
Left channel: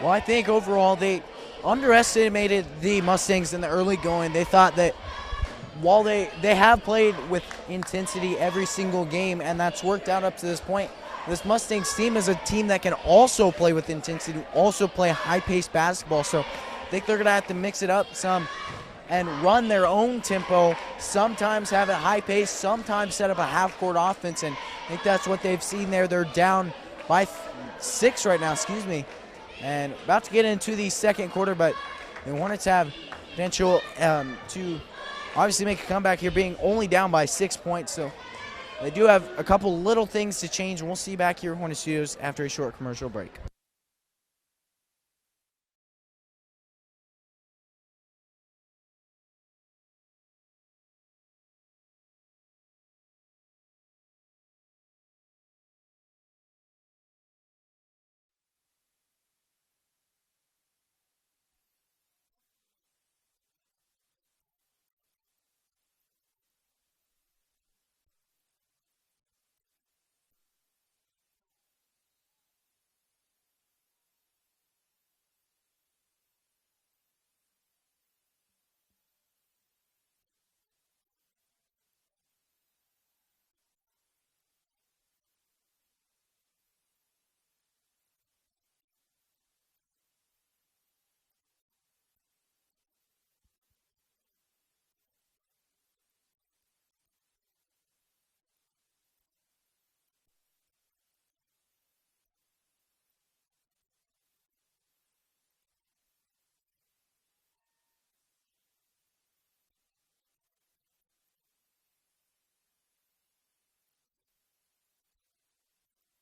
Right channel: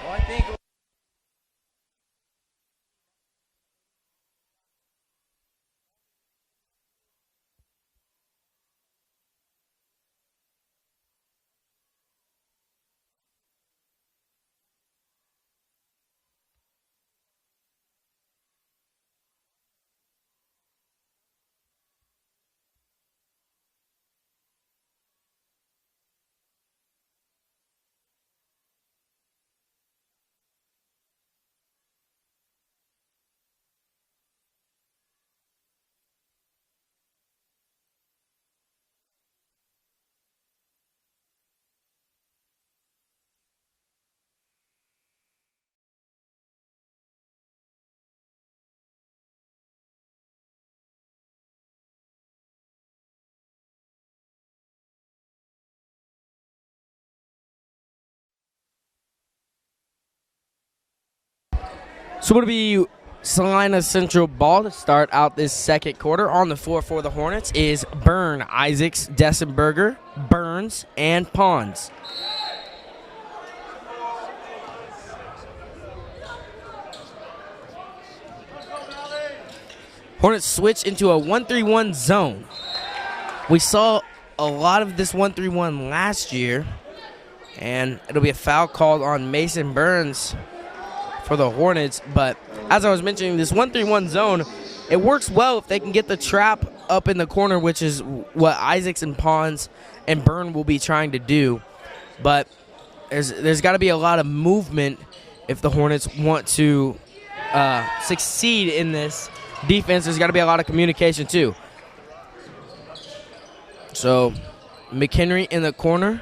Well, I think overall they underestimated the Mustangs in the early going. They thought that while they have played with intensity every single game, and that's worked out up to this point, this Mustangs team is a team that can also play with intensity, also play high-paced basketball. So I think they're going to have to mix it up some and run their own tempo, sometimes have it high pace, sometimes set up a half-court offense, and I think that's what they've seen there. They're down by 6 right now, and about to get into the second quarter, but the Hornets have potential to obviously make a comeback here, being only down by 6 points, so they do have a couple little things to change, and we'll see you back here at Hornet Studios after a short commercial break. So it'll be Salina Central ball to start out this second quarter. On the floor for the Hornets is Byrne, Isaacs, Dessenberger, Burns, and Pons. Hornets switch into a 1-3-1 zone. We saw a lot of this 1-3-1 last year, and it'll be a foul called on Mason Burns for the Hornets. But as I was mentioning, this 1-3-1 zone, it works well if they can get the trap up in the corner, which is what Isaacs and Pons and Byrne will be trying to do. But there's got to be a lot of movement if the Hornets want to succeed in this defense. There's got to be a lot of communication too. So McHenry in the corner,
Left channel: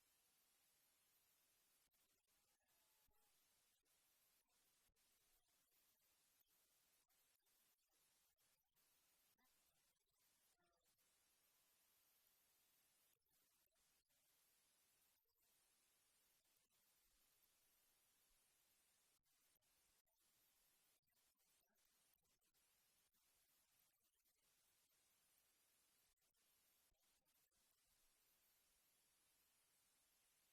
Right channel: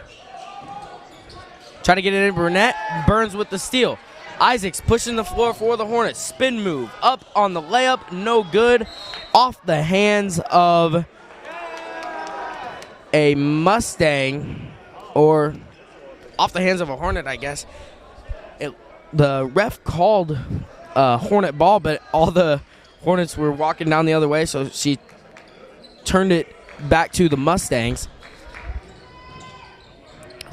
trying to get it in Burnett. Burns with the steal. Isaacs pushing the floor for the Hornets. Spin move up on the layup, no good. Off the hands of a Mustang, or off the hands of a Hornet, I guess. The ref called Hornet ball, but all the Hornets were walking down the other way, so she turned it back to the Mustangs.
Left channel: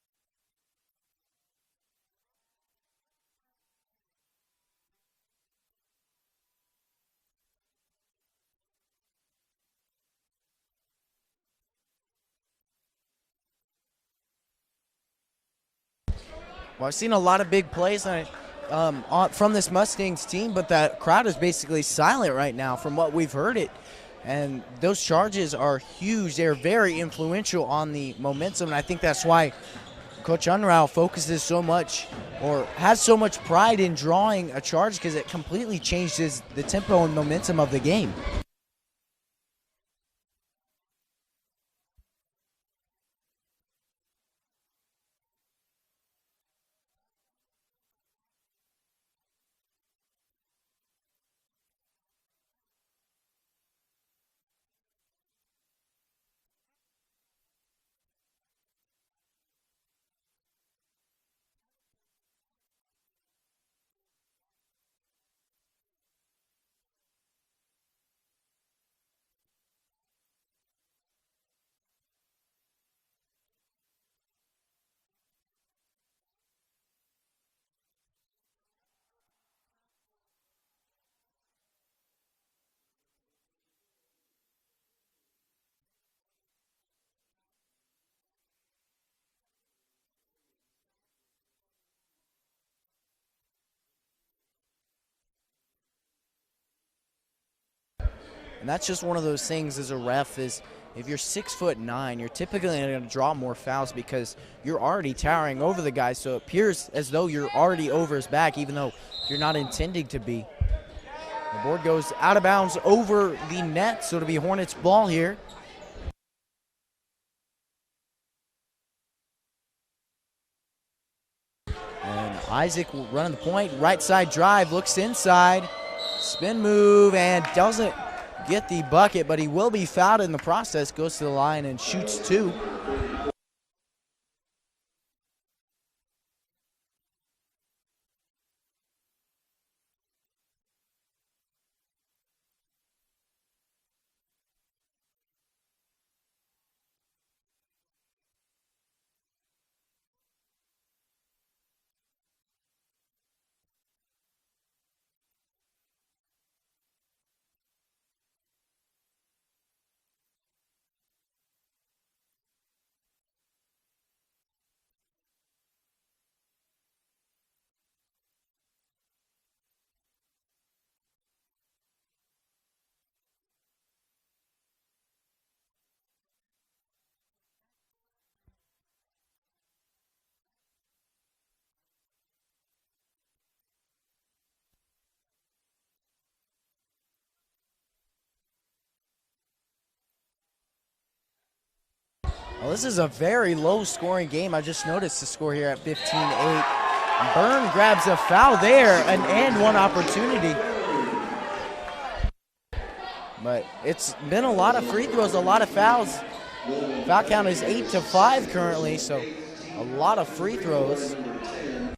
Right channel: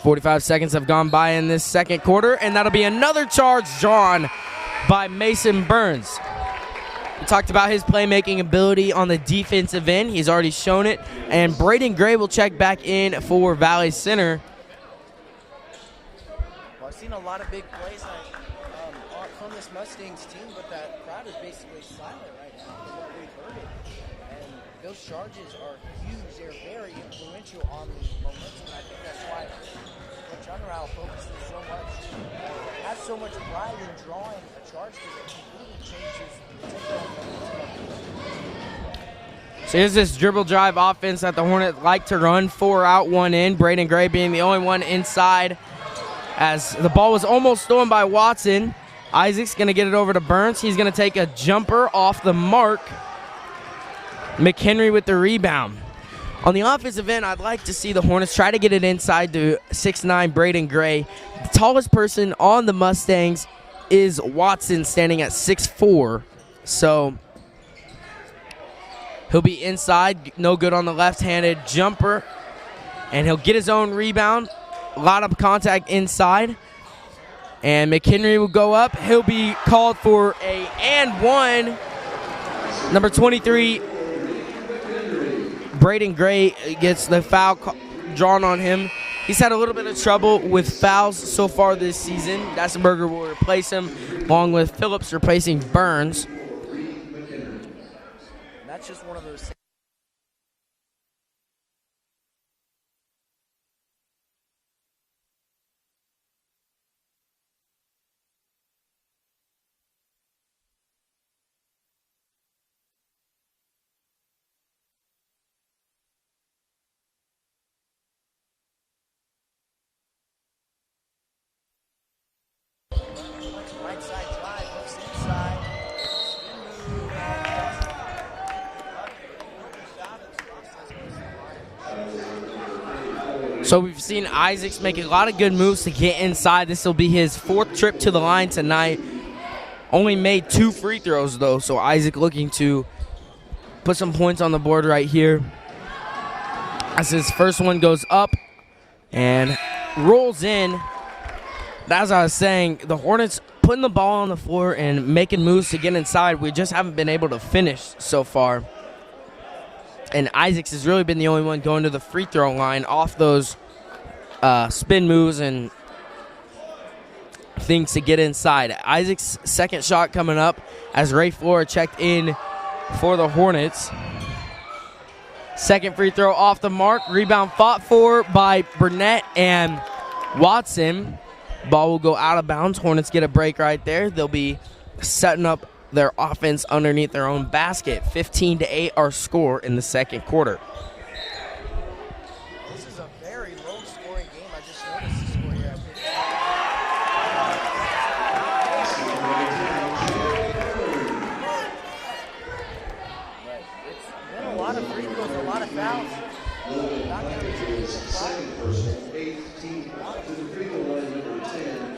45 seconds have gone by in this second quarter, and that'll be another charge drawn by Mason Burns. We talked about his playmaking ability on the defensive end. He's already shown it. And Braden Gray will check back in for Valley Center. Well, I've seen a lot of big plays from this Mustangs team, but that crowd is basically silent right now from what we've heard it. And those charges are huge. They're very influential on the momentum, and I think that's why Coach Unruh focuses so much, or has so much pride in drawing a charge, because it completely changes the tempo and momentum of the game. So here's this dribble drive offense that the Hornets like to run. 4 out, 1 in. Braden Gray being the only one inside, as the ball was almost stolen by Watson. Isaac's going to get it over to Burns. He's going to take a jumper off the mark. McHenry with the rebound. On the offensive end, I'd like to see the Hornets try to get it inside to 6'9" Braden Gray. The tallest person on the Mustangs is Watson, standing at 6'4". So he'll be inside, no good on the left-handed jumper, and he'll get his own rebound. A lot of contact inside, and McHenry will go up. He'll be called for a and one. Number 23, Braden Gray, gets the foul drawn on him. He's had a little bit of trouble with fouls so far this season. Dassenberger will replace him, along with Phillips replacing Burns. And that's just one of those things as a ref, is if you're 6'9", you're typically going to draw more fouls because you're already towering over the guy, so it appears as though you're already over his back, even though you're not intending to be. The board goes out of bounds over the net, so it'll be Hornets ball here. And Isaac will run the point, right side drive, looks inside, spin move, and doesn't get the bucket, but he will be fouled in the process, goes to the line and shoots 2. So we've seen Isaacs make a lot of good moves to get inside. This will be his 4th trip to the line tonight. Only made 2 free throws, though, so Isaac looking to put some points on the board right here. as his first one goes up and rolls in. As I was saying, the Hornets putting the ball on the floor and making moves to get inside. We just haven't been able to finish so far. And Isaacs has really been the only one going to the free throw line off those spin moves and things to get inside. Isaac's second shot coming up as Ray Flora checked in for the Hornets. Second free throw off the mark. Rebound fought for by Burnett and Watson. Ball will go out of bounds. Hornets get a break right there. They'll be setting up their offense underneath their own basket. 15-8 our score in the second quarter. Well, this is a very low-scoring game. I just noticed the score here at 15-8. Byrne grabs a foul there, an and one opportunity. But it's been a lot of free throws, a lot of fouls. Foul count is 8-5 currently, so a lot of free throws. And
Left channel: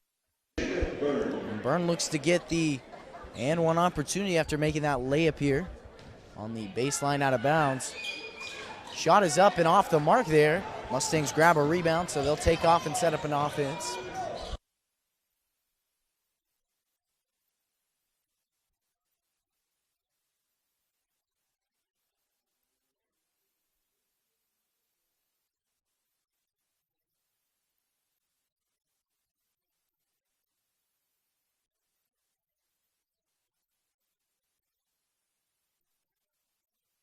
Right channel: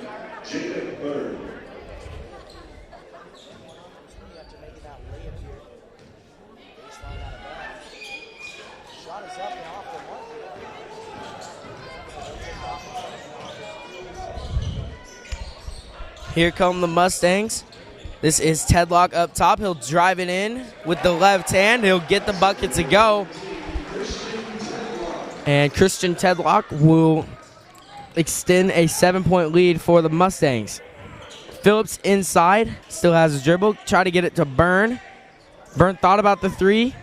Byrne looks to get the and one opportunity after making that layup here on the baseline out of bounds. Shot is up and off the mark there. Mustangs grab a rebound, so they'll take off and set up an offense. Here come the Mustangs. This is Tedlock up top. He'll drive it in with the left hand. He'll get the bucket to go. And Christian Tedlock will extend a 7-point lead for the Mustangs. Phillips inside, still has a dribble. Try to get it to Byrne. Byrne thought about the three.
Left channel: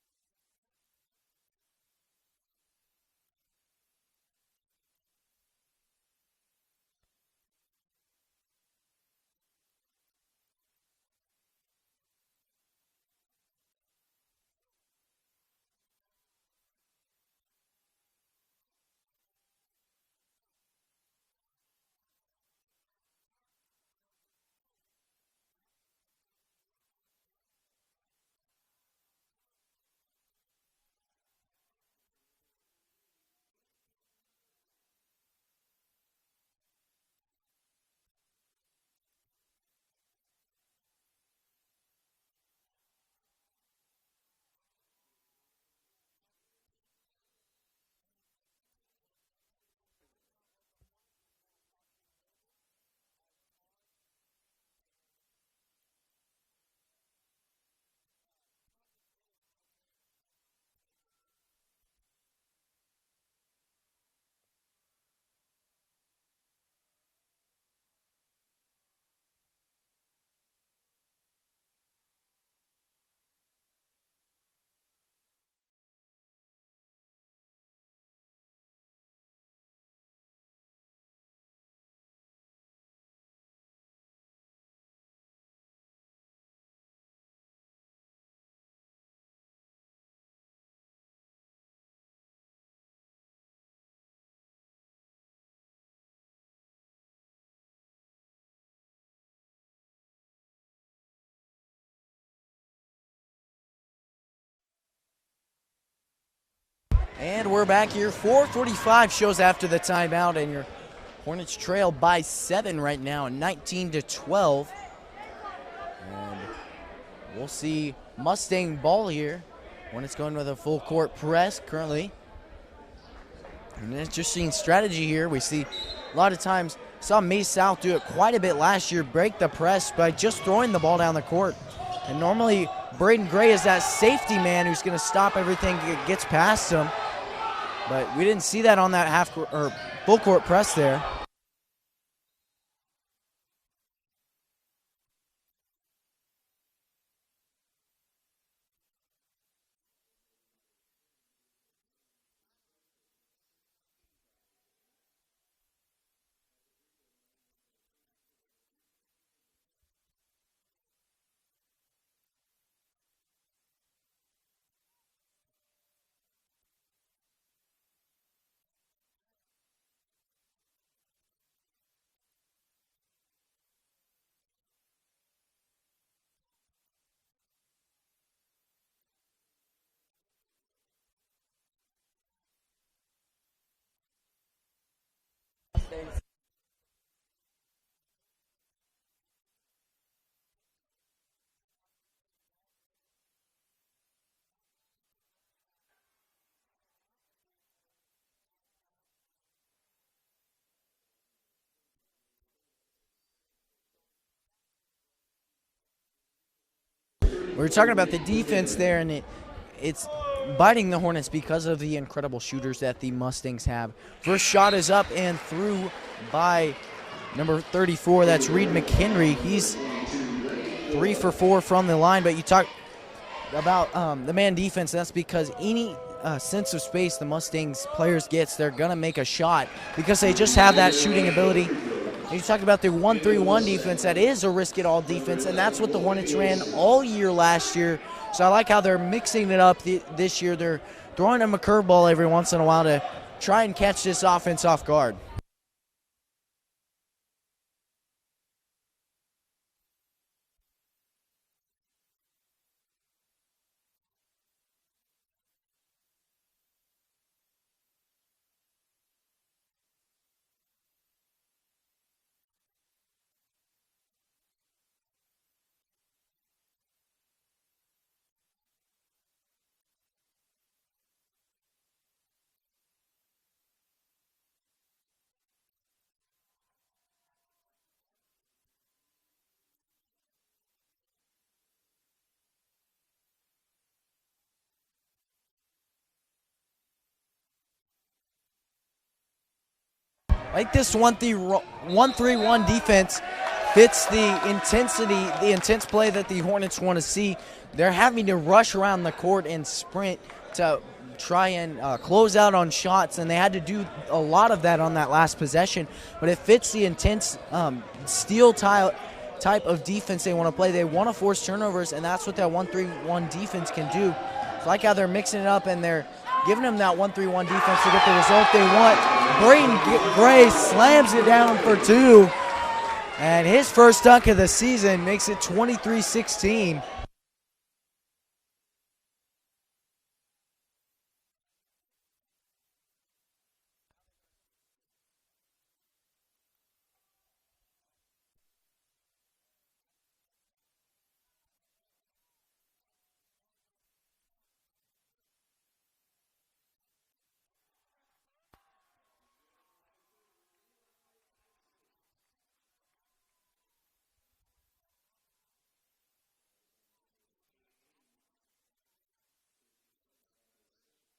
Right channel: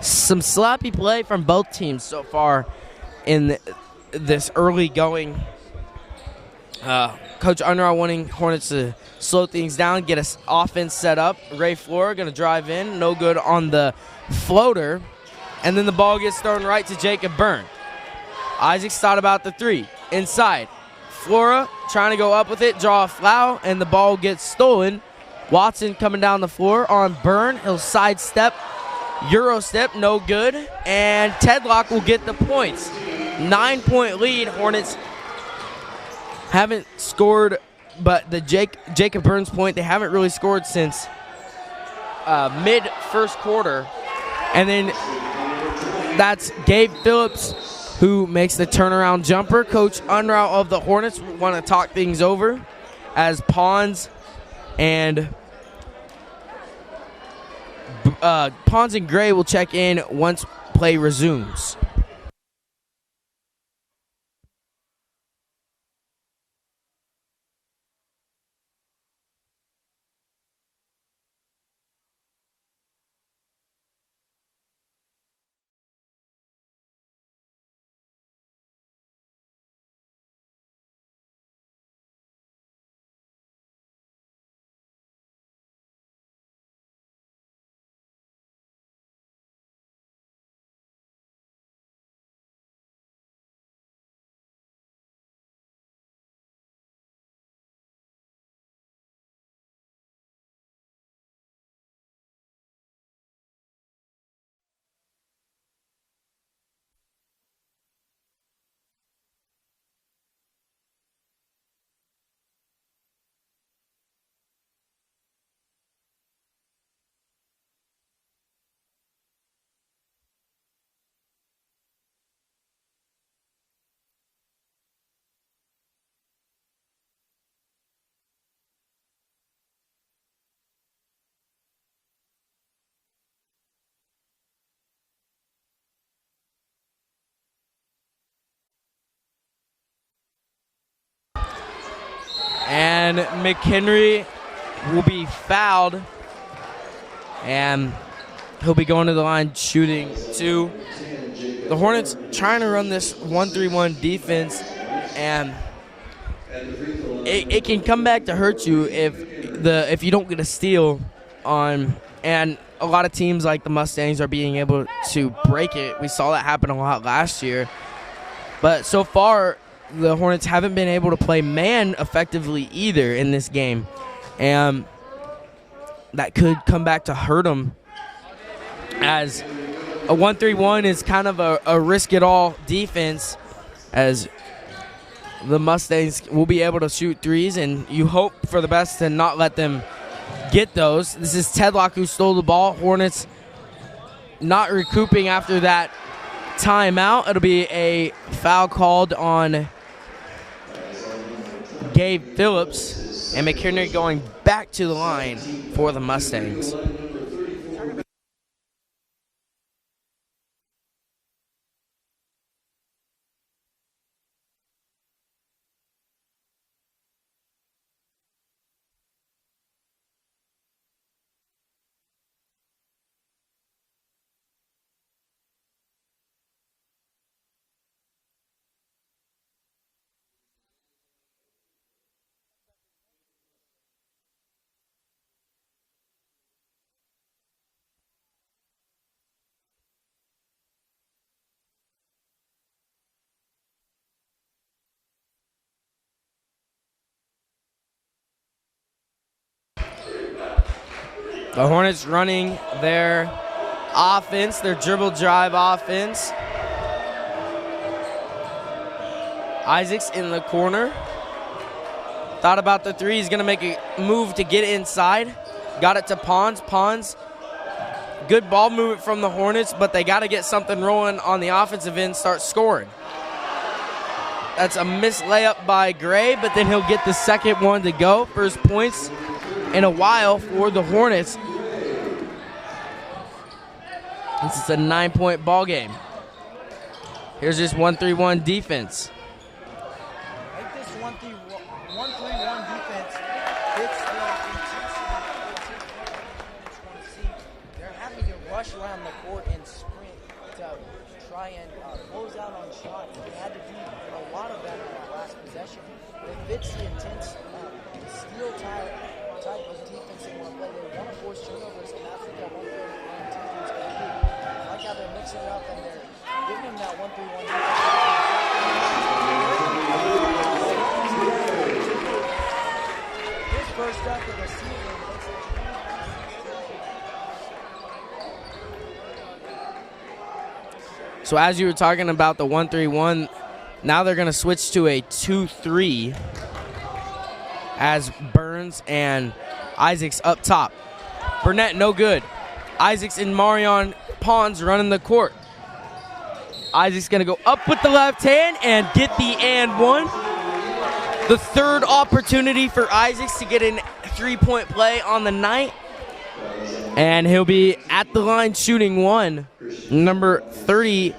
Some sloppy play from both teams so far in this early going. Coach Unruh wanting Hornets to slow things down, get us offense set up. Ray Flora going to drive in, no good on the floater. And then the ball gets thrown right to Jacob Byrne. Isaacs thought about the three, inside. Flora trying to go up with it, draw a foul, and the ball gets stolen. Watson coming down the floor on Byrne. He'll sidestep, Euro step, no good. And Tedlock will get the points. 9-point lead. Hornets haven't scored, but the Jacob Byrne's point, they haven't really scored since mid-first quarter. And then that's Gabe Phillips who makes the turnaround jumper. Coach Unruh of the Hornets want to talk things over as Pons and Gray will check in once play resumes. And we're back here. 4:45 shows after the timeout, and your Hornets trail by 7 right now, 19-12. And we'll see Mustang ball here. Hornets going with a full court press currently. And an interesting strategy here. We see a lot of times, saw Mace South do it quite a bit last year, break the press by just throwing the ball down the court. And normally Braden Gray is that safety man who's going to stop everything that gets past him. But we didn't see that on that full court press there. And McHenry will be fouled. And he'll be going to the line shooting two. The Hornets trying to run this 1-3-1 defense, and it can come back to hurt you if you don't get a steal on. And a lot of teams like the Mustangs are being able to break it. We saw that happen a lot last year. But so far, the Hornets haven't been able to play man effectively either in this game. And that could come back to hurt them, as a 1-3-1 is kind of a risk-it-all defense, as the Mustangs will be able to shoot threes, and you hope for the best to not let them get those. This is Tedlock who stole the ball. Hornets not recouping after that timeout. It'll be a foul called on Gabe Phillips, and McHenry going back to the line for the Mustangs. We were talking about the defense there, and it's biting the Hornets because of the incredible shooters that the Mustangs have. First shot is up and through by number 34. That's Reed McHenry. He's 3 for 4 from the line, but you talk about the man defense. That's because any sense of space the Mustangs players gets, they're going to make a shot because they just have that shooting ability. And you talk about the 1-3-1 defense. That is a risk-it-all defense, and that's what the Hornets ran all year last year. So I like how they're mixing it up this year. They're throwing them a curveball every once in a while to try and catch this offense off guard. The Hornets running their offense, their dribble drive offense. Isaacs in the corner. Thought about the three. He's going to make a move to get inside. Got it to Pons. Pons, good ball movement from the Hornets, but they got to get something rolling on the offensive end, start scoring. That's a missed layup by Gray, but then he'll get the second one to go. First points in a while for the Hornets. This is a 9-point ball game. Here's this 1-3-1 defense. I think this 1-3-1 defense fits the intensity, the intense play that the Hornets want to see. They're having to rush around the court and sprint to try and close out on shots, and they had to do a lot of that on that last possession. But it fits the intense steel type of defense they want to play. They want to force turnovers, and that's what that 1-3-1 defense can do. I like how they're mixing it up, and they're giving them that 1-3-1 defense to get the result they want. Braden Gray slams it down for 2, and his first dunk of the season makes it 23-16. So as you were talking about the 1-3-1, now they're going to switch to a 2-3 as Burns and Isaacs up top. Burnett, no good. Isaacs and Marion Pons running the court. Isaacs going to go up with the left hand and get the and one. The third opportunity for Isaacs to get a 3-point play on the night. And he'll be at the line shooting one. Number 30,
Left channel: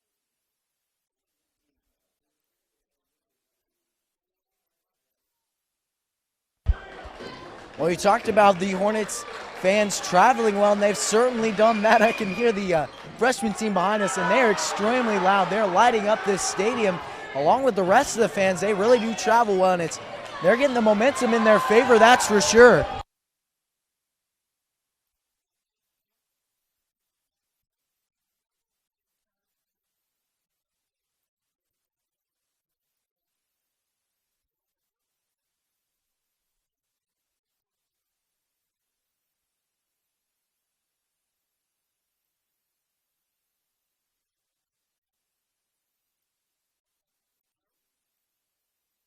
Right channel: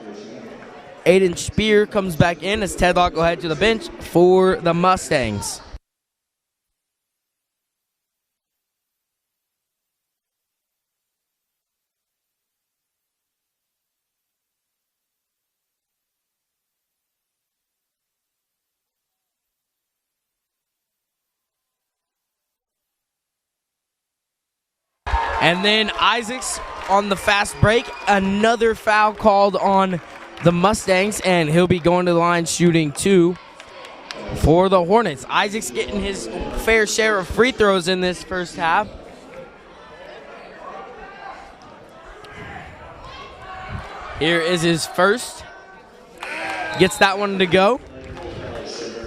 Aiden Spear, comes back in as Tedlock will head to the bench for the Mustangs. Well, you talked about the Hornets fans traveling well, and they've certainly done that. I can hear the freshman team behind us, and they're extremely loud. They're lighting up this stadium along with the rest of the fans. They really do travel well, and they're getting the momentum in their favor, that's for sure. And then Isaacs on the fast break. Another foul called on the Mustangs, and he'll be going to the line shooting 2 for the Hornets. Isaacs getting his fair share of free throws in this first half. Here is his first. Gets that one to go.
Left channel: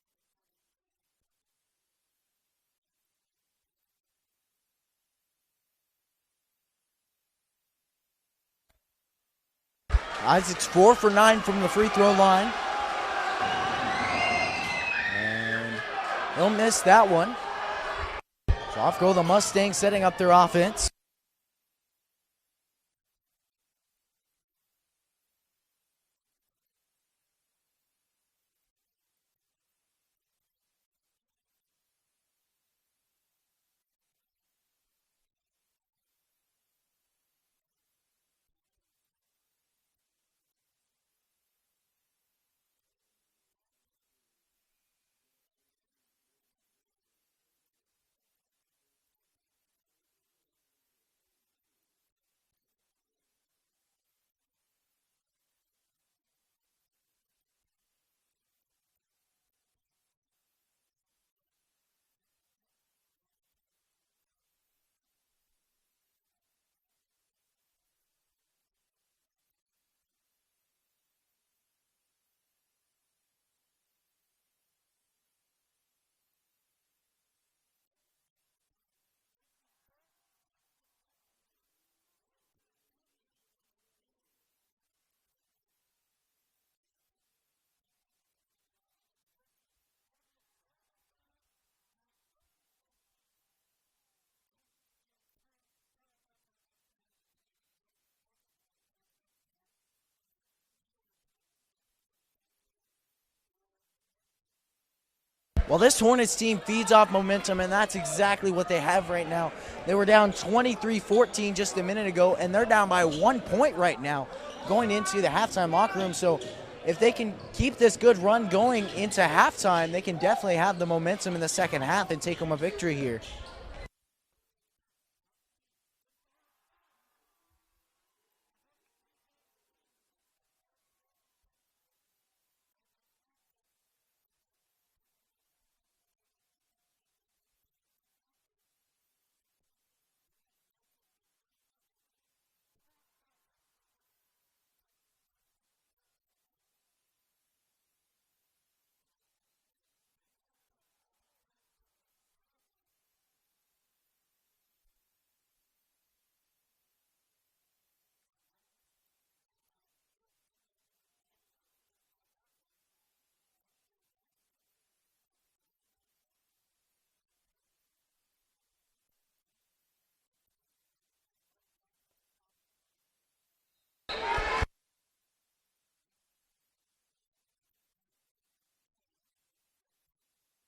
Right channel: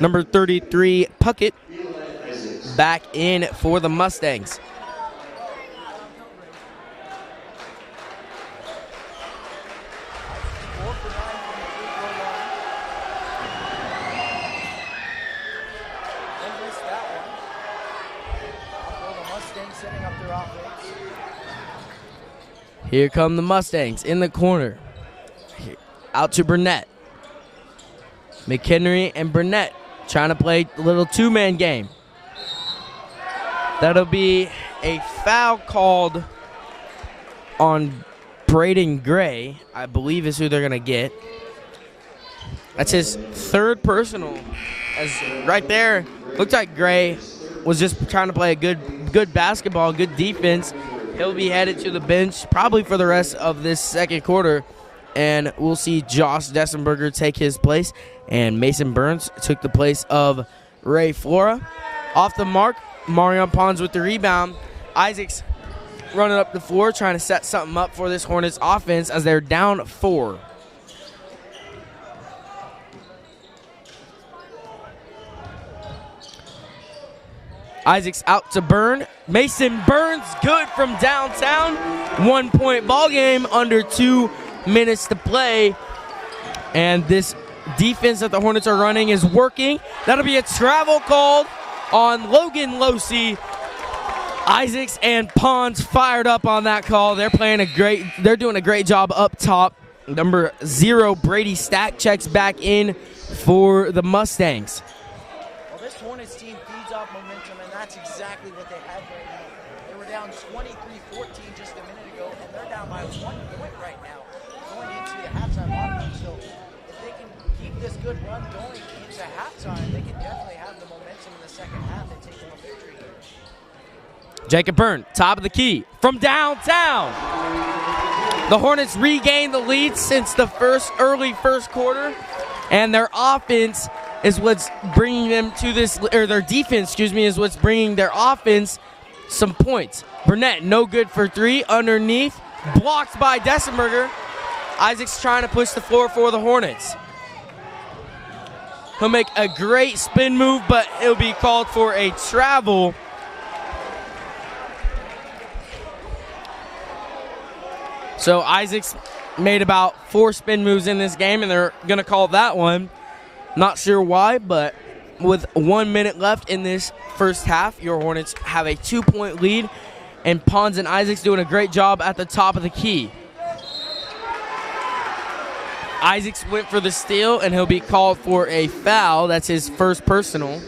Number 33, Puckett, back in for the Mustangs. Isaacs 4 for 9 from the free throw line. And he'll miss that one. So off go the Mustangs, setting up their offense. Here come the Mustangs in the corner. Out to Burnett. McHenry and Burnett trying to play a little two-man game. That'll be a foul called on Braden Gray, I believe is who they're going to get. That's his third personal. As right there, looked like Gray was just trying to play a good basketball, good defense. He'll be headed to the bench probably for the rest of this second quarter. And we'll see Josh Dessenberger take his place. And Mason Burns took the place of Ray Flora. Off the mark, Marion Pons with the rebound. Isaacs running up the floor, trying to set something up for this Hornets offense as they're down 4. Isaacs out to Burn. Mason Burns, good from downtown. 1-point ball game, under 2 minutes to play. And this defense that the Hornets are running is working. That'll be a travel called on Logan Losey. Isaacs and Pons fired up on that call. They're doing a great job up top. Number 0, Brady Stack, checks back in for the Mustangs. Well, this Hornets team feeds off momentum, and that's exactly what they have right now. They were down 23-14 just a minute ago, and they're down by 1 point right now going into the halftime locker room. So if they can keep this good run going into halftime, they can definitely have the momentum in the second half and take home a victory here. Jacob Byrne, top of the key from downtown. The Hornets regained the lead since the early first quarter, and their offense is what's bringing them to this, or their defense, excuse me, is what's bringing their offense some points. Burnett, no good for 3, underneath, blocked by Dessenberger. Isaac's trying to push the floor for the Hornets. He'll make a great spin move, but it'll be called for a travel. So Isaacs made about 4 spin moves in this game, and they're going to call that one. Not sure why, but with 1 minute left in this first half, your Hornets have a 2-point lead, and Pons and Isaacs doing a great job at the top of the key. Isaacs went for the steal, and he'll be called for a foul. That's his first personal.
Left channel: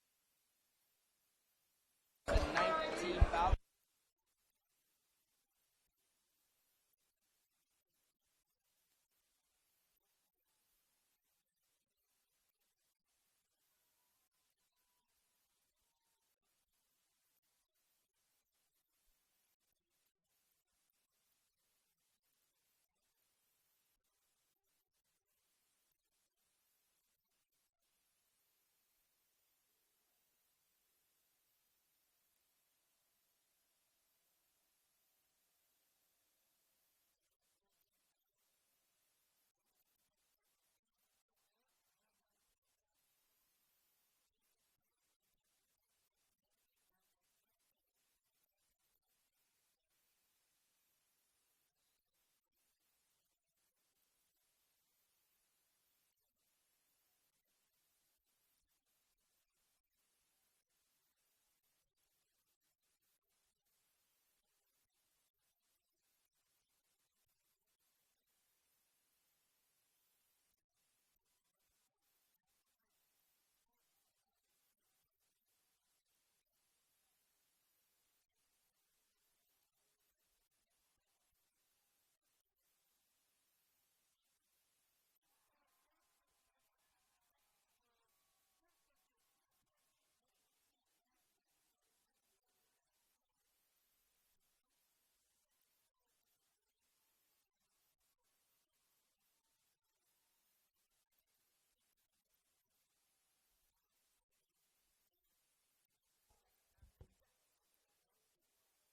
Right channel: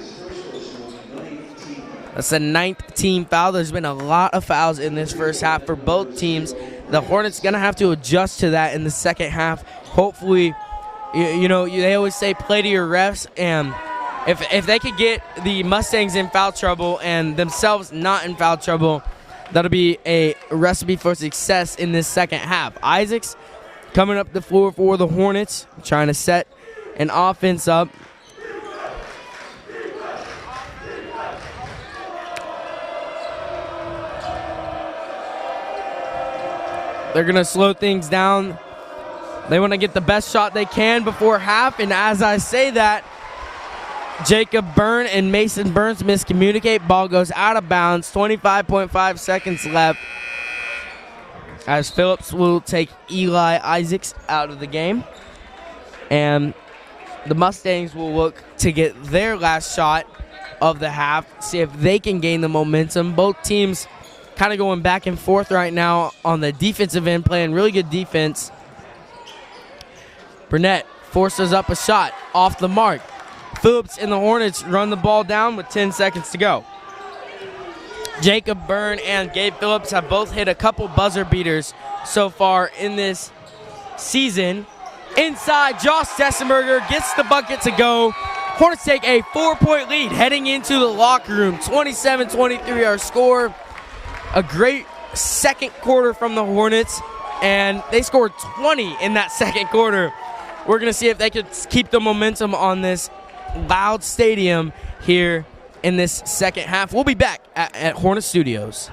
That's the 9th team foul. There's been a lot of fouls in this first half for both teams. The Hornets going to have to adjust to that in the second half. Hopefully, they always say play to your refs, and if they could get the Mustangs in foul trouble and themselves not in foul trouble, that'll be a recipe for success in this second half. Isaacs coming up the floor for the Hornets, trying to set an offense up. They're going to slow things down. They want to get the best shot they can before half, and as I say that, Jacob Byrne and Mason Burns miscommunicate. Ball goes out of bounds. 25.5 seconds left, as Phillips will take Eli Isaacs out of the game. And the Mustangs will look to get their last shot of the half, see if they can gain the momentum. Both teams kind of going back and forth right now on the defensive end, playing really good defense. Burnett forces up a shot off the mark. Phillips and the Hornets run the ball down with 10 seconds to go. Jacob Byrne and Gabe Phillips have both hit a couple buzzer beaters so far in this season. Inside, Josh Dessenberger gets the bucket to go. Hornets take a 4-point lead heading into the locker room. 27-23 our score. A great second quarter from the Hornets, and they scored 20 in that second quarter. We're going to see if they could keep the momentum on this loud stadium here in this second half. We'll be back at Hornet Studios.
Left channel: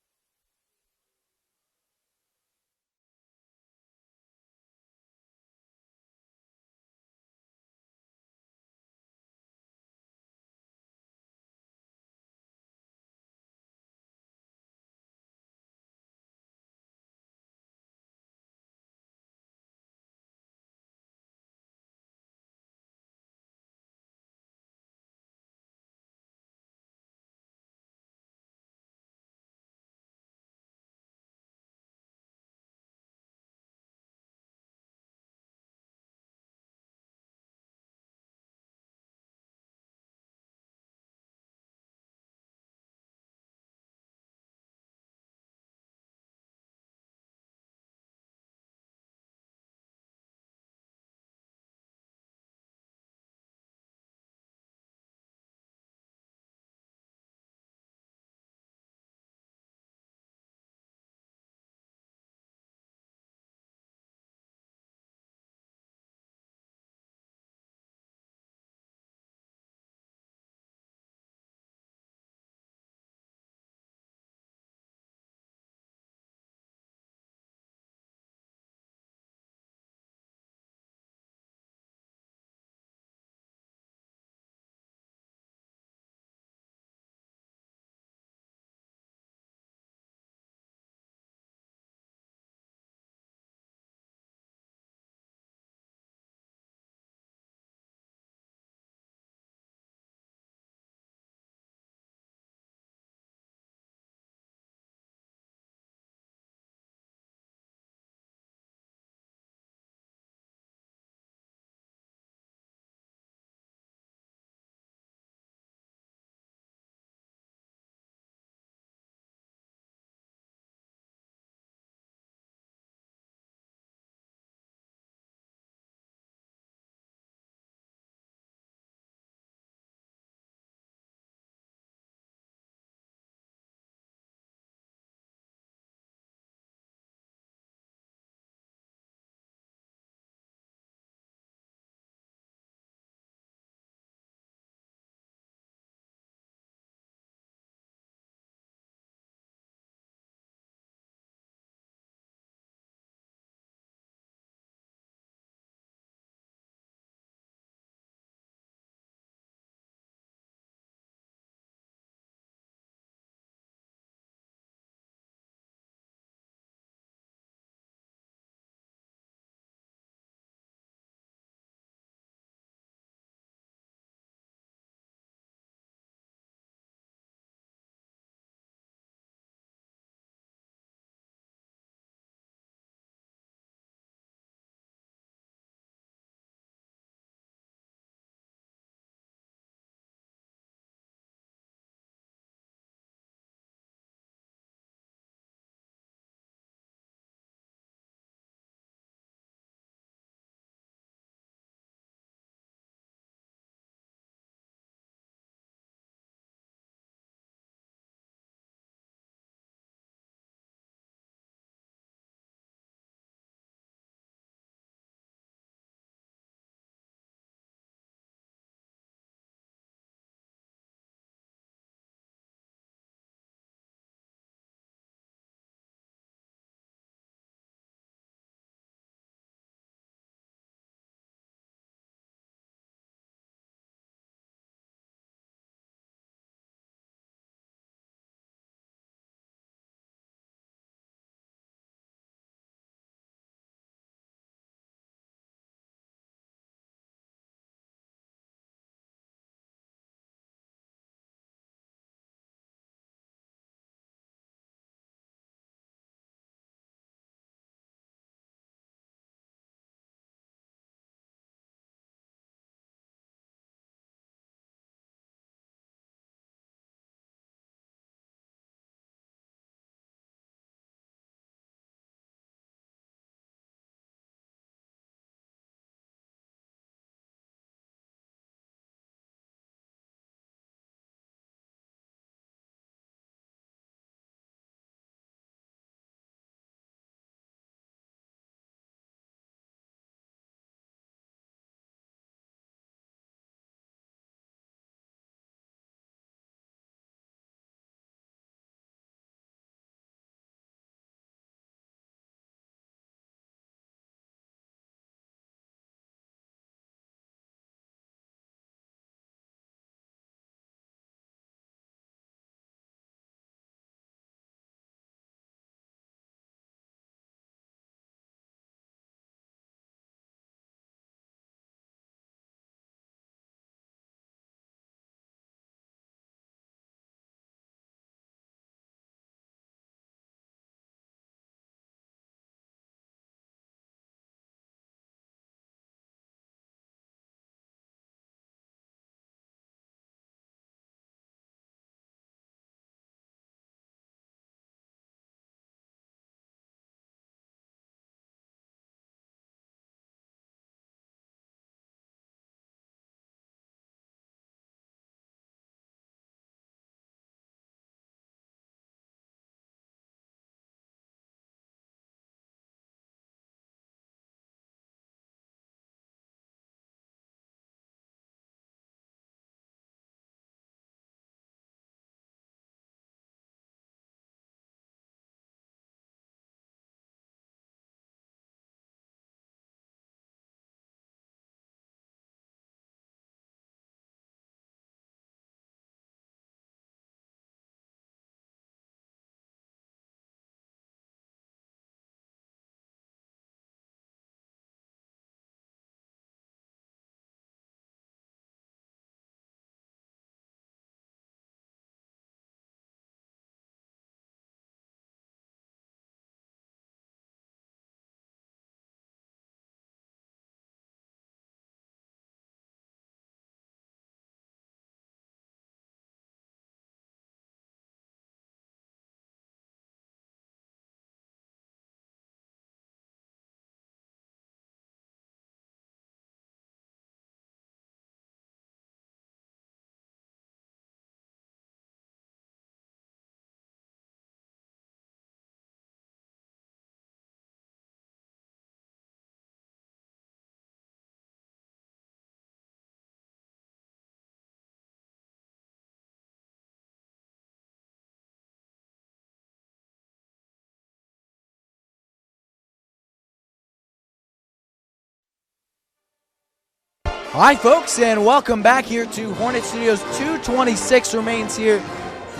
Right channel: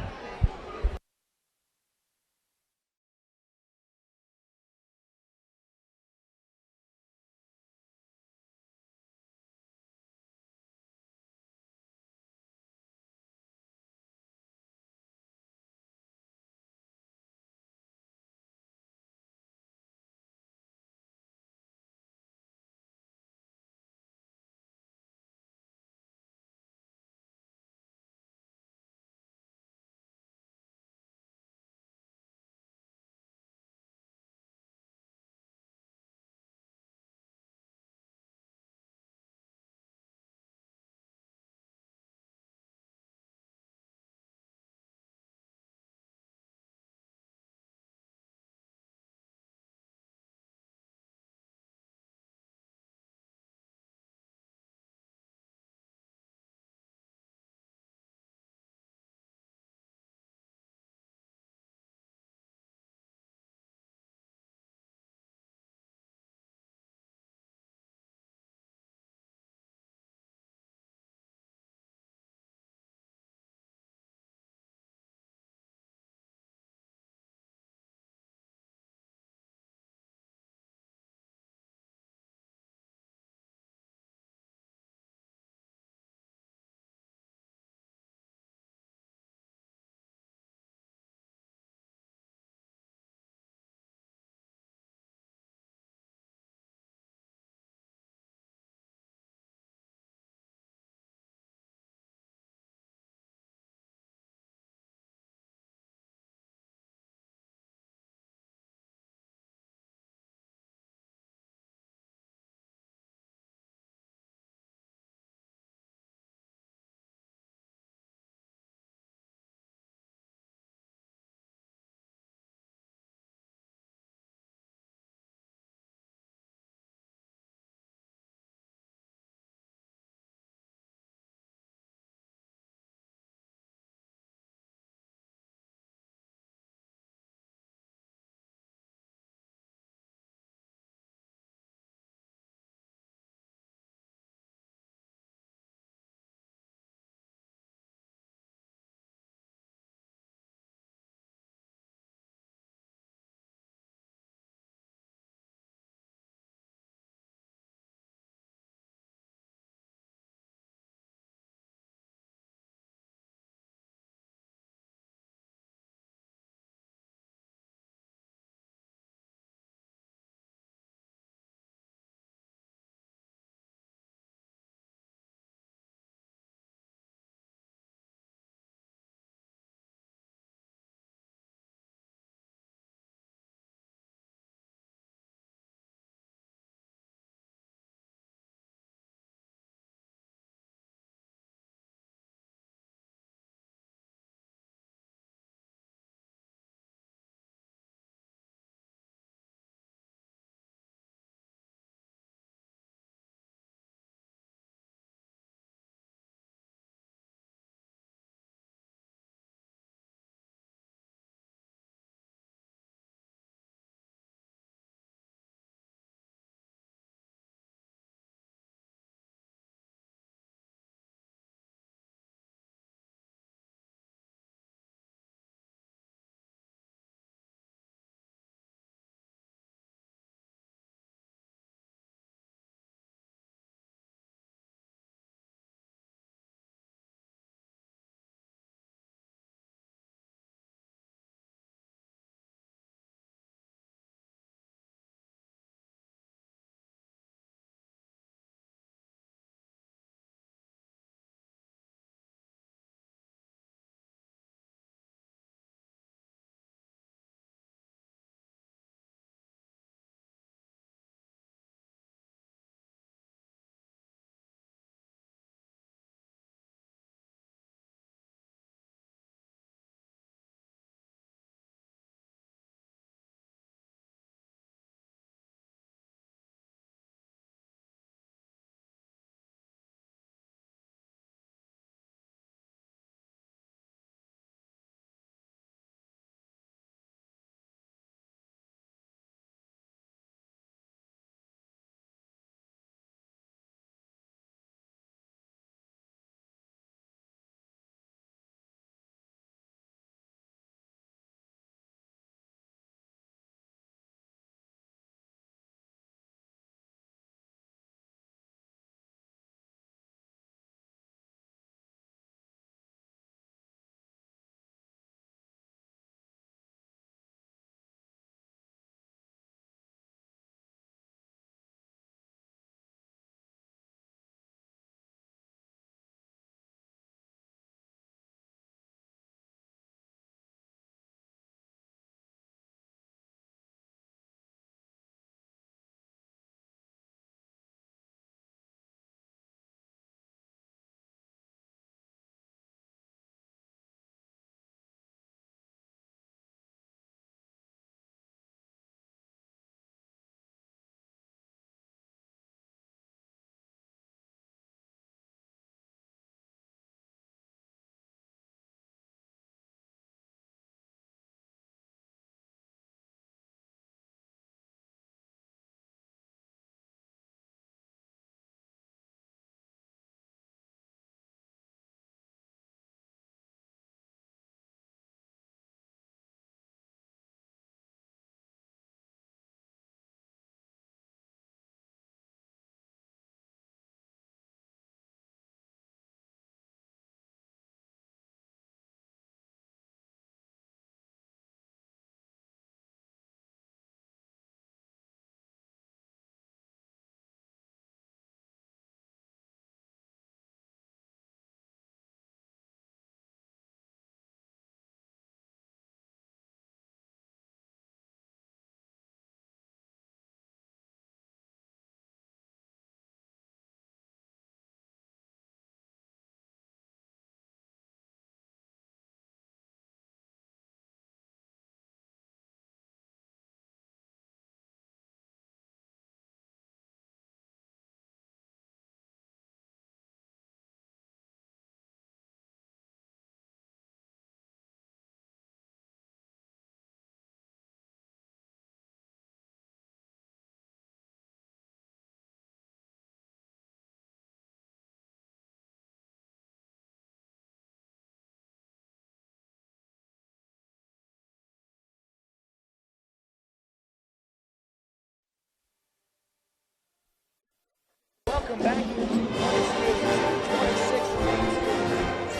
Hi, folks, and welcome back here to Hornet Studios. 2:26 remains here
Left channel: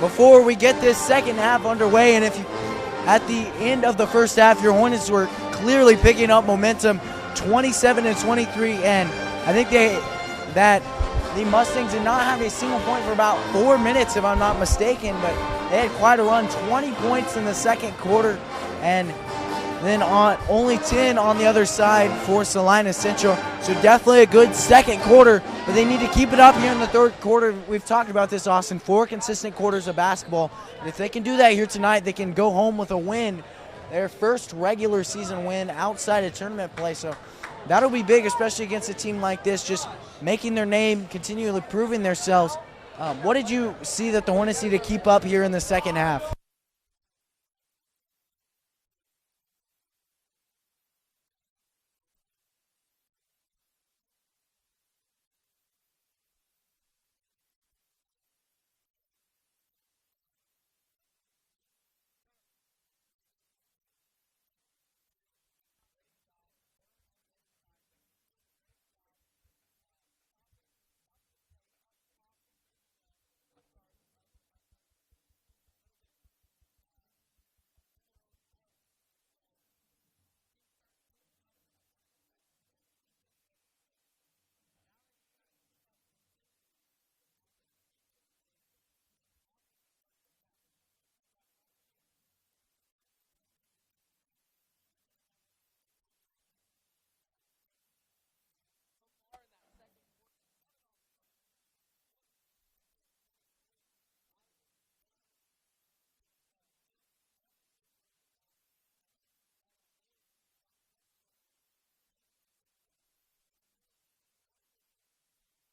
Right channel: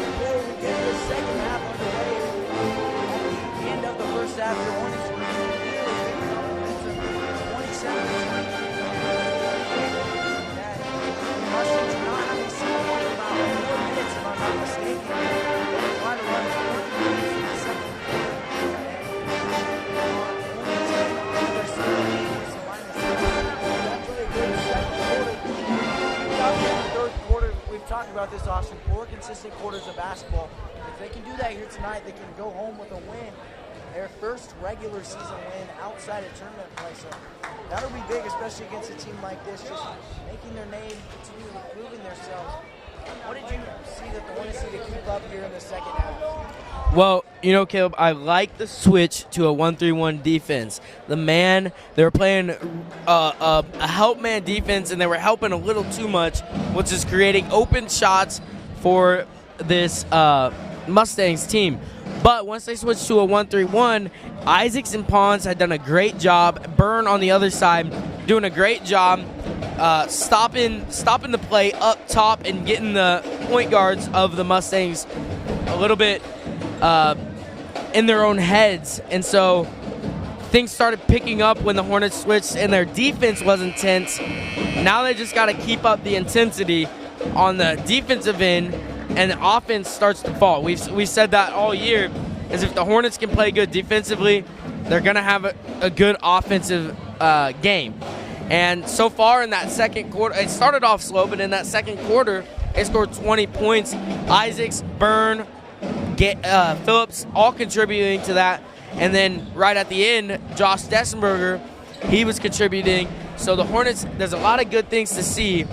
before we get this second half underway. And if you, at the end of the first half, your Hornets were clearly picking up momentum, 27-23, and I think that the Mustangs did not have a single point for about 4 minutes, if I'm not mistaken. But they had quite a run, 20 points in the second quarter, and then on only 10 on the other side for Salina Central. So definitely a good second quarter, but they need to keep it up here in the third quarter. We've talked about this, Austin, 4 consistent quarters of basketball. If they can do that here tonight, they can go home with a win, their first regular season win outside of tournament play. So that'll be big, especially against a team like this, just making their name, continually proving themselves. What did you see that the Hornets need to keep up here in the second half? Well, you know, Caleb, I like the switch to a 1-3-1 defense. They were playing a help man defense, and they were helping a little too much, which is creating open shots for this Mustangs team. But once they switched to a 1-3-1, Isaacs and Pons had done a great job. Byrne on the other side doing a great job stopping the play up top and getting the point guards of the Mustangs a little bit in their own heads. And so things started picking up when the Hornets switched and their defense was intense. Now they just got to keep up the intensity on the defensive end, and the offense starts to fall. We've said that all year, is if the Hornets can play good defensively, they're going to have a good offensive game. And so far in that second quarter, it started off slow, but in that second quarter, they scored 20 points. Isaacs, Byrne, Phillips, all contributing to that. And then right at the end, Josh Dessenberger, he was contributing. So the Hornets, there's a lot of good things to see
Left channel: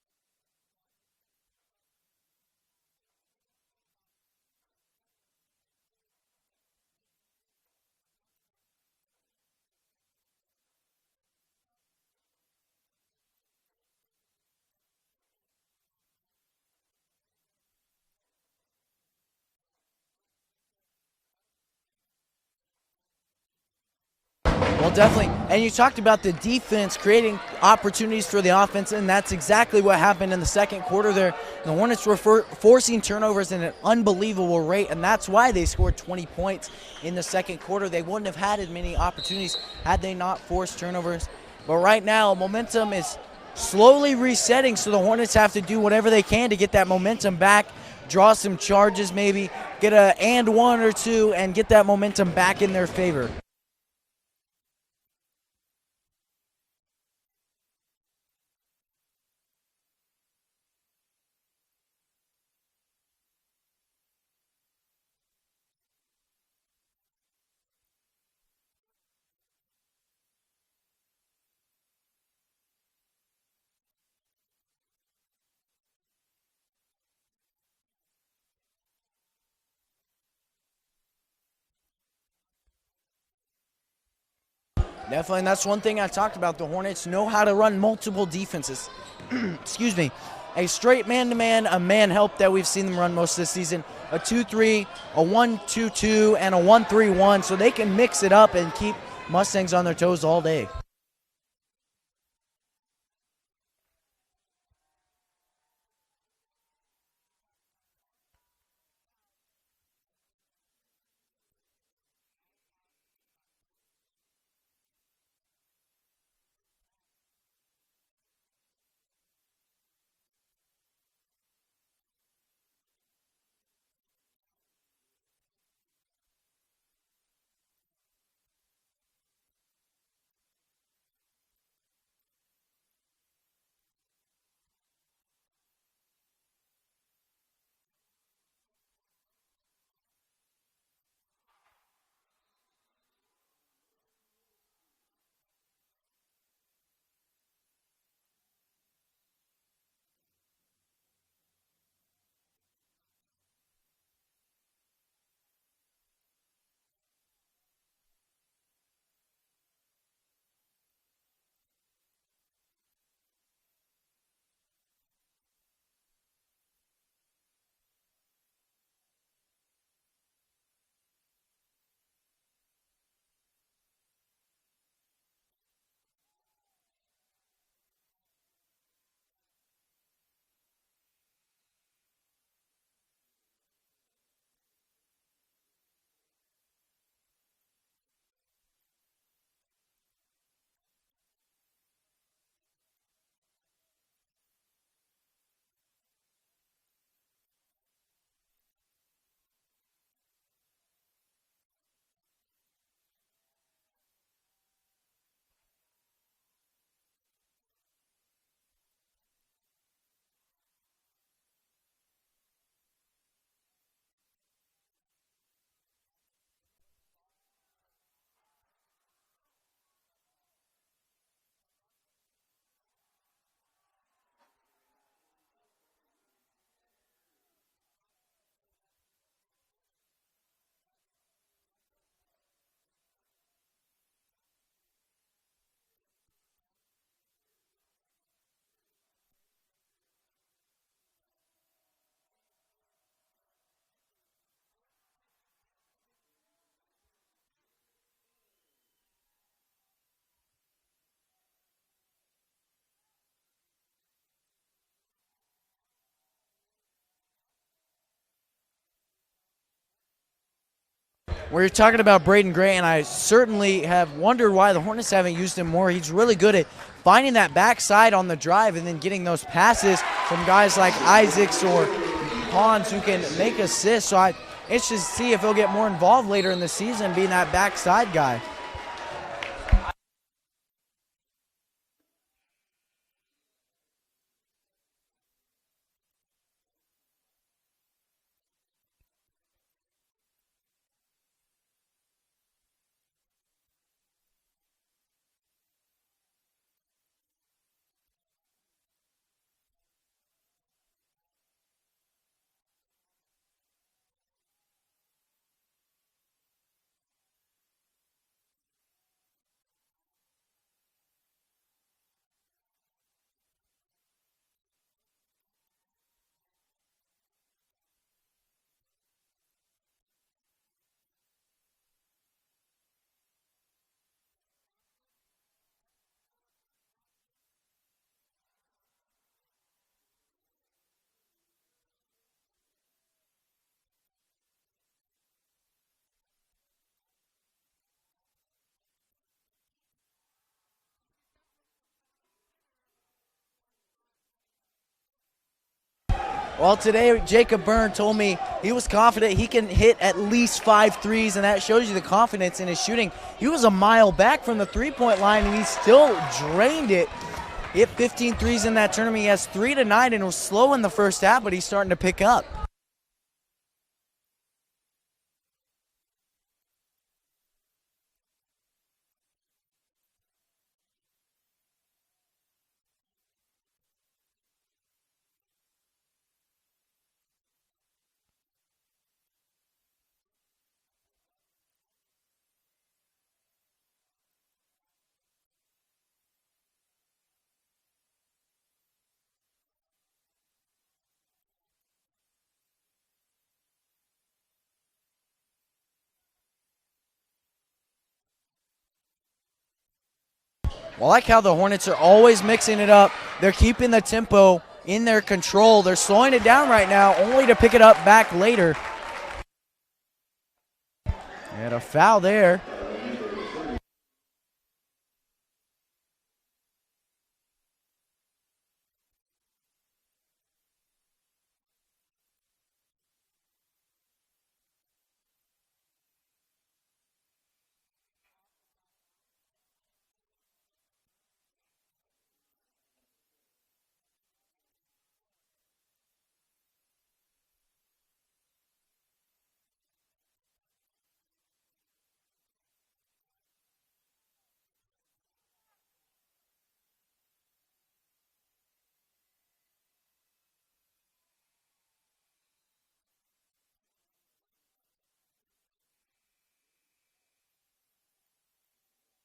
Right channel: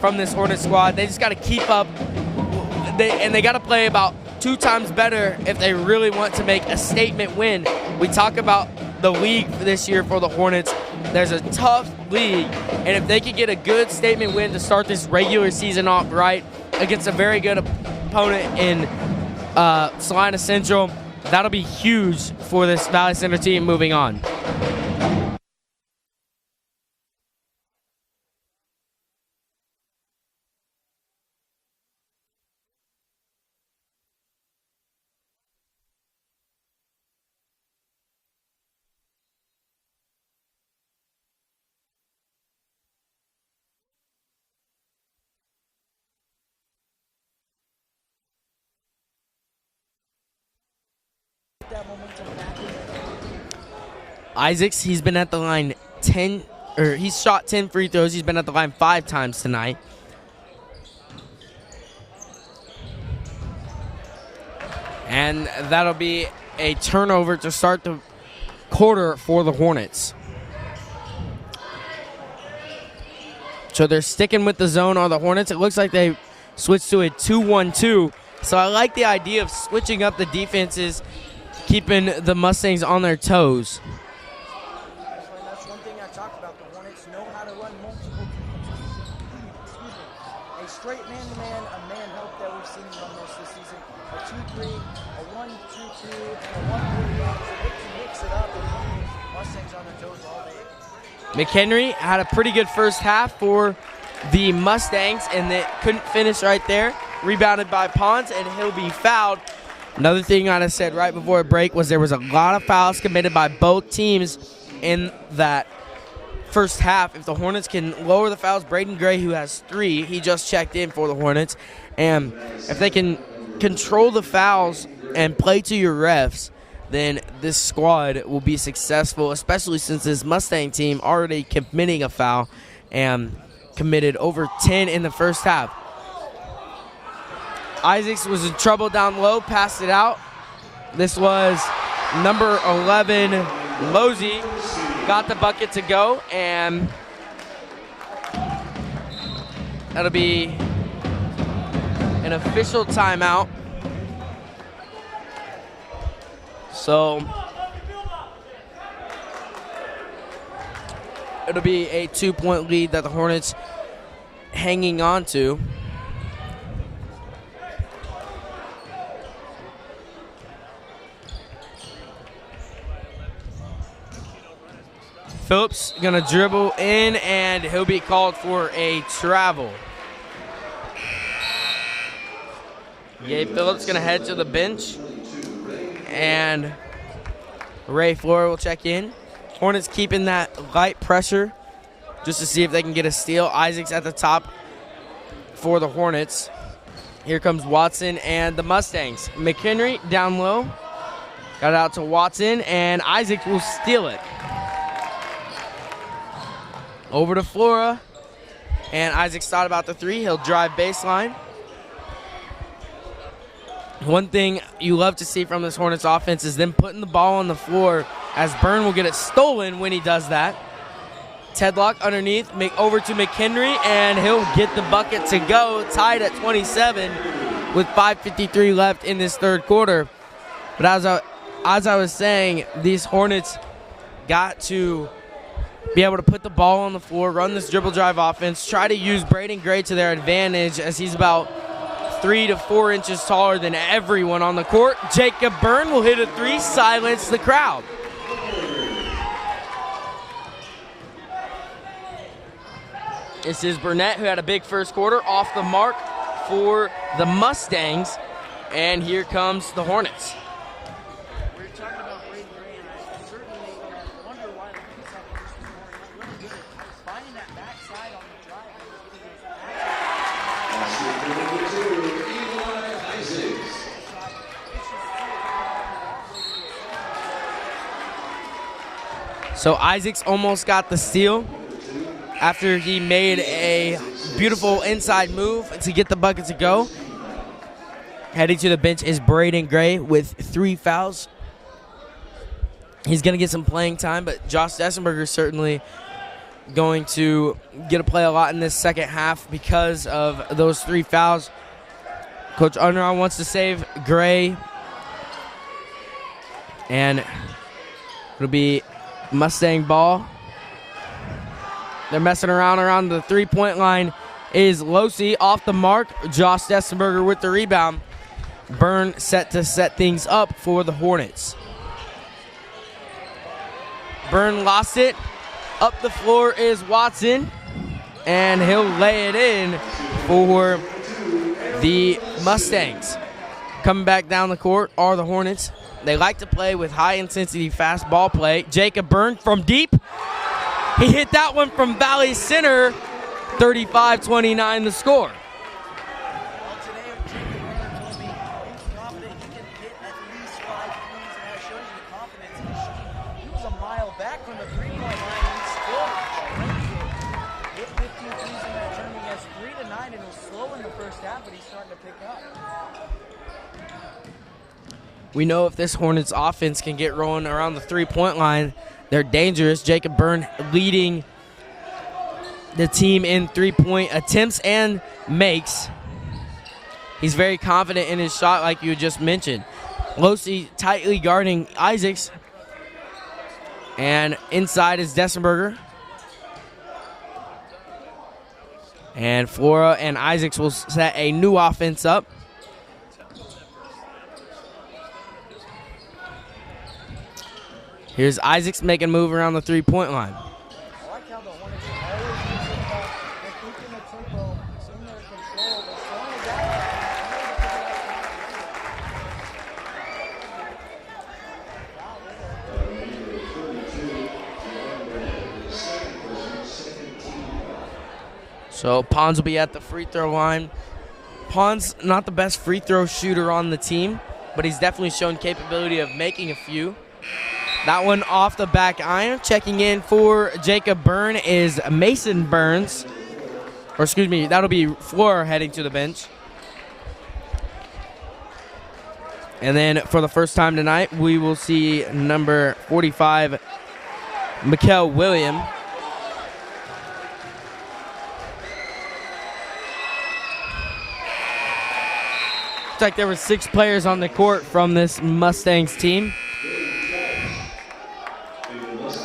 from this Hornets squad. They just got to keep up, and they got to play about 2 times better if they really want to make a statement win. We talk about the league this year for the Hornets. There's a tough league, and if they could get a good statement win to start this regular season off right against a very good opponent in Salina Central, that'll be huge for this Valley Center team moving on. Well, definitely. And you talked about the defense creating opportunities for the offense, and that's exactly what happened in the second quarter there. The Hornets were forcing turnovers at an unbelievable rate, and that's why they scored 20 points in the second quarter. They wouldn't have had as many opportunities had they not forced turnovers. But right now, momentum is slowly resetting, so the Hornets have to do whatever they can to get that momentum back, draw some charges, maybe get a and one or two, and get that momentum back in their favor. Isaacs, he's been at the line he's shot 10 free throws. He's been at the line 5 times tonight. And that'll be a turnover to start the quarter for the Hornets. So they're sticking with the zone on the Hornets. It looks like they switched to a 2-1-2. So I like the idea of switching up the defenses, keeping the Mustangs on their toes. Definitely, and that's one thing I talked about. The Hornets know how to run multiple defenses. Excuse me. A straight man-to-man, a man help that we've seen them run most of the season, a 2-3, a 1-2-2, and a 1-3-1, so they can mix it up and keep Mustangs on their toes all day. McHenry had a pretty good first half for the Mustangs, and they couldn't finish right there. Rebounded by Pons, and he'll be fouled. Another thing I said right before a break was there was a lot of fouls committed by both teams in that first half. If the Hornets can lower the fouls, Braden Gray, who has 3, he just checked in for the Hornets, and if they can control the fouls and play to your refs, then this squad will be successful, especially since this Mustang team already committing a foul and committed over 10 in the first half. Isaacs was in trouble down low, passed it out. This was number 11, Losey, got the bucket to go, and that'll be an official timeout. So it'll be a 2-point lead that the Hornets hanging on to. Phillips gonna dribble in, and he'll be called for a travel. Gabe Phillips gonna head to the bench, and Ray Flora will check in. Hornets keeping that light pressure just to see if they can get a steal. Isaac's at the top for the Hornets. Here comes Watson and the Mustangs. McHenry down low. Got it out to Watson, and Isaac will steal it. Over to Flora, and Isaac's thought about the three. He'll drive baseline. One thing you love to see from this Hornets offense is them putting the ball on the floor, as Byrne will get it stolen when he does that. Tedlock underneath, over to McHenry, and he'll get the bucket to go, tied at 27 with 5:53 left in this third quarter. But as I was saying, these Hornets got to be able to put the ball on the floor, run this dribble drive offense, try to use Braden Gray to their advantage, as he's about 3 to 4 inches taller than everyone on the court. Jacob Byrne will hit a three, silence the crowd. This is Burnett, who had a big first quarter, off the mark for the Mustangs. And here comes the Hornets. We're talking about Braden Gray, and I certainly have wondered why the Hornets haven't used him more. He's really good at finding that backside on the drive and then getting those passes from guys like Isaacs or Pons who can make assists. So it's just see if he'll get more involved later in the season being that backside guy. So Isaacs almost got the steal after he made a beautiful inside move to get the bucket to go. Heading to the bench is Braden Gray with 3 fouls. He's going to get some playing time, but Josh Dessenberger is certainly going to get to play a lot in this second half because of those 3 fouls. Coach Unruh wants to save Gray, and it'll be Mustang ball. They're messing around the three-point line is Losi off the mark. Josh Dessenberger with the rebound. Byrne set to set things up for the Hornets. Byrne lost it. Up the floor is Watson, and he'll lay it in for the Mustangs. Coming back down the court are the Hornets. They like to play with high-intensity, fast ball play. Jacob Byrne from deep. He hit that one from Valley Center. 35-29 the score. Well, today Jacob Byrne told me he was confident he can hit at least 5 threes, and that shows you the confidence in his shooting. He was a mile back from the three-point line, and he still drained it. He hit 15 threes in that tournament. He has 3 tonight, and it was slow in the first half, but he's starting to pick up. We know if this Hornets offense can get rolling around the three-point line, they're dangerous. Jacob Byrne leading the team in three-point attempts and makes. He's very confident in his shot, like you just mentioned. Losi tightly guarding Isaacs. And inside is Dessenberger. And Flora and Isaacs will set a new offense up. Here's Isaacs making a move around the three-point line. I like how the Hornets are always mixing it up. They're keeping the tempo in their control. They're slowing it down right now, only to pick it up back later. And a foul there. So Pons will be at the free throw line. Pons not the best free throw shooter on the team, but he's definitely shown capability of making a few. That one off the back iron. Checking in for Jacob Byrne is Mason Burns. Or excuse me, that'll be Flora heading to the bench. And then for the first time tonight, we will see number 45, Mikael William. Looks like there were 6 players on the court from this Mustangs team.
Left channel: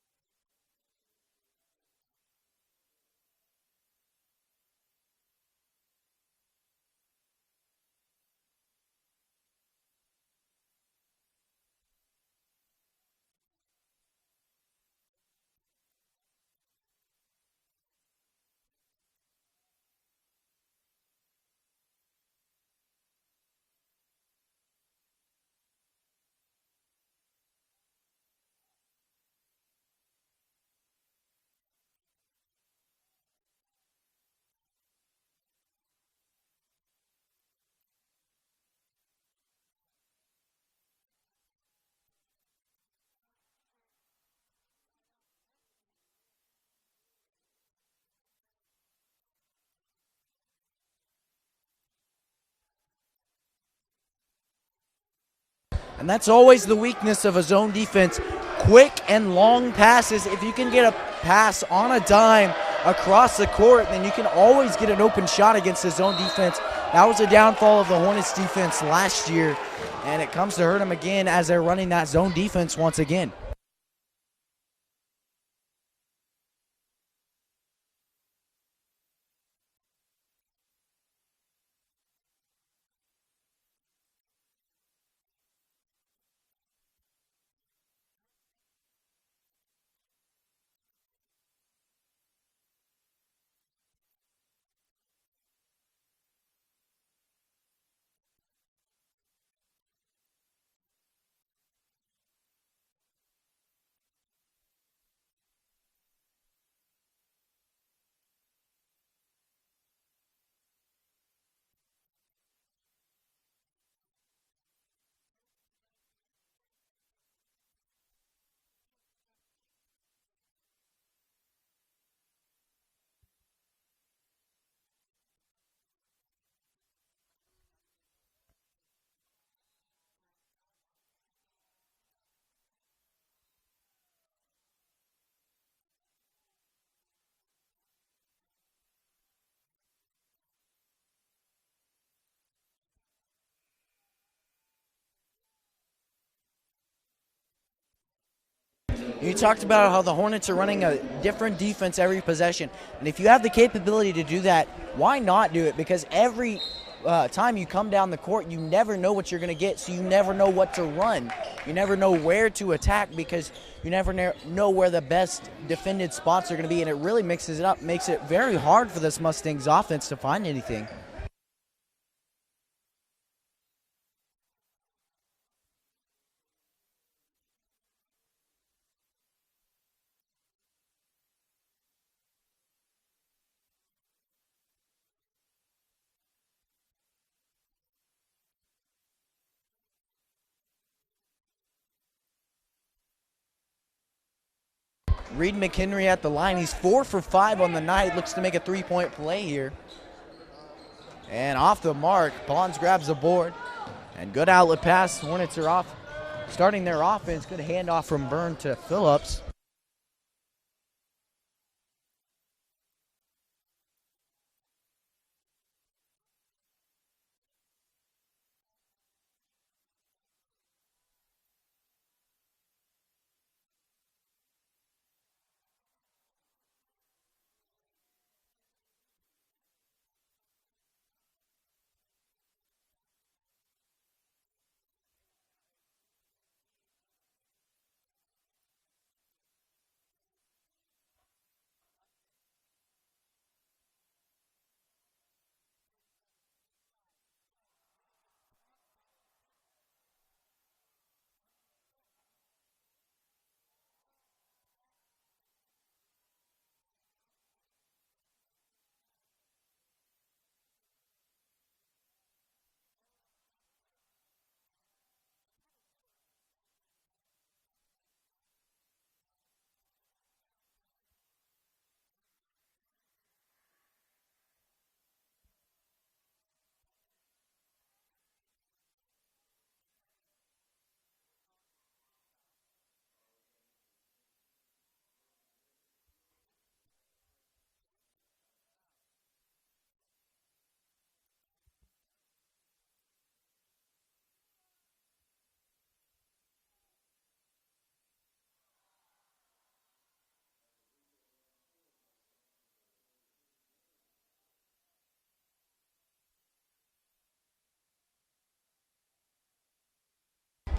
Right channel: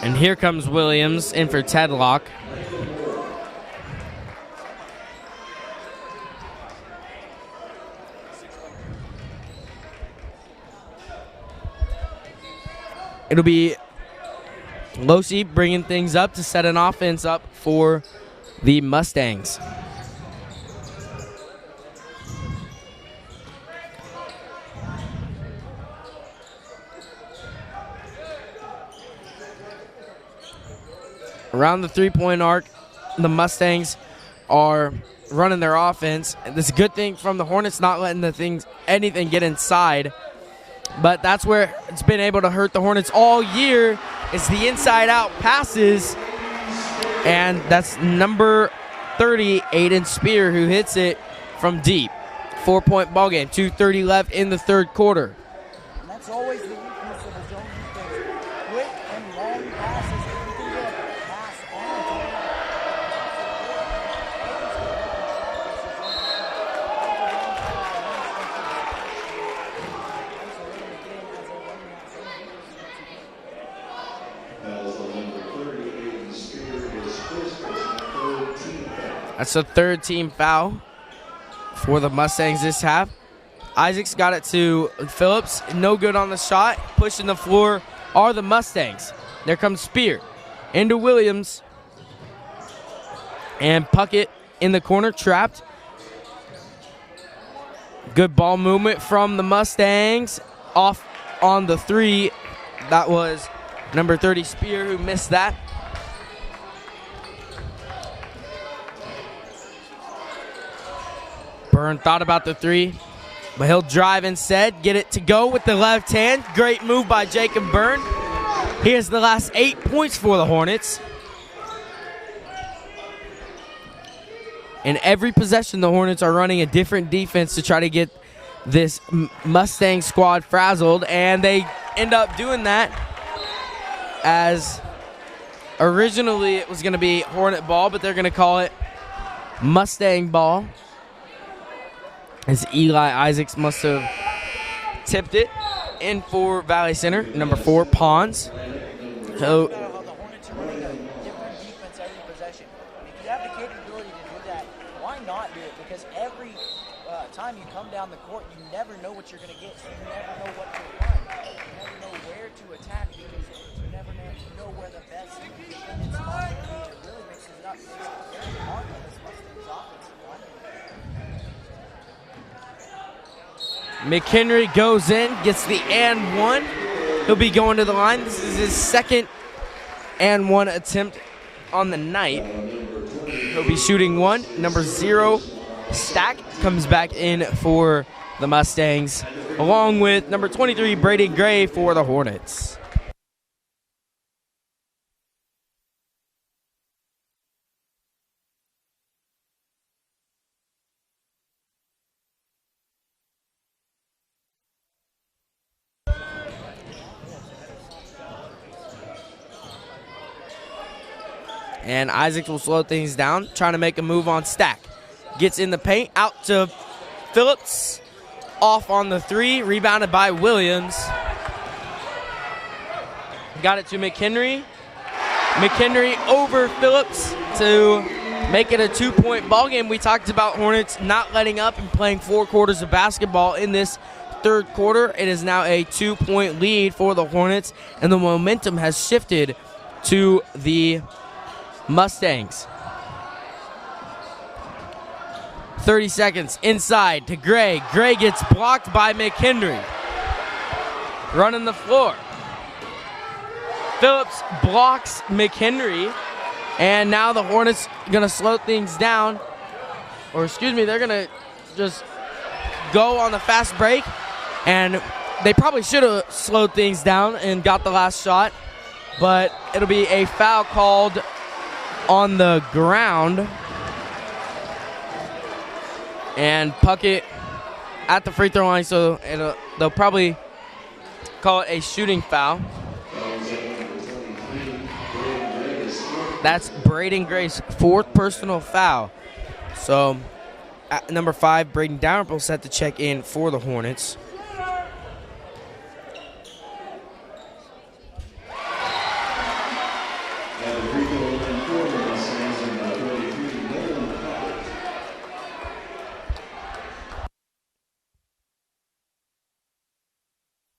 And here comes Williams in for Tedlock. It'll be Losi bringing things up to set an offense up for the Mustangs. Around the three-point arc, the Mustangs are running their offense. This is a good thing from the Hornets, not letting anything get inside. But that's where it's been able to hurt the Hornets all year. It's the inside-out passes, and that's number 30, Aiden Spear, who hits it from deep. 4-point ball game, 2:30 left in the third quarter. And that's always the weakness of a zone defense. Quick and long passes. If you can get a pass on a dime across the court, then you can always get an open shot against the zone defense. That was a downfall of the Hornets defense last year, and it comes to hurt them again as they're running that zone defense once again. That's a third team foul for the Mustangs this half. Isaacs got it to Phillips. No good on the shot. Pushing the floor are the Mustangs. There comes Spear into Williams. And Puckett in the corner, trapped. Good ball movement from the Mustangs. Off on the three. That was number 30, Spear, who missed that. Byrne thought about the three, but he'll drive instead, get it to go with the left hand. Great move by Jacob Byrne. He has the last 8 points for the Hornets. In every possession, the Hornets are running a different defense to try to get this Mustang squad frazzled, and they end up doing that, as originally it was going to be Hornet ball, but they're going to call it Mustang ball, as Eli Isaacs must have tipped it in for Valley Center. Number 4, Pons. You talked about how the Hornets are running a different defense every possession. And if you have the capability to do that, why not do it? Because every time you come down the court, you never know what you're going to get, so you never know what to run. You never know where to attack because you never know where the best defended spots are going to be, and it really mixes it up, makes it very hard for this Mustangs offense to find anything. McHenry goes in, gets the and one. He'll be going to the line. This is his second and one attempt on the night. He'll be shooting one. Number 0, Stack, comes back in for the Mustangs, along with number 23, Brady Gray, for the Hornets. Reed McHenry at the line. He's 4 for 5 on the night. Looks to make a 3-point play here. And off the mark, Pons grabs the board. And good outlet pass. Hornets are off, starting their offense. Good handoff from Byrne to Phillips. And Isaacs will slow things down, trying to make a move on Stack. Gets in the paint, out to Phillips. Off on the 3, rebounded by Williams. Got it to McHenry. McHenry over Phillips to make it a 2-point ball game. We talked about Hornets not letting up and playing 4 quarters of basketball in this third quarter. It is now a 2-point lead for the Hornets, and the momentum has shifted to the Mustangs. 30 seconds inside to Gray. Gray gets blocked by McHenry. Running the floor. Phillips blocks McHenry, and now the Hornets gonna slow things down, or excuse me, they're gonna just go on the fast break, and they probably should have slowed things down and got the last shot, but it'll be a foul called on the ground, and Puckett at the free throw line, so they'll probably call it a shooting foul. That's Braden Gray's 4th personal foul. So, at number 5, Braden Dalrymple set to check in for the Hornets.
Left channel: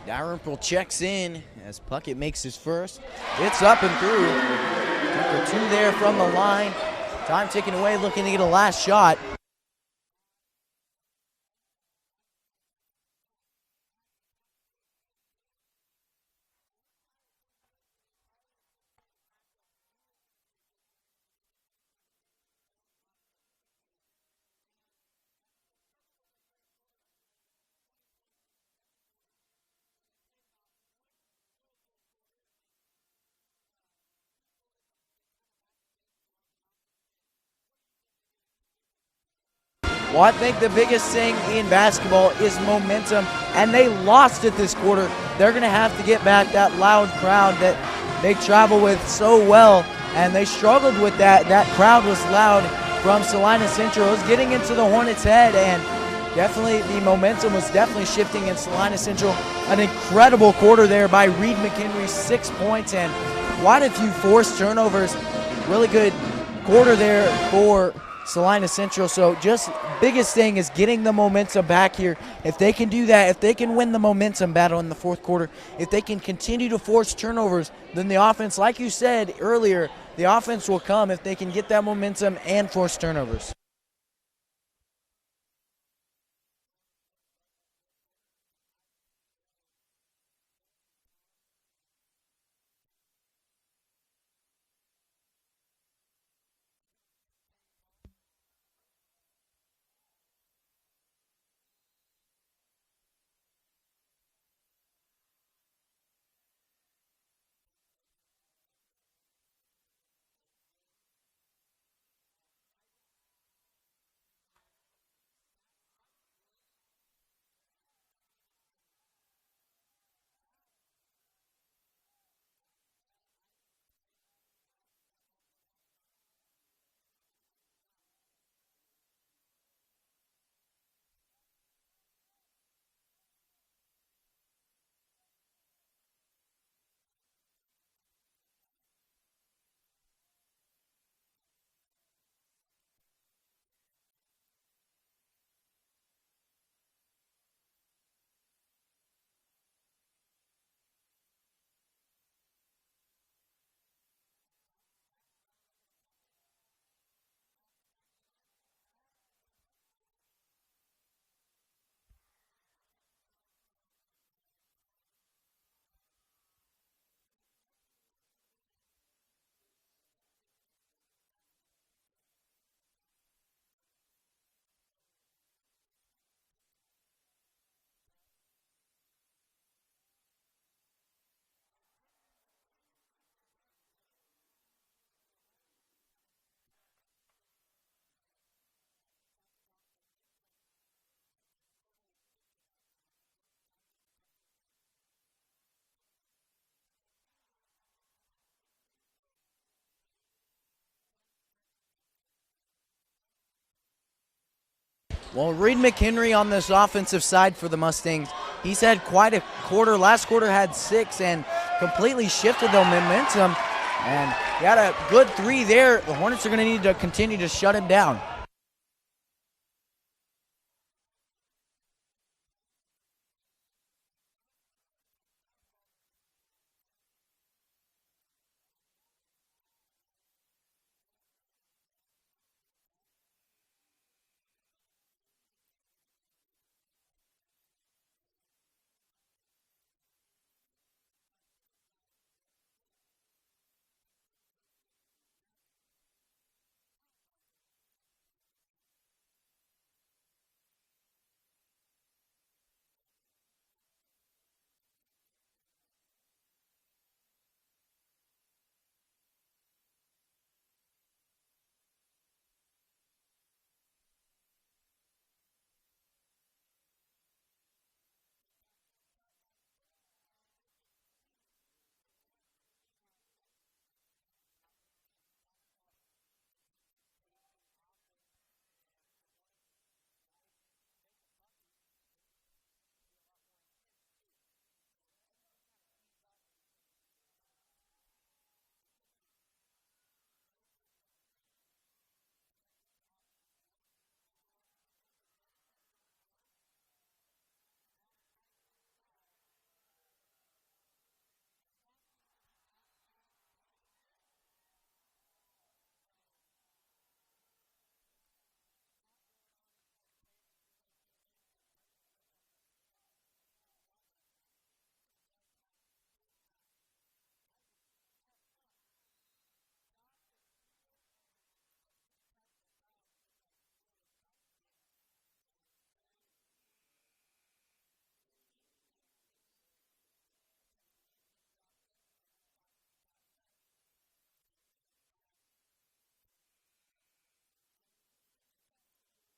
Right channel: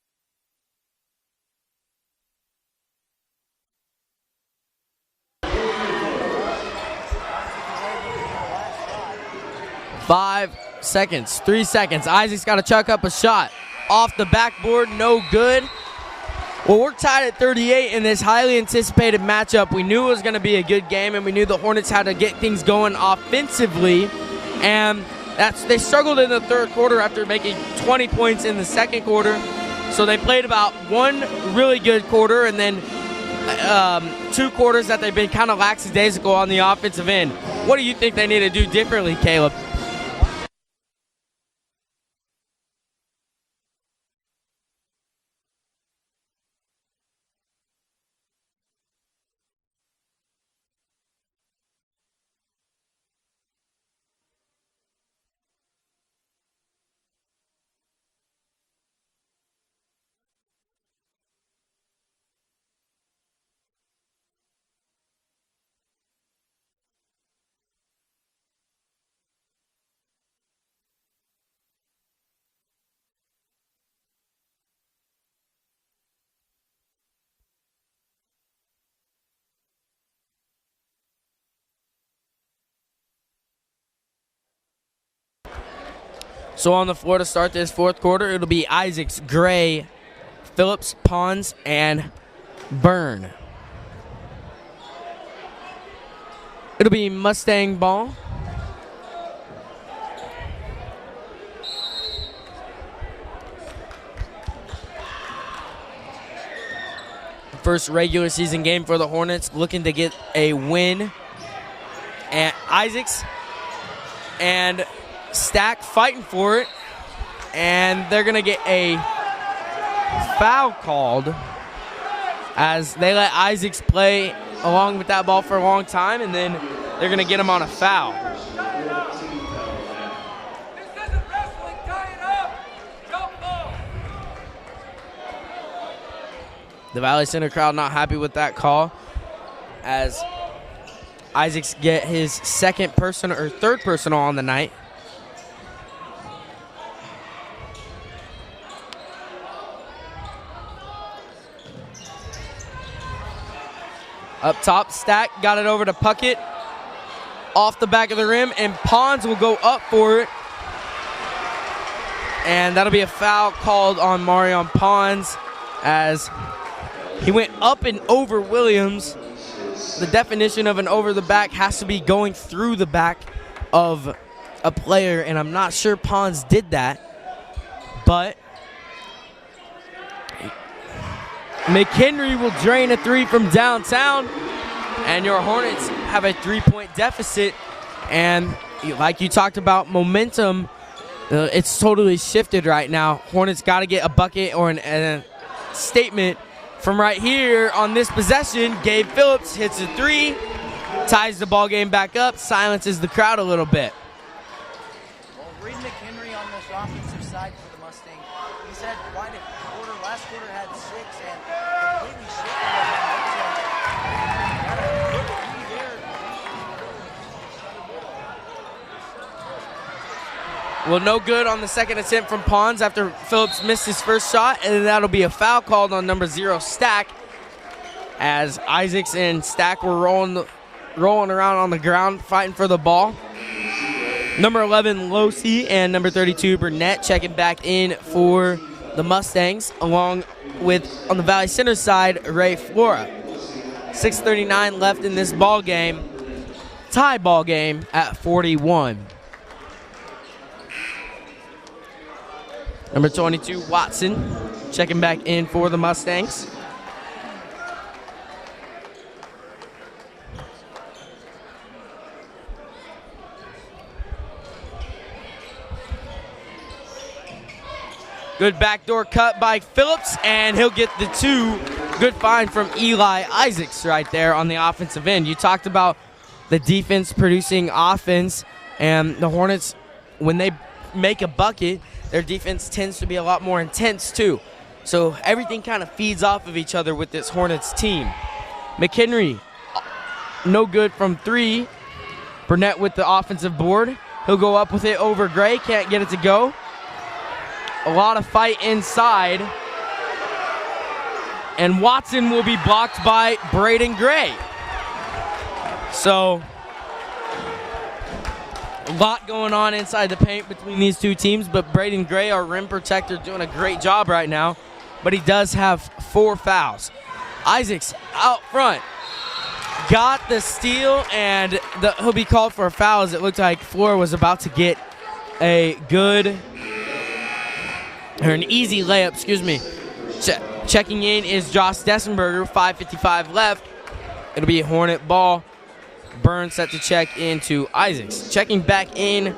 Dalrymple checks in as Puckett makes his first. It's up and through. Took a 2 there from the line. Time ticking away, looking to get a last shot. 5 seconds, 3 seconds. Isaac's got to chuck up a shot. Off the backboard, no good. Well, we're tied at 38 in this highly anticipated matchup. We knew it was going to be a good game, and we knew the Hornets had to get things going offensively. And they struggled in the third quarter after making 20 points in the second quarter. So they played about one really good quarter and then 2 quarters that they've been kind of lackadaisical on the offensive end. What do you think they need to do differently, Caleb? Well, I think the biggest thing in basketball is momentum, and they lost it this quarter. They're going to have to get back that loud crowd that they travel with so well, and they struggled with that. That crowd was loud from Salina Central. It was getting into the Hornets' head, and definitely the momentum was definitely shifting in Salina Central. An incredible quarter there by Reed McHenry, 6 points, and quite a few forced turnovers. Really good quarter there for Salina Central. So just biggest thing is getting the momentum back here. If they can do that, if they can win the momentum battle in the fourth quarter, if they can continue to force turnovers, then the offense, like you said earlier, the offense will come if they can get that momentum and force turnovers. So on the floor to start this fourth quarter, it'll be Isaacs, Gray, Phillips, Pons, and Byrne. It'll be Mustang ball. First regular season game for the Hornets, looking to get a win. And Isaacs and Stack fighting for it. And they're going to get a foul called as they let Isaacs play along with that ball for a long time, and then they're going to get him on a foul. The Valley Center crowd not happy with that call as Isaacs get his second personal or third personal on the night. Up top, Stack got it over to Puckett. Off the back of the rim, and Pons will go up for it. And that'll be a foul called on Marion Pons as he went up and over Williams. The definition of an over the back has to be going through the back of a player, and I'm not sure Pons did that. But McHenry will drain a 3 from downtown, and your Hornets have a 3-point deficit. And like you talked about, momentum, it's totally shifted right now. Hornets got to get a bucket or a statement from right here on this possession. Gabe Phillips hits a 3, ties the ball game back up, silences the crowd a little bit. Well, Reed McHenry on this offensive side for the Mustangs, he's had quite a quarter. Last quarter had 6 and completely shifted the momentum. And got a good 3 there. The Hornets are going to need to continue to shut him down. Well, no good on the second attempt from Pons after Phillips missed his first shot, and that'll be a foul called on number 0, Stack, as Isaacs and Stack were rolling around on the ground fighting for the ball. Number 11, Losey, and number 32, Burnett, checking back in for the Mustangs, along with, on the Valley Center side, Ray Flora. 6:39 left in this ball game. Tie ball game at 41. Number 22, Watson, checking back in for the Mustangs. Good backdoor cut by Phillips, and he'll get the 2. Good find from Eli Isaacs right there on the offensive end. You talked about the defense producing offense, and the Hornets, when they make a bucket, their defense tends to be a lot more intense too. So everything kind of feeds off of each other with this Hornets team. McHenry, no good from 3. Burnett with the offensive board. He'll go up with it over Gray, can't get it to go. A lot of fight inside, And Watson will be blocked by Braden Gray. So, a lot going on inside the paint between these two teams, but Braden Gray, our rim protector, doing a great job right now. But he does have 4 fouls. Isaacs out front. Got the steal, and he'll be called for a foul as it looked like Flora was about to get an easy layup, excuse me. Checking in is Josh Dessenberger, 5:55 left. It'll be a Hornet ball. Burns set to check into Isaacs. Checking back in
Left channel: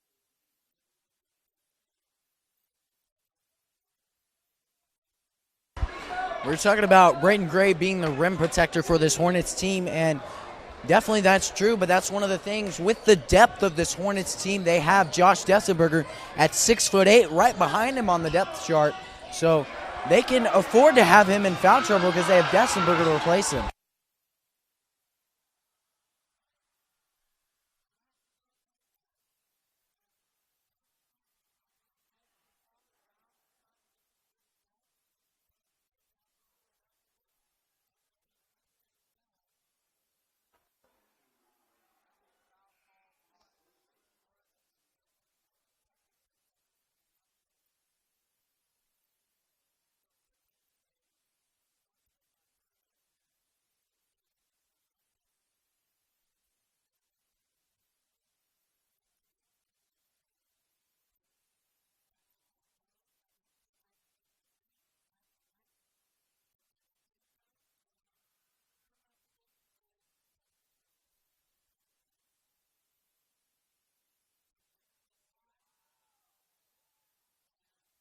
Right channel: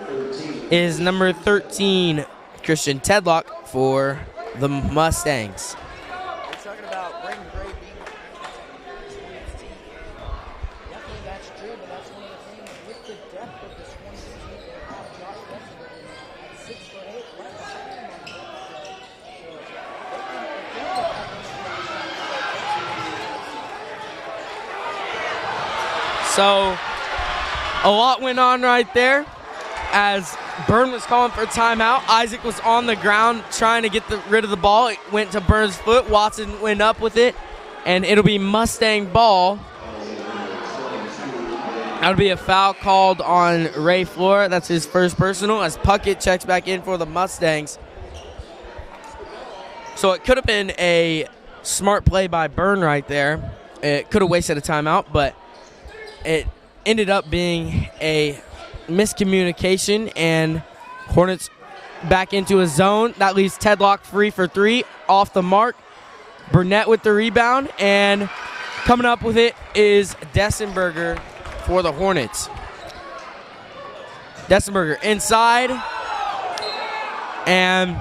is number 13, Christian Tedlock for the Mustangs. We're talking about Braden Gray being the rim protector for this Hornets team, and definitely that's true, but that's one of the things with the depth of this Hornets team. They have Josh Dessenberger at 6'8", right behind him on the depth chart. So they can afford to have him in foul trouble because they have Dessenberger to replace him. So a lot went on right there as Byrne was calling for a timeout. Isaac was on the ground trying to get rid of the ball. It went to Byrne's foot. Watson went up with it, and it'll be Mustang ball. That'll be a foul called on Ray Flora. That's his first personal as Puckett checks back in for the Mustangs. So it could have been a smart play by Byrne right there. It could have wasted a timeout, but it ended up being a miscommunication, and Hornets back into a zone. That leaves Tedlock free for 3, off the mark. Burnett with the rebound, and coming up with it is Dessenberger for the Hornets. Dessenberger inside, and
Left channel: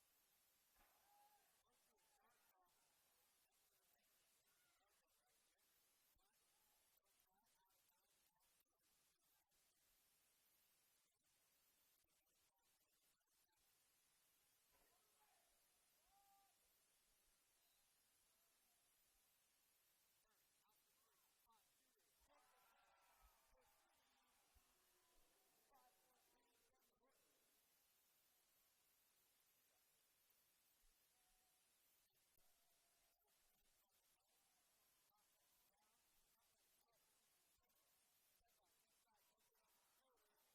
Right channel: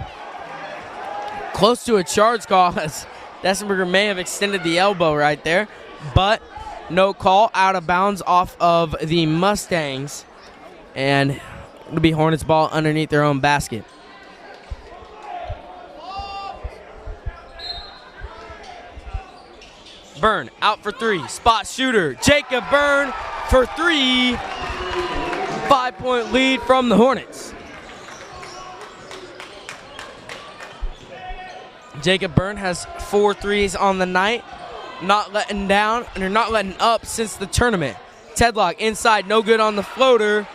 close to a charge call as Dessenberger may have extended the elbow right there, but no call, out of bounds off of the Mustangs, and it'll be Hornets ball underneath their own basket. Byrne out for 3, spot shooter, Jacob Byrne for 3, 5-point lead from the Hornets. Jacob Byrne has 4 threes on the night. Not letting down, and they're not letting up since the tournament. Tedlock inside, no good on the floater.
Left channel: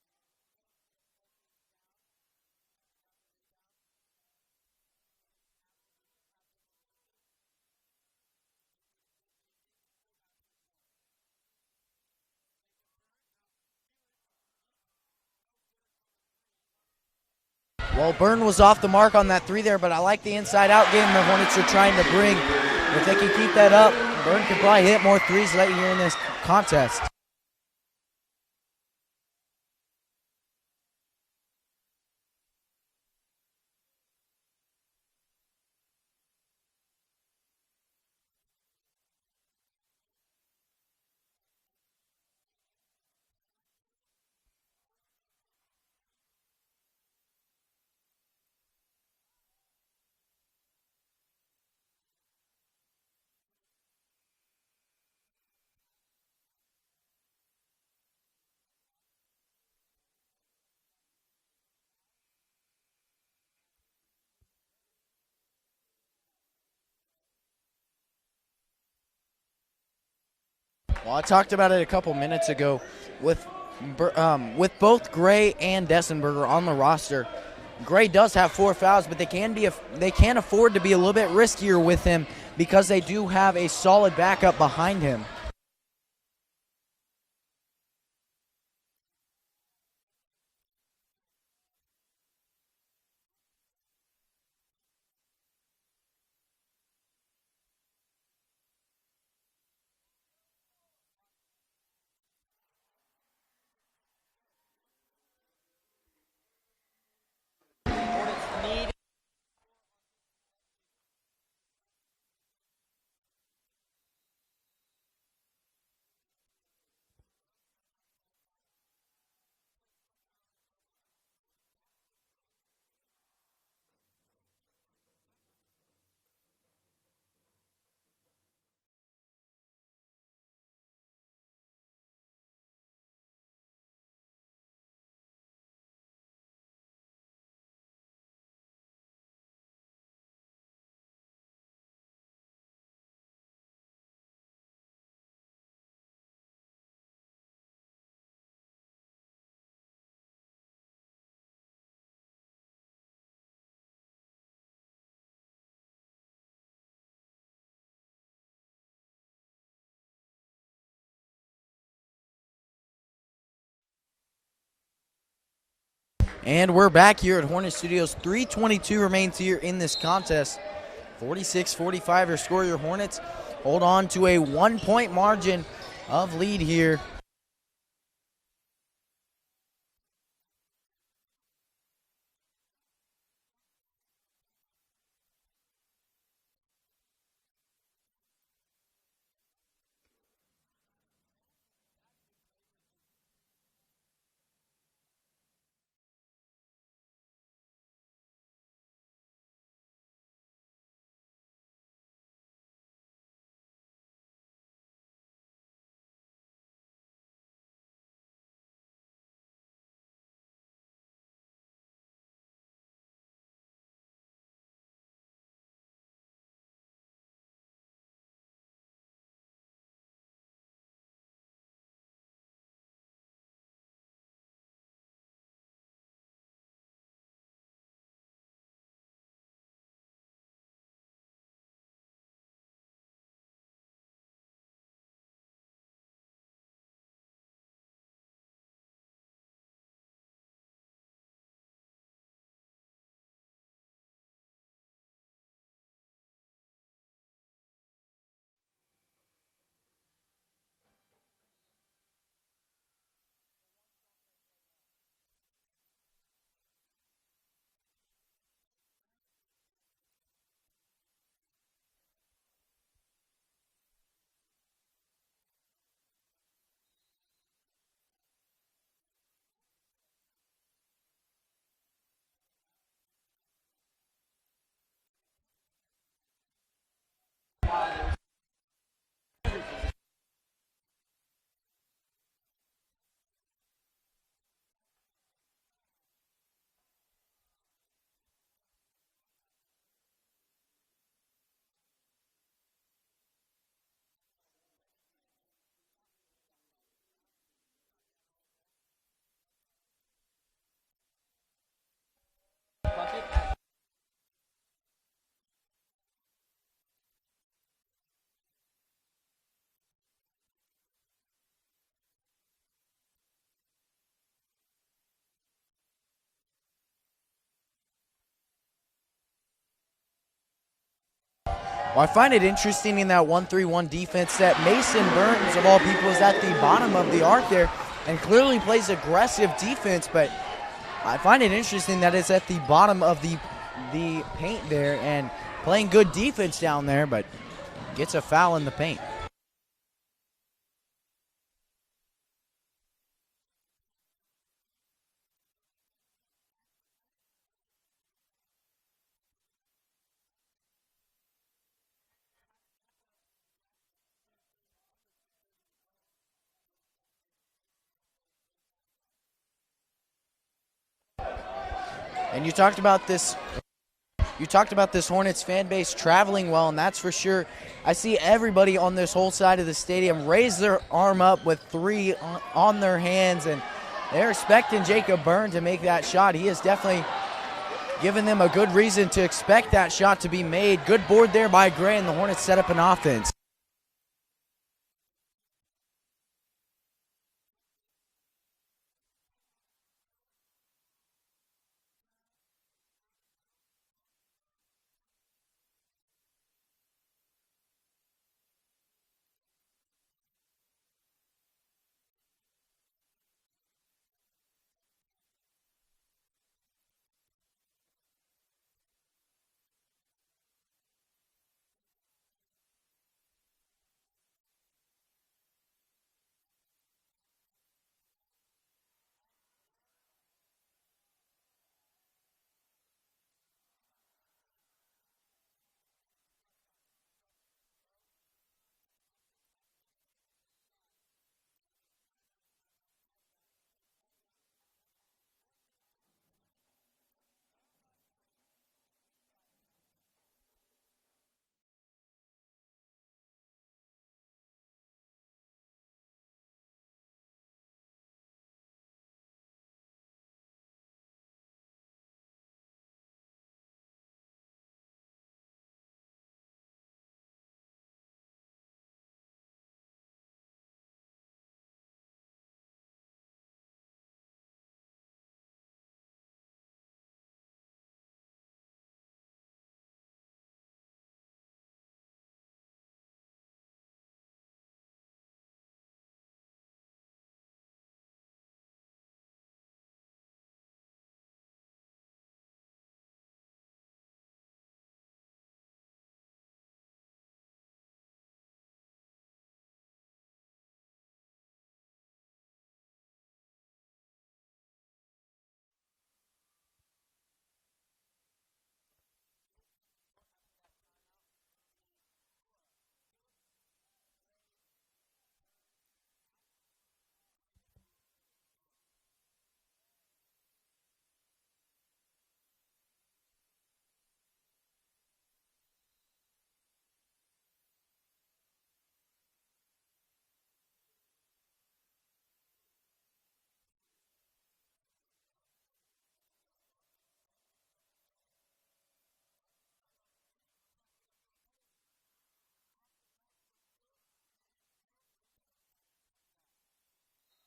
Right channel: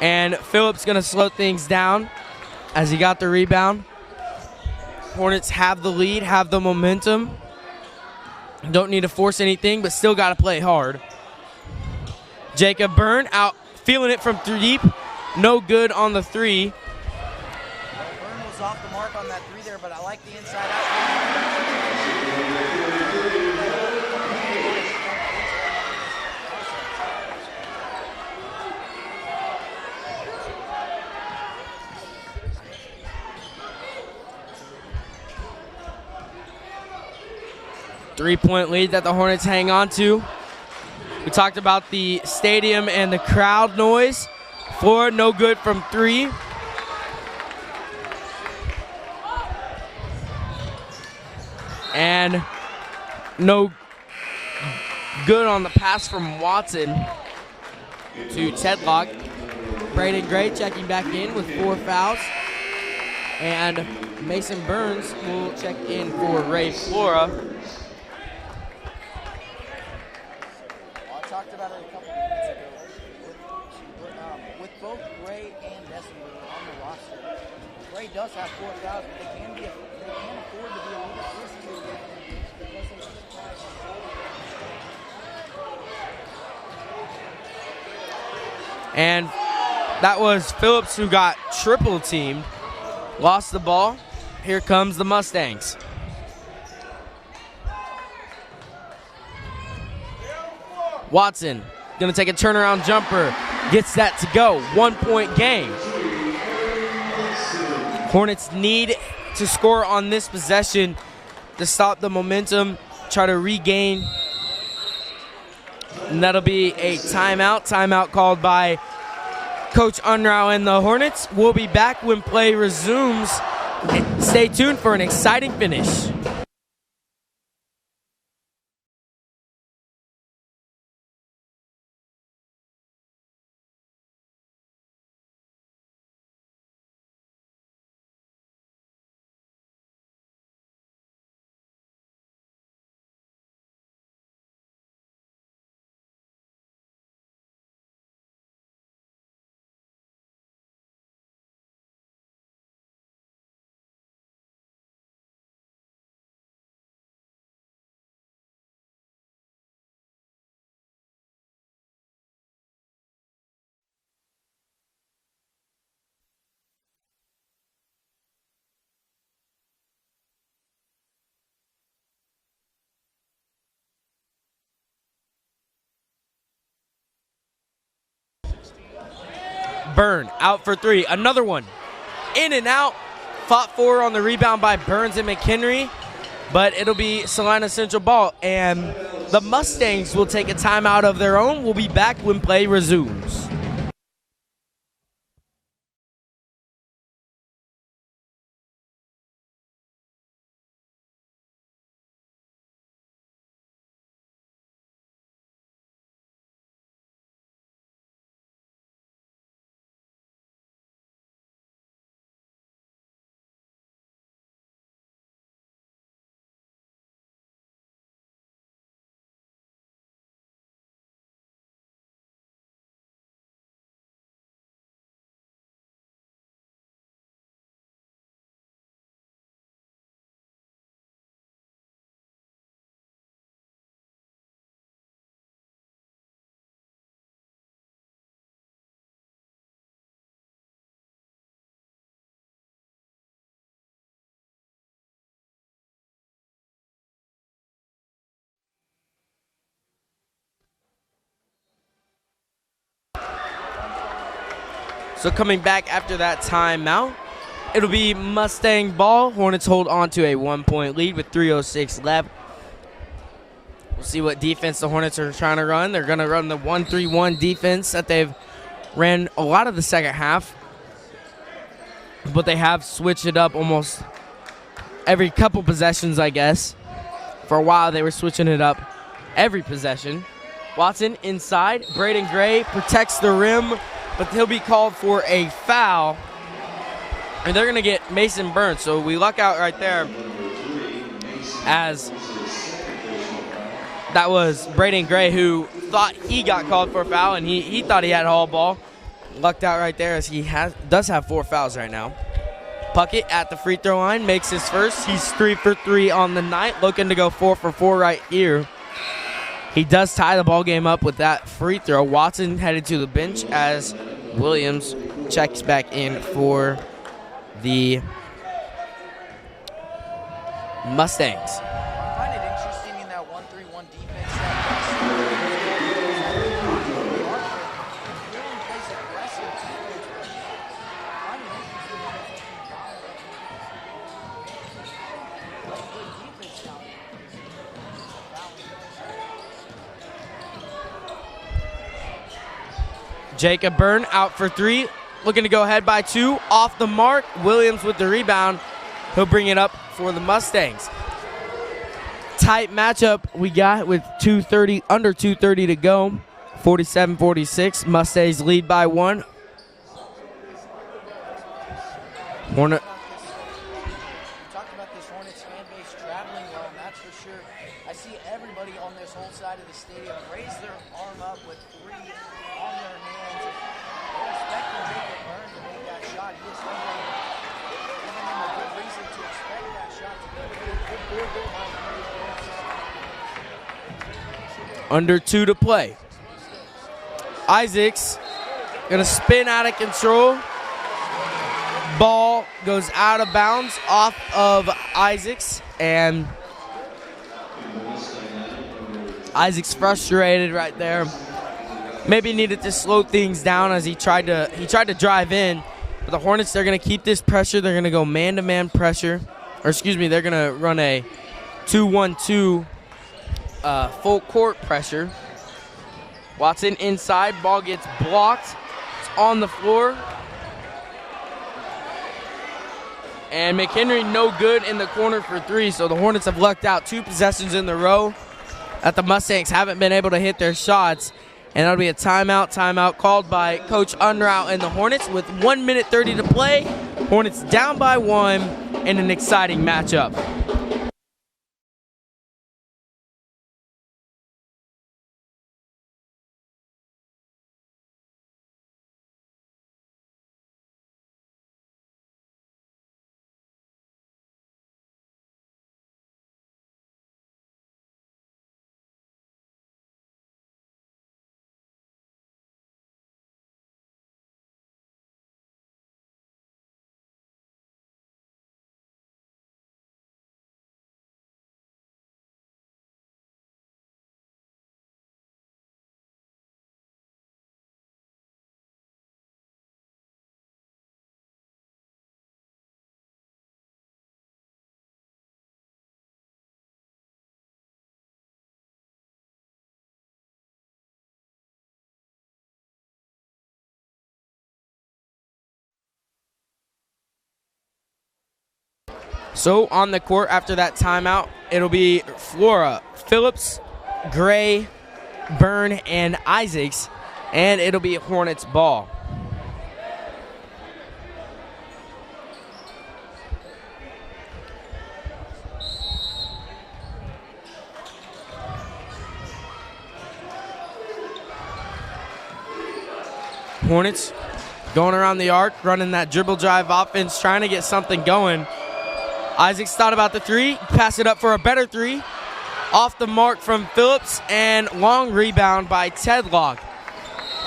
And Phillips gonna slow things down as he got the rebound. Hornets have the lead, have the momentum. Don't need to force anything, but still gotta play hard. Jacob Byrne out, feeling it from deep. No good on the 3. Well, Byrne was off the mark on that 3 there, but I like the inside-out game the Hornets are trying to bring. If they can keep that up, Byrne can probably hit more 3s later here in this contest. Three-point lead that the Hornets hang on to. We talked about the stadium and the crowd noise. 4, no good from 3. And no good on the pass from Watson to Tedlock. Braden Gray checking back in with 4 fouls. And Mason Burns will check in for Ray Flora. Well, I talked about it a couple minutes ago with both Gray and Dessenberger on the roster. Gray does have 4 fouls, but they can afford to be a little bit riskier with him because they do have a solid backup behind him. And that was Phillips who got triple teamed. Lost the ball. Here comes the Mustangs. Watson gonna take a turnaround jumper. Gets that to go. 1-point game. Hornets need to score on this possession to stop the momentum, try to regain. And that'll be a timeout. Timeout called by Coach Unrau and the Hornets. We'll be back when play resumes. Stay tuned for an exciting finish. And we're back here at Hornet Studios. 3:22 remains here in this contest. 46-45 your score. Your Hornets hold on to a 1-point margin of lead here. Byrne out for three. Another one. In and out. Fought for on the rebound by Burns and McHenry. But it'll be Salina Central ball. And the Mustangs will take a timeout of their own. We'll be back when play resumes. So coming back after that timeout, it'll be Mustang ball. Hornets hold on to a 1-point lead with 3:06 left. We'll see what defense the Hornets are trying to run. They're going to run the 1-3-1 defense that they've ran a lot of the second half. But they have switched it up almost every couple possessions, I guess. For a while, they were switching it up every possession. Watson inside. Braden Gray protects the rim, but he'll be called for a foul. And they're going to get Mason Burns. So we luck out right there, as that was Braden Gray who thought he got called for a foul, and he thought he had all ball. Lucked out right there, as he does have 4 fouls right now. Puckett at the free throw line makes his first. He's 3 for 3 on the night, looking to go 4 for 4 right here. He does tie the ball game up with that free throw. Watson headed to the bench as Williams checks back in for the Mustangs. Well, I find it interesting in that 1-3-1 defense that Mason Burns, of all people, is at the bottom of the arc there and clearly plays aggressive defense, but I find it interesting that it's at the bottom of the paint there and playing good defense down there, but gets a foul in the paint. Jacob Byrne out for 3, looking to go ahead by 2, off the mark. Williams with the rebound. He'll bring it up for the Mustangs. Tight matchup we got with under 2:30 to go. 47-46. Mustangs lead by 1. And you talked about this. You talked about this Hornets fan base traveling well, and that's for sure. I see everybody on this whole side of the stadium raise their arm up with 3 on their hands, and they're expecting Jacob Byrne to make that shot. He has definitely given them a good reason to expect that shot to be made. Good board there by Gray, and the Hornets set up an offense. Under 2 to play. Isaacs gonna spin out of control. Ball goes out of bounds off of Isaacs, and Isaacs frustrated right there. Maybe needed to slow things down as he tried to drive in. But the Hornets, they're gonna keep this pressure. They're gonna go man-to-man pressure, or excuse me, they're gonna run a 2-1-2 full court pressure. Watson inside, ball gets blocked. It's on the floor. And McHenry no good in the corner for 3, so the Hornets have lucked out 2 possessions in a row that the Mustangs haven't been able to hit their shots. And that'll be a timeout called by Coach Unrout and the Hornets with 1 minute 30 to play. Hornets down by 1 in an exciting matchup. So on the court after that timeout, it'll be Flora, Phillips, Gray, Byrne, and Isaacs, and it'll be Hornets ball. Hornets going around the arc, running that dribble drive offense, trying to get something going. Isaacs thought about the three, pass it up for a better three. Off the mark from Phillips, and long rebound by Tedlock.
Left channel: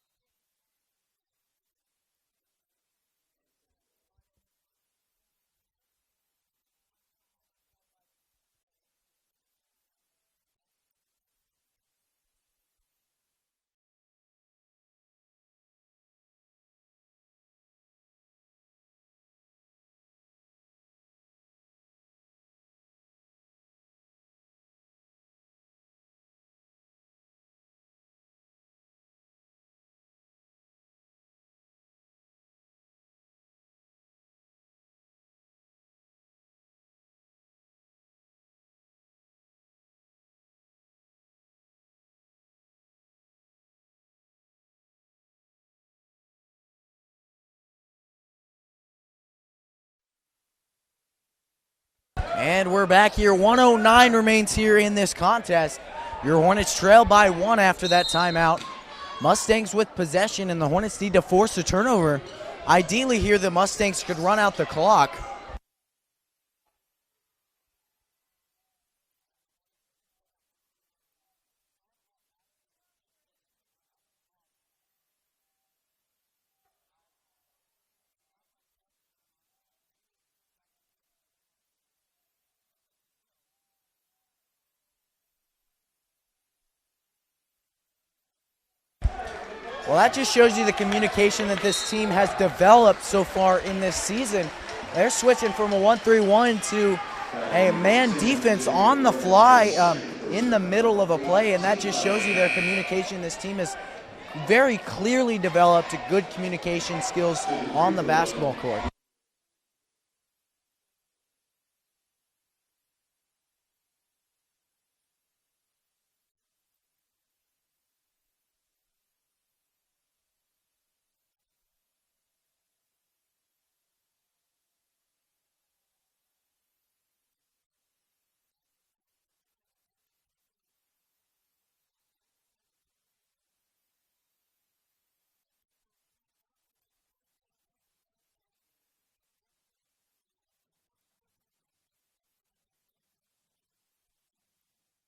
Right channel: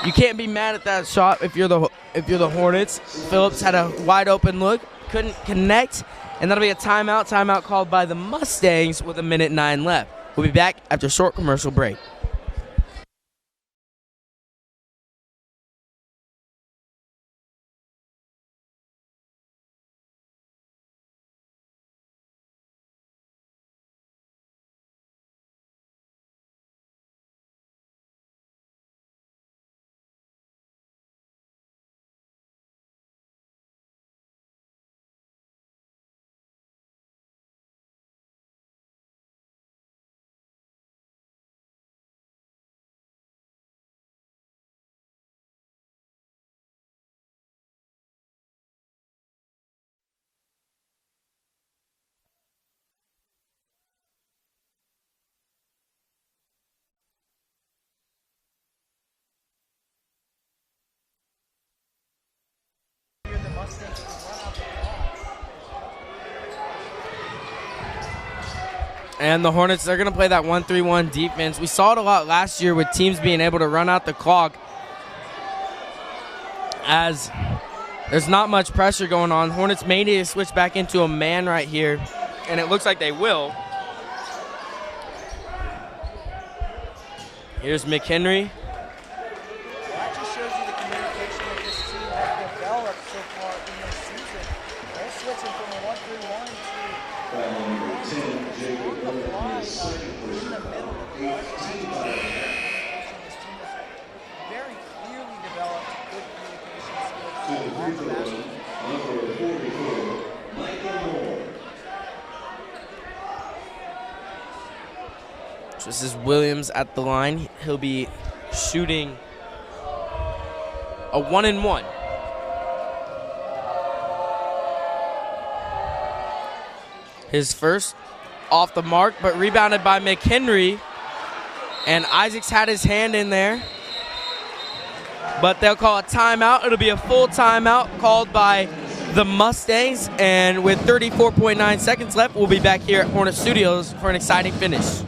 You can't be mad at that shot if you're the Hornets. Phillips had a wide open look, couldn't connect, and that'll be a timeout. Timeout called by the Mustangs with 1:09 left. We'll be back after a short commercial break. And we're back here. 109 remains here in this contest. Your Hornets trail by 1 after that timeout. Mustangs with possession, and the Hornets need to force a turnover. Ideally here, the Mustangs could run out the clock. And the Hornets, they're going to play that 1-3-1 defense. We saw it a lot last year with teams being able to run out the clock as there's not much pressure going on. Hornets may need to switch back into a man right here, and it looks like they will. Here's McHenry. Well, that just shows you the communication that this team has developed so far in this season. They're switching from a 1-3-1 to a man defense on the fly in the middle of a play, and that just shows you their communication. This team has very clearly developed good communication skills on the basketball court. This is Williams at the line. He'll be shooting a 1-and-1. His first off the mark, but rebounded by McHenry. And Isaacs had his hand in there. But they'll call a timeout. It'll be a full timeout called by the Mustangs. And with 34.9 seconds left, we'll be back here at Hornet Studios for an exciting finish.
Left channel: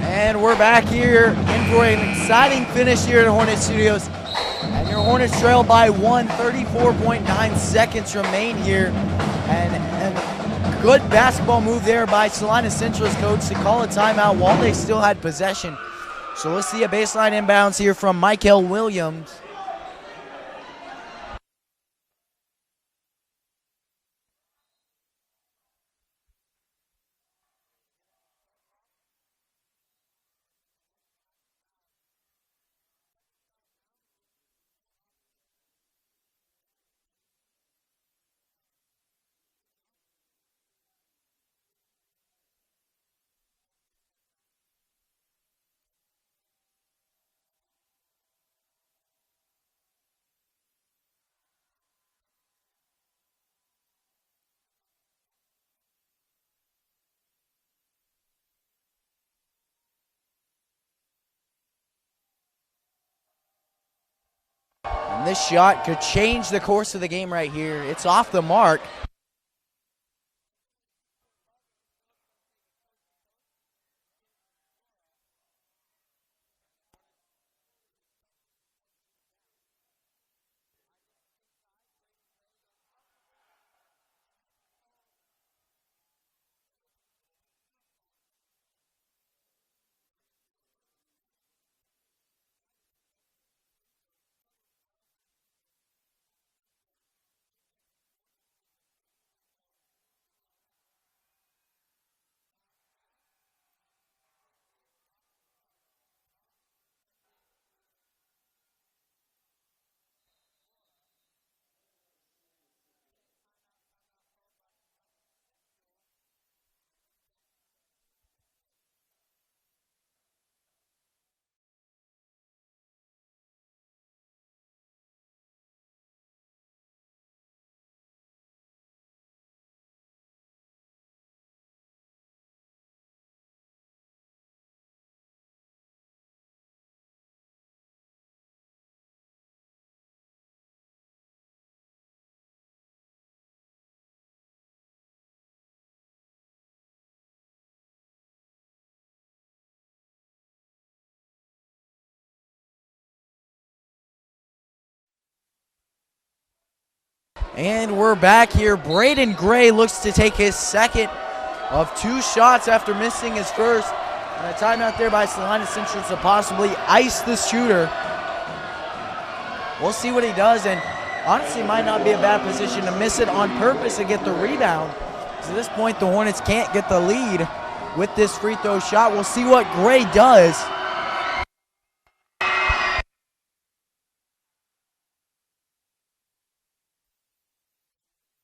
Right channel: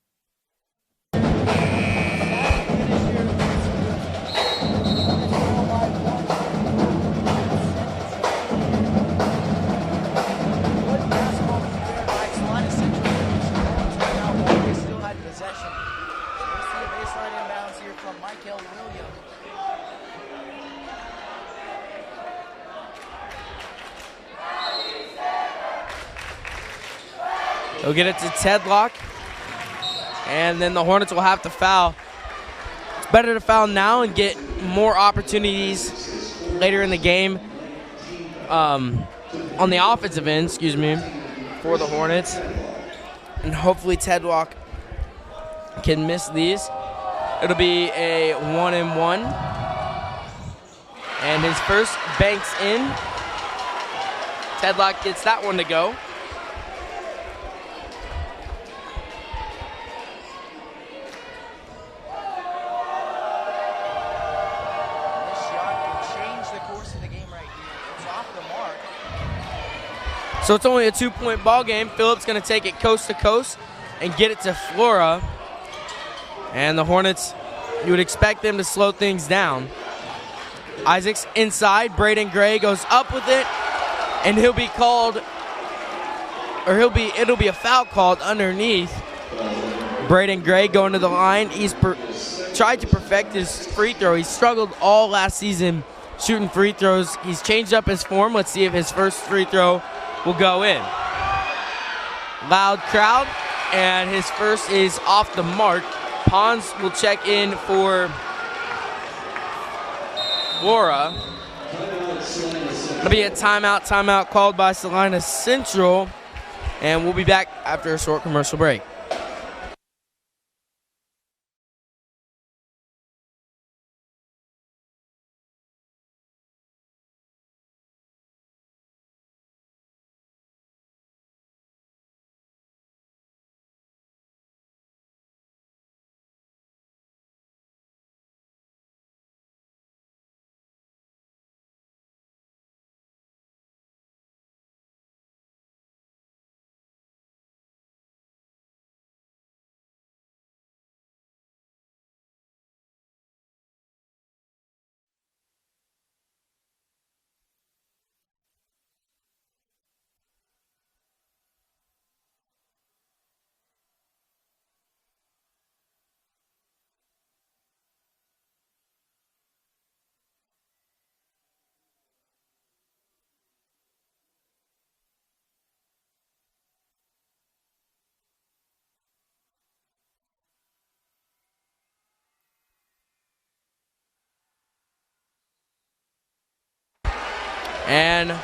And we're back here in for an exciting finish here at Hornet Studios. And your Hornets trail by 1, 34.9 seconds remain here. And good basketball move there by Salina Central's coach to call a timeout while they still had possession. So let's see a baseline inbounds here from Michael Williams. He'll get it to Tedlock. And then the Hornets will have to foul. It's better to foul now and get more opportunities later in the game on the offensive end, for the Hornets. And hopefully Tedlock can miss these. It'll be a 1-and-1. And his first banks in. Tedlock gets that one to go. this shot could change the course of the game right here. It's off the mark. So it's only a 2-point ball game. Phillips going to take it coast to coast and get it to Flora. And the Hornets, you would expect them to slow things down. Isaacs inside. Braden Gray goes up with it, and he'll be called, or it'll be a foul called underneath. Braden Gray going to the line. He's tried to perfect his free throw. He struggled all last season shooting free throws. He's changed up his form. Let's see if his first free throw will go in. Loud crowd, and his first is off the mark. Pons will check in for Flora. It'll be a timeout called by Salina Central, and we'll be back after a short commercial break. And we're back here. Braden Gray looks to take his second of 2 shots after missing his first. And a timeout there by Salina Central to possibly ice the shooter. We'll see what he does, and honestly might not be a bad position to miss it on purpose and get the rebound. So at this point, the Hornets can't get the lead with this free throw shot. We'll see what Gray does. And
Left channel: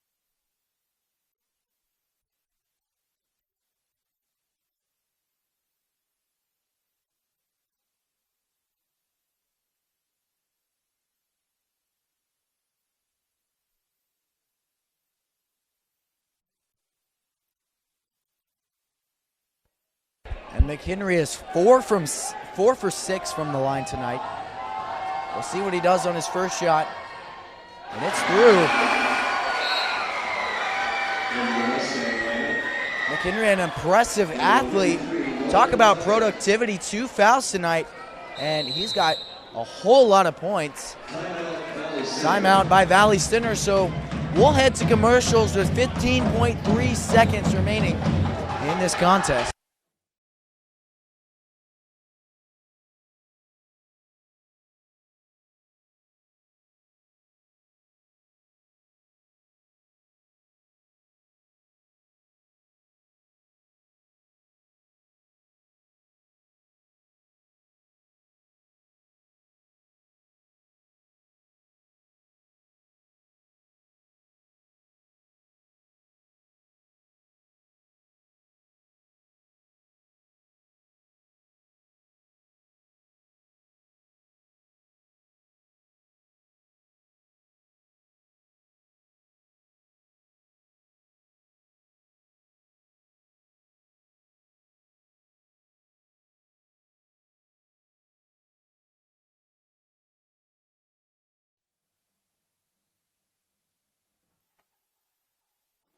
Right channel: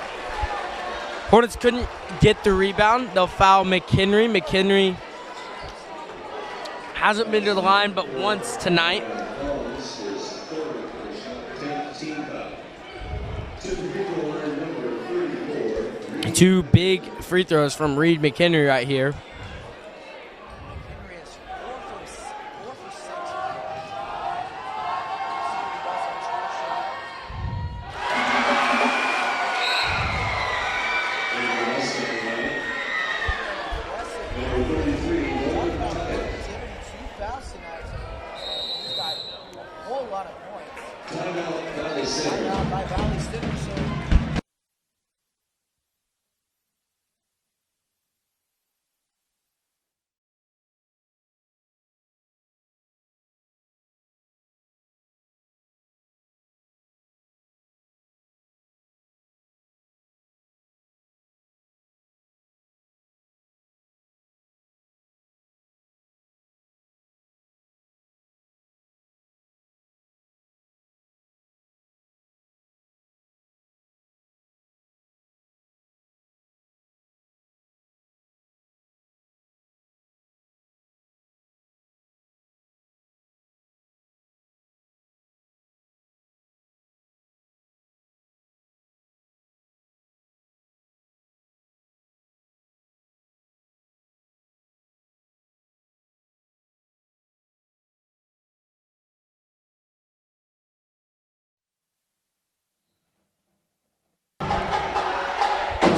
Hornets couldn't get the rebound. They'll foul McHenry. McHenry hasn't been to the line but once tonight. Two big free throws from Reed McHenry right here. And McHenry is 4 for 6 from the line tonight. We'll see what he does on his first shot. And it's through. McHenry, an impressive athlete. Talk about productivity, 2 fouls tonight, and he's got a whole lot of points. Timeout by Valley Center, so we'll head to commercials with 15.3 seconds remaining in this contest.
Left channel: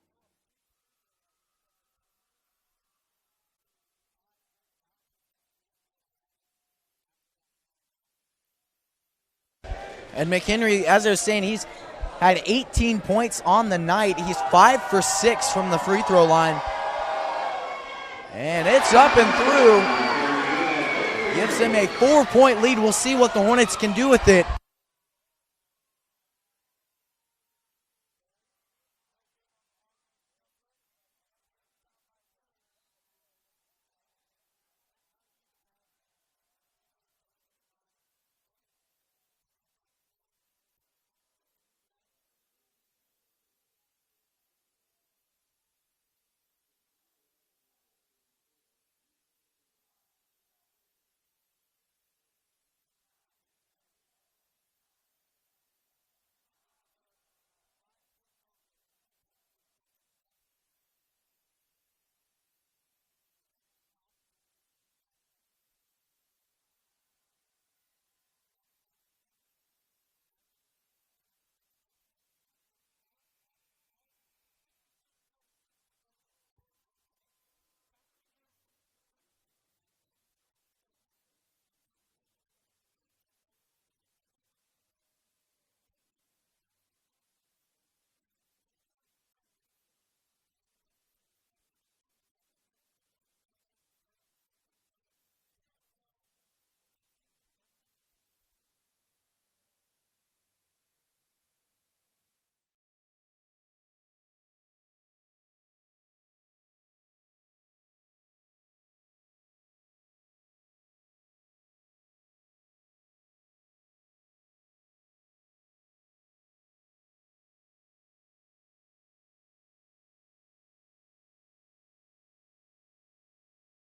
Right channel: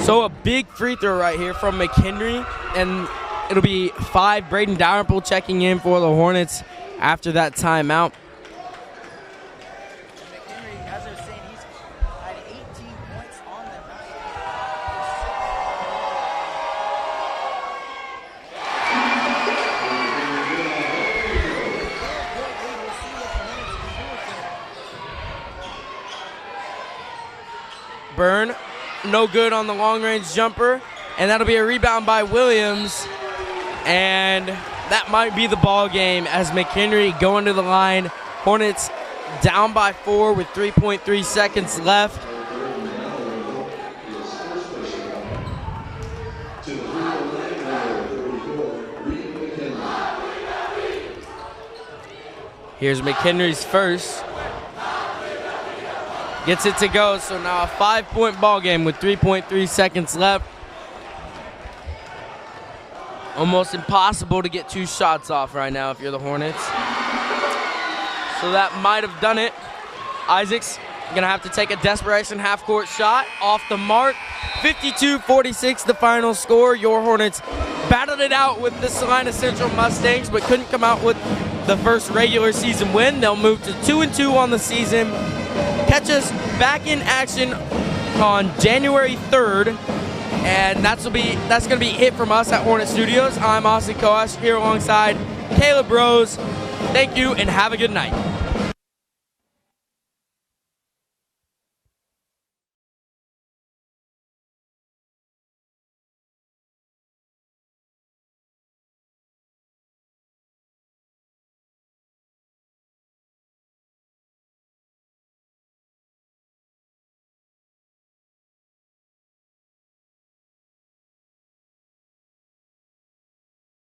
So a big free throw right here from McHenry, and it'll be 5. Braden Dalrymple checking in for the Hornets after that timeout. And McHenry, as I was saying, he's had 18 points on the night. He's 5 for 6 from the free throw line. And it's up and through. Gives him a 4-point lead. We'll see what the Hornets can do with it. Byrne, no good on the long-range jumper, and that'll be a rebound by Williams. And that might be the ball game as McHenry going to the line. Hornets down by 4 with 3.3 seconds left. Here's McHenry's first. Gets it to go, so now a 5-point ball game with 3.3 seconds left. Almost impossible to get 2 shots off right now if you're the Hornets. So that might have done it. Isaacs gonna have to take a desperation half-court shot off the mark. 52-46 the final score. Your Hornets battled it out with the Salina Central Mustangs, but couldn't come out with the first regular season win. They'll move to 2-2 on the season. Catch us back in action on January 3rd, and that's gonna be it from us at Hornet Studios. I'm Austin Koash here alongside Caleb Rose. Thank you and have a good night.